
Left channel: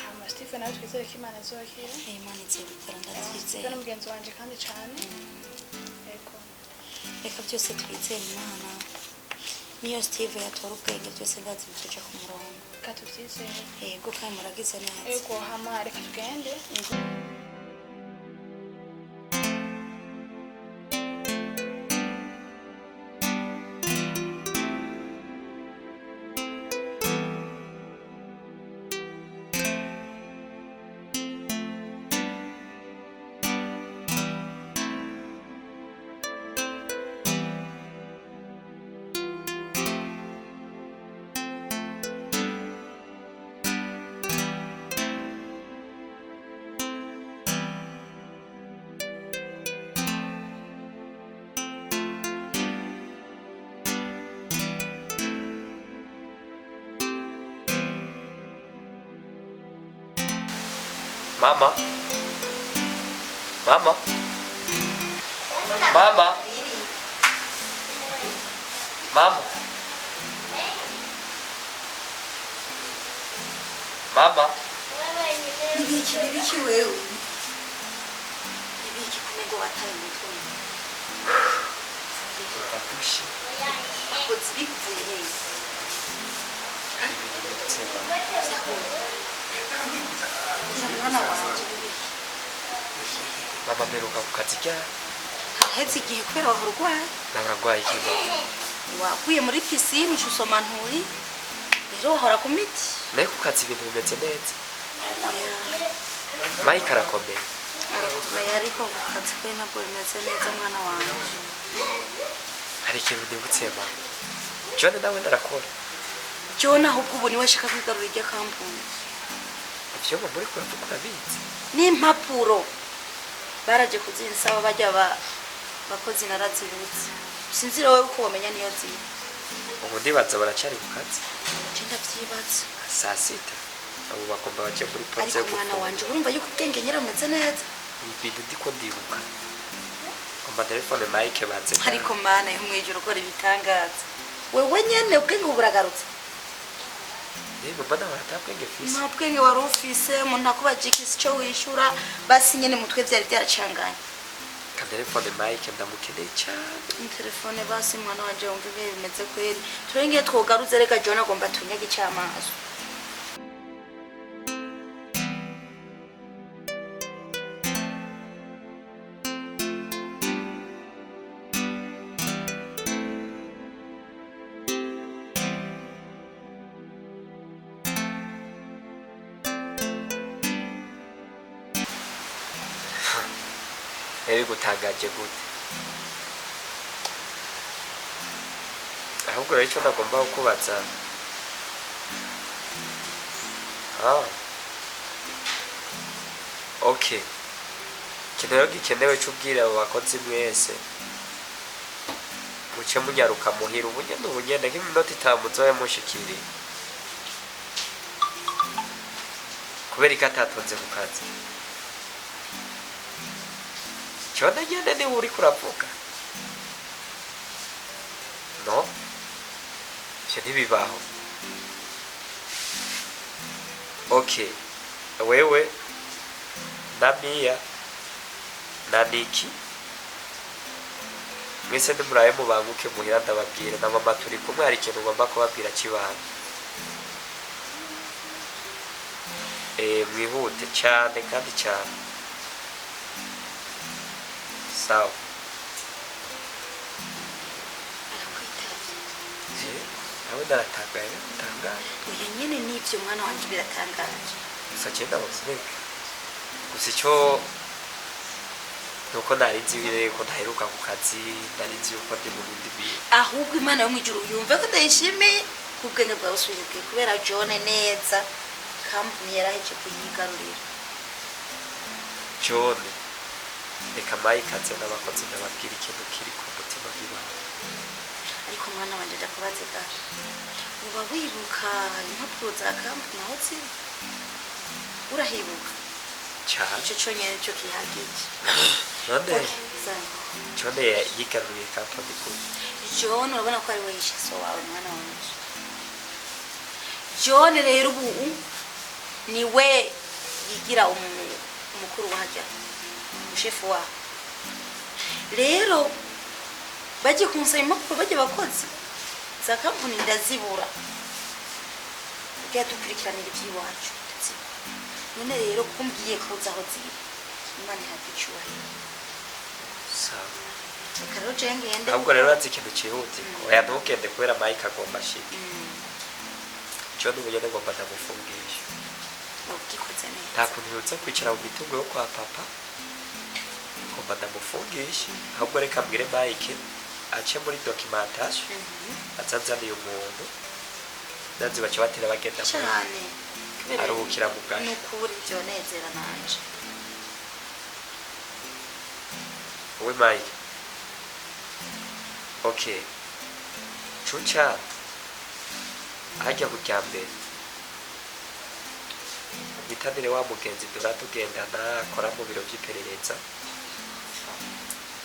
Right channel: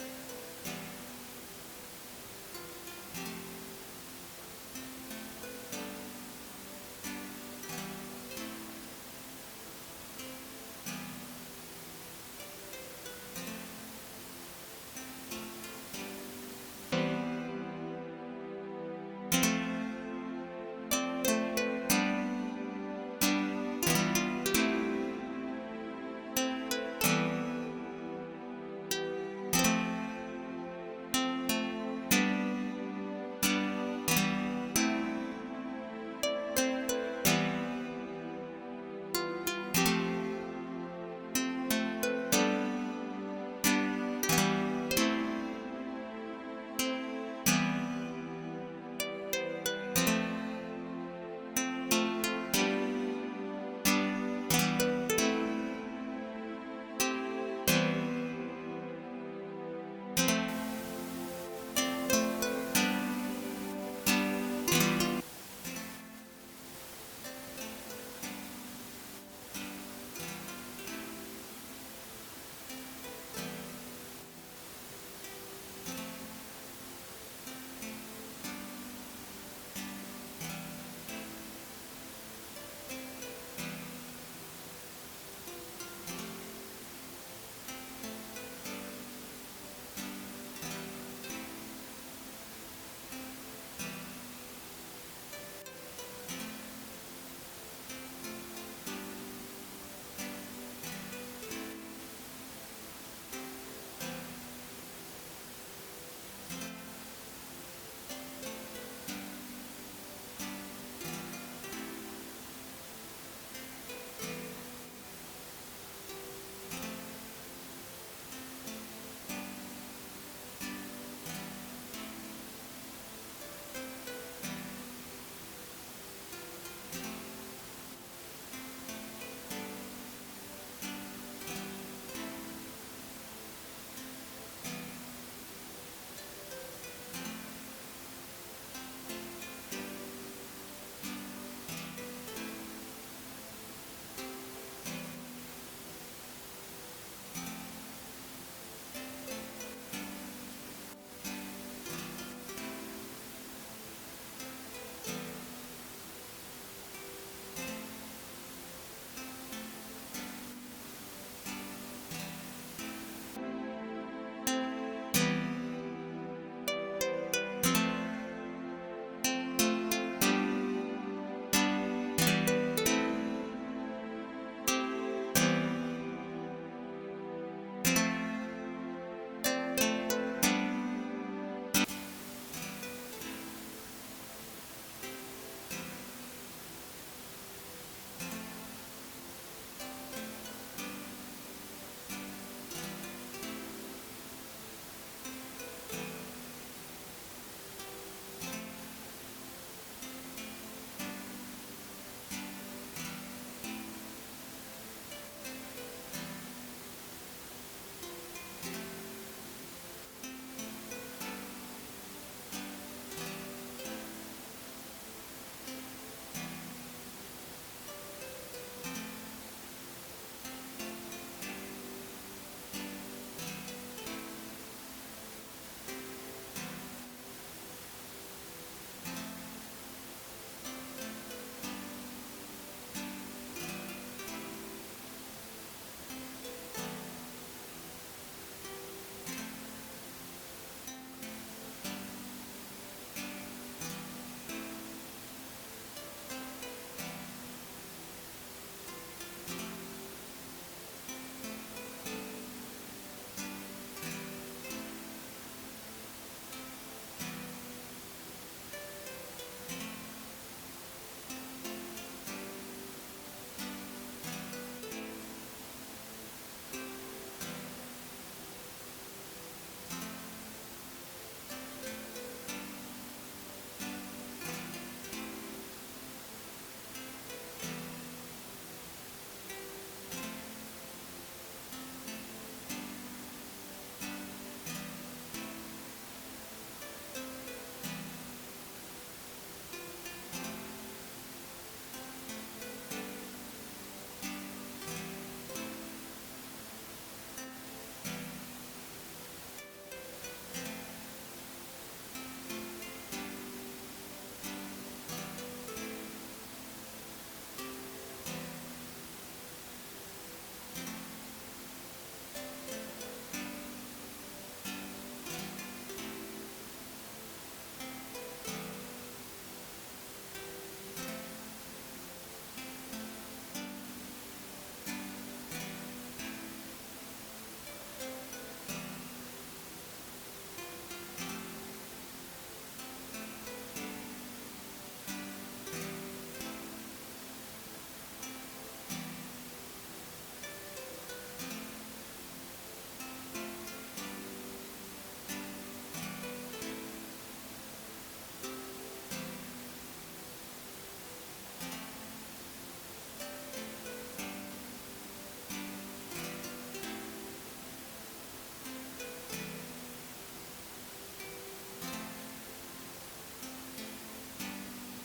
HAMA Steve nawe twizere ko Imana azogira Imana izobikora ndabyizeye Steve n'umugenzi wanje kandi cyane ego reka byose twizere Imana niyo Steve yatora ubwenge byose ndazi bitoja ku murongo katubyizeye yego kandi muragize neza ego HAMA reka tugende Mama. Mama. Mama. Mama. Mama. Nibiki wewe. Nibiki kumego wataye mutwe. Ako zibikuye. Mwana wanje. Mama mperuka ku kazi ryari? Haheze igihe kubera wahurwaye. Nararwaye ikigo. Waguye muri pisine usoma nturi. Rero wahora ku miti. Naye ku kazi ibintu bimeze neza. Mike arakomeye. Arakomeye ariko ku kazi kwe ntabwo bimeze neza mwana wanje. Hari ikintu nibutse mama. John nawe ndarakora. John ahubwo ubu niwe ashaka kwigarurira irya kampuni. Ivyo mama muri kuravuga urabizi. N'impapuro baraje kuzinsaba bajya bakozi narazibutse. Sinzira wowe uko wamenya niyo ziri. Ubu ndibaza baracari ku kazi. Cyenda byibaza. Saa sita. Abo bagomba baje muri Ariko mwana wanje urumva yuko ubwenge nyirameze neza. Ibintu ndiko ndibuka. Komba telefone Mike batse. Ariko mana yo mwijoro ukora ibitangaza. Wewe nyene ubwenge buragarutse. Mbona waratambwenge fisi. Nta bwenge wari ufise umuntu akubajika icyo wishura basi nyene mutwe byari byaracanganye. Ka telefone Mike ndamukeneye cyane. Telefone basi mwana wanje wumva ibihe bimeze kweri. Turengeye twogaruze reka John agomba tunyage cyamaso. Eri gutagaje gute. Ahubwo rero icyo nagomba kukubaza. Okay. Ikintu rero gikenewe cy'ubwira abo bakozi mwese. Muce munyaruka muhira ubunyene nk'iminota 5 muzoye mushikiriye. Kubera ko atatonze ku kazi. Chona nyene ni uri kuravuga. No? Ivyo ntibibaho. Okay. Wewe na Mia na Niki mwese ndimuraye mubanguke muhira ndababwira na mama turi kumwe hari ikintu ngomba kubabwira kibana. Mwihute cyane kandi cyane. Sawa. Nawe ndaratagaye ndatangaye. Oya nyene nivyo mwana wanje biratangaje. Gusa cyenda bosireka. Gusa icyo nuko narizi bire ko ntaheruka ku kazi narizi uko ndi mu bindi. Ahubwo Imana yo mwijuru yumve ko ndayishimiye kubwenge bwawe usubizwe kubera John neza kampuni yaraheje kuyigarurira. John reka Mike aze n'abakozi ndababwira ikintu kiri ku mutima w'Imana. Ariko mwana wanje ndakubaze ga uba wibuka impapuro za kampuni aho ziri urahibuka cyane icyo cyonyine cyo kihagije. None John yigaruriye kampuni kuri John urabona ko ari we yishiso wawe mwana wanje. John rero ubu ni we yigira umukuru wahajya shefu wa rero bagiye kumusaba impapuro bagiye bakozi za kampuni ndazibura dukurikirana iby'iwacu none rero kumbwiye kuza aho ziri Imana iraducyuye. sawa. Reka rero ngende Ahubwo rero azi ikintu cyihuti oya ntukende kubera Mike agomba ashike. John ubunyene ngomba ndamufungisha. ubwikoze neza. Nta kuntu yutse kwicara mu mitungo yo kwa papa. Ngomba ndamufungisha. Ahubwo reka mbwire Mike ace muri documentation azazaniye umuntu ndazi bace batera bagenda cyane aruhukira mu gashi. nukuri byo nezera nanje. We Mike. Okay. Chucha. Hajya kujya mbere. nitabire wa mugenzi tugendana akora mu biro by'iperereza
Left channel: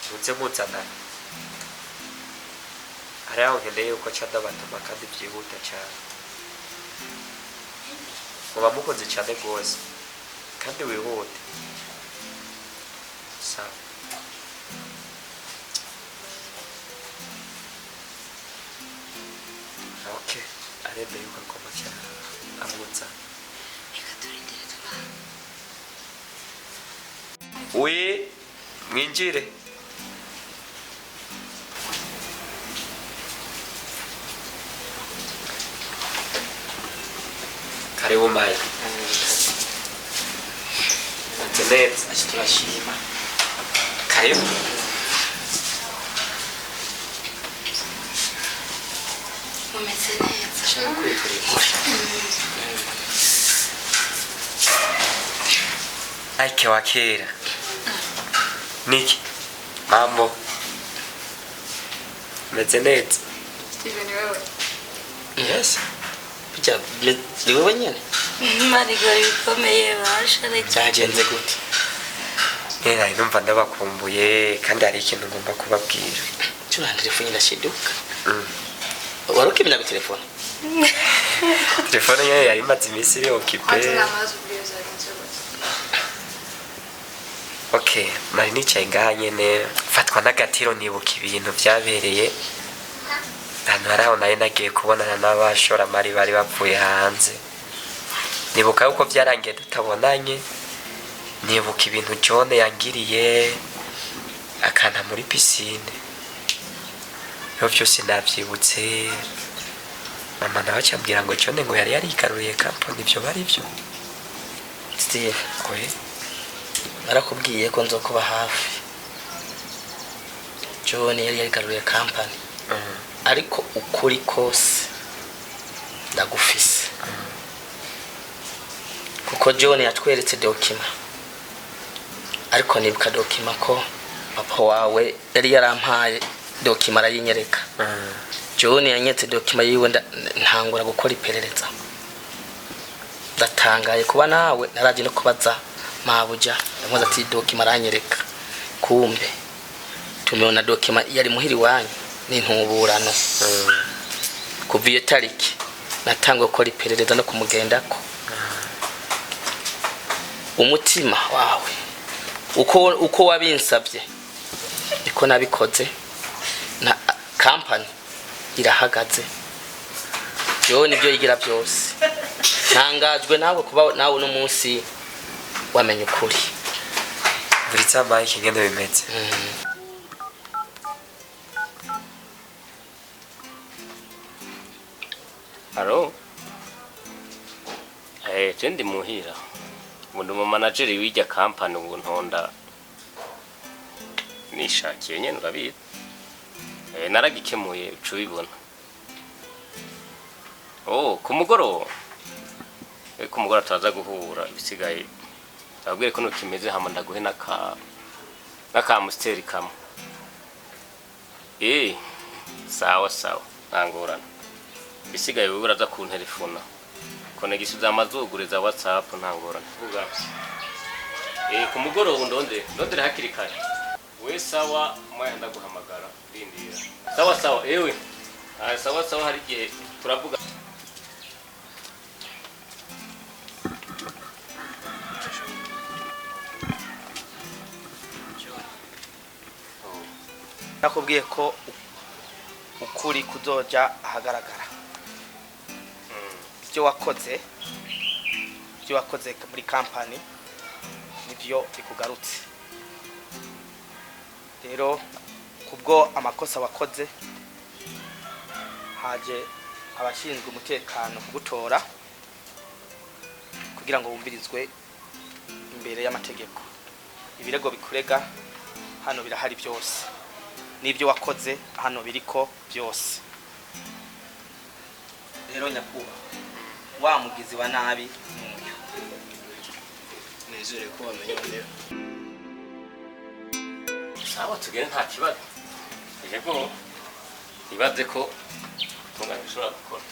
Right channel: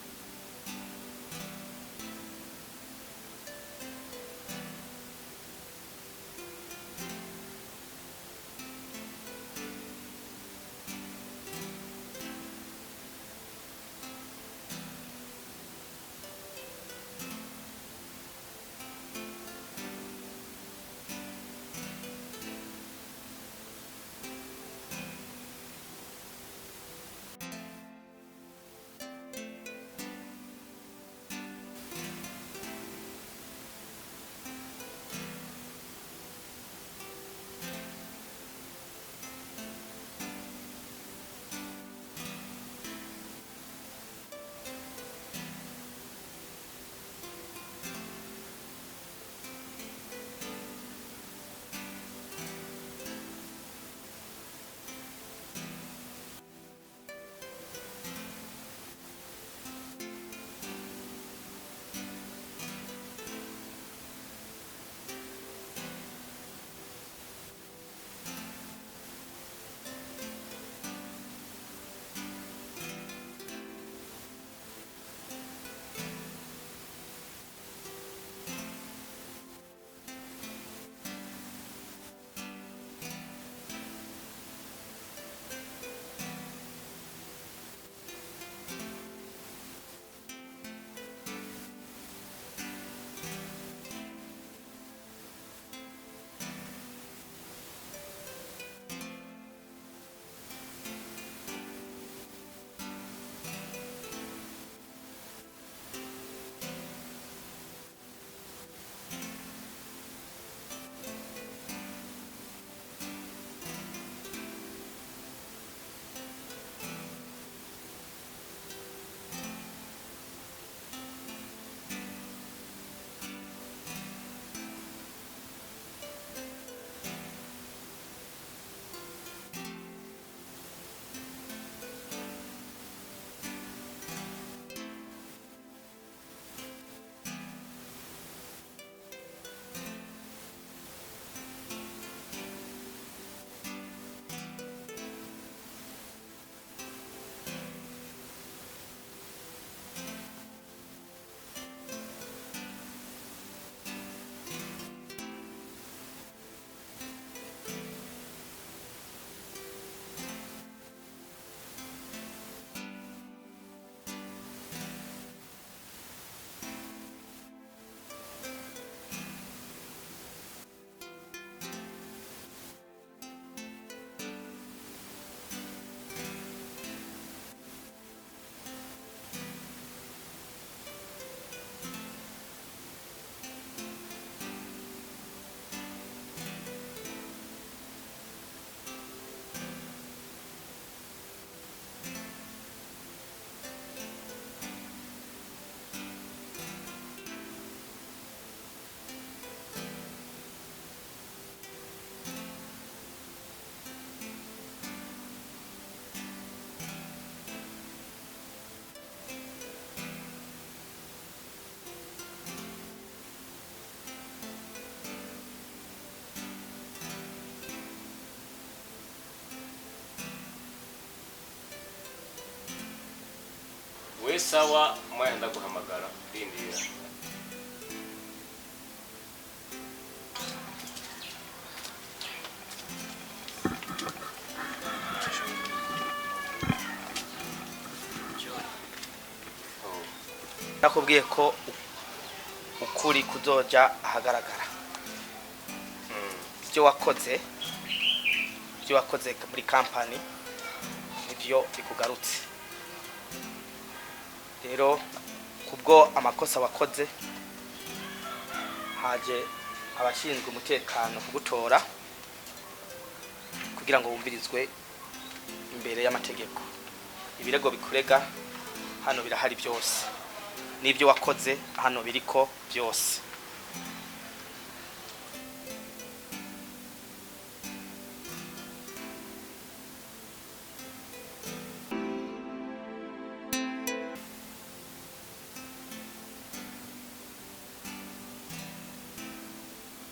muze muzanana hari aho nkeneye yuko ca ndabatuma kandi byihuta cyane muba mukoze cyane rwose kandi wihute sawa okay arebe yuko agomba cyane amutsa we mwinjire karibu mai neza turashima karibu umeze neza shaka kwitura inkuru aike wa kera niki mambo meze neza Steven wewe yes bijya ni wewe nyene marigori bikomeye bashareke cyagenze gute era numva ndabakumbuye kandi hari ikintu ngomba kubabwira tuna telefone ndashiduka warukimenya ku telefone telefone yawe yari imaze iminsi iri okipe okay nari nicaye ngaha nyene fatwa n'agatiro nibuka ibintu byabereye hano hari aho nari nagiye kubonana n'abashoramari bari bapfuye hanze nibuka yuko byarangiye tutabonanye nibuka ibintu John yangiriye akana muri pisine yo byose nabyibutse mama nawe cyambwira ngo John ngo yari yarikaruriye kampani ibyo bari byo Steve kwe narakubwiye ko nzokuba hafi John yari yarikaruriye kampani ariko ukuri kose ndagufise kuko John yatweretse dokima ariko nibuka dokima ko papa wawe yari yarampaye dokima arayinyereka John yanyetse dokima yiwe ntangura gukora iperereza ndatangaye kuba nawe naraje no kubaza mabuja ndamuza ati dokima aranyereka kumbe tumeona dokima yari muhiri wanyu n'intuburano kuva iyo tariki natangwe gukora iperereza no kumugendako umutima wawe uko wabinsabye niko nabikoze na kampani irahagaze yo nibyo yigira byose ntangajwe nawe kuba nawe no munsi wamenye ukuri buri tsama ikigende bimeze Haro jendi muhira umuntu mu manager w'ijya kampani ubu ntonda nishakiye nyene urabita naragikemuye ucubibona kumugoro turaza guhura bisigaye abwire ko nukimeze hama ndaguhe n'akamusteri kamwe sawa ntangorana bisigaye wewe uraza ku telefona konegisi z'amazuguriza WhatsApp ntangorana vuga kumugoro ndondere hakiri kare we sawa mwaya ndaguhamagara rindira sawa ewe sawa hari gihe turavuga nakubwiye ko ukuri kuzoja ahagaragara ibyo wakoze muri kampani nibyo bikugarutse rero kubwo amakosa wakoze haje abashinzwe umutekano kugutora kugira ngo bumvirizwe imbere y'amategeko ibirego bikurega hano birahari byose nibyo wakoze hano biriko byose rero nyakuba wa mugizi wa nabi n'uyu nezere ko wamenye sawa tugere nta kibazo yego ibaze ko tungana bishobora gukora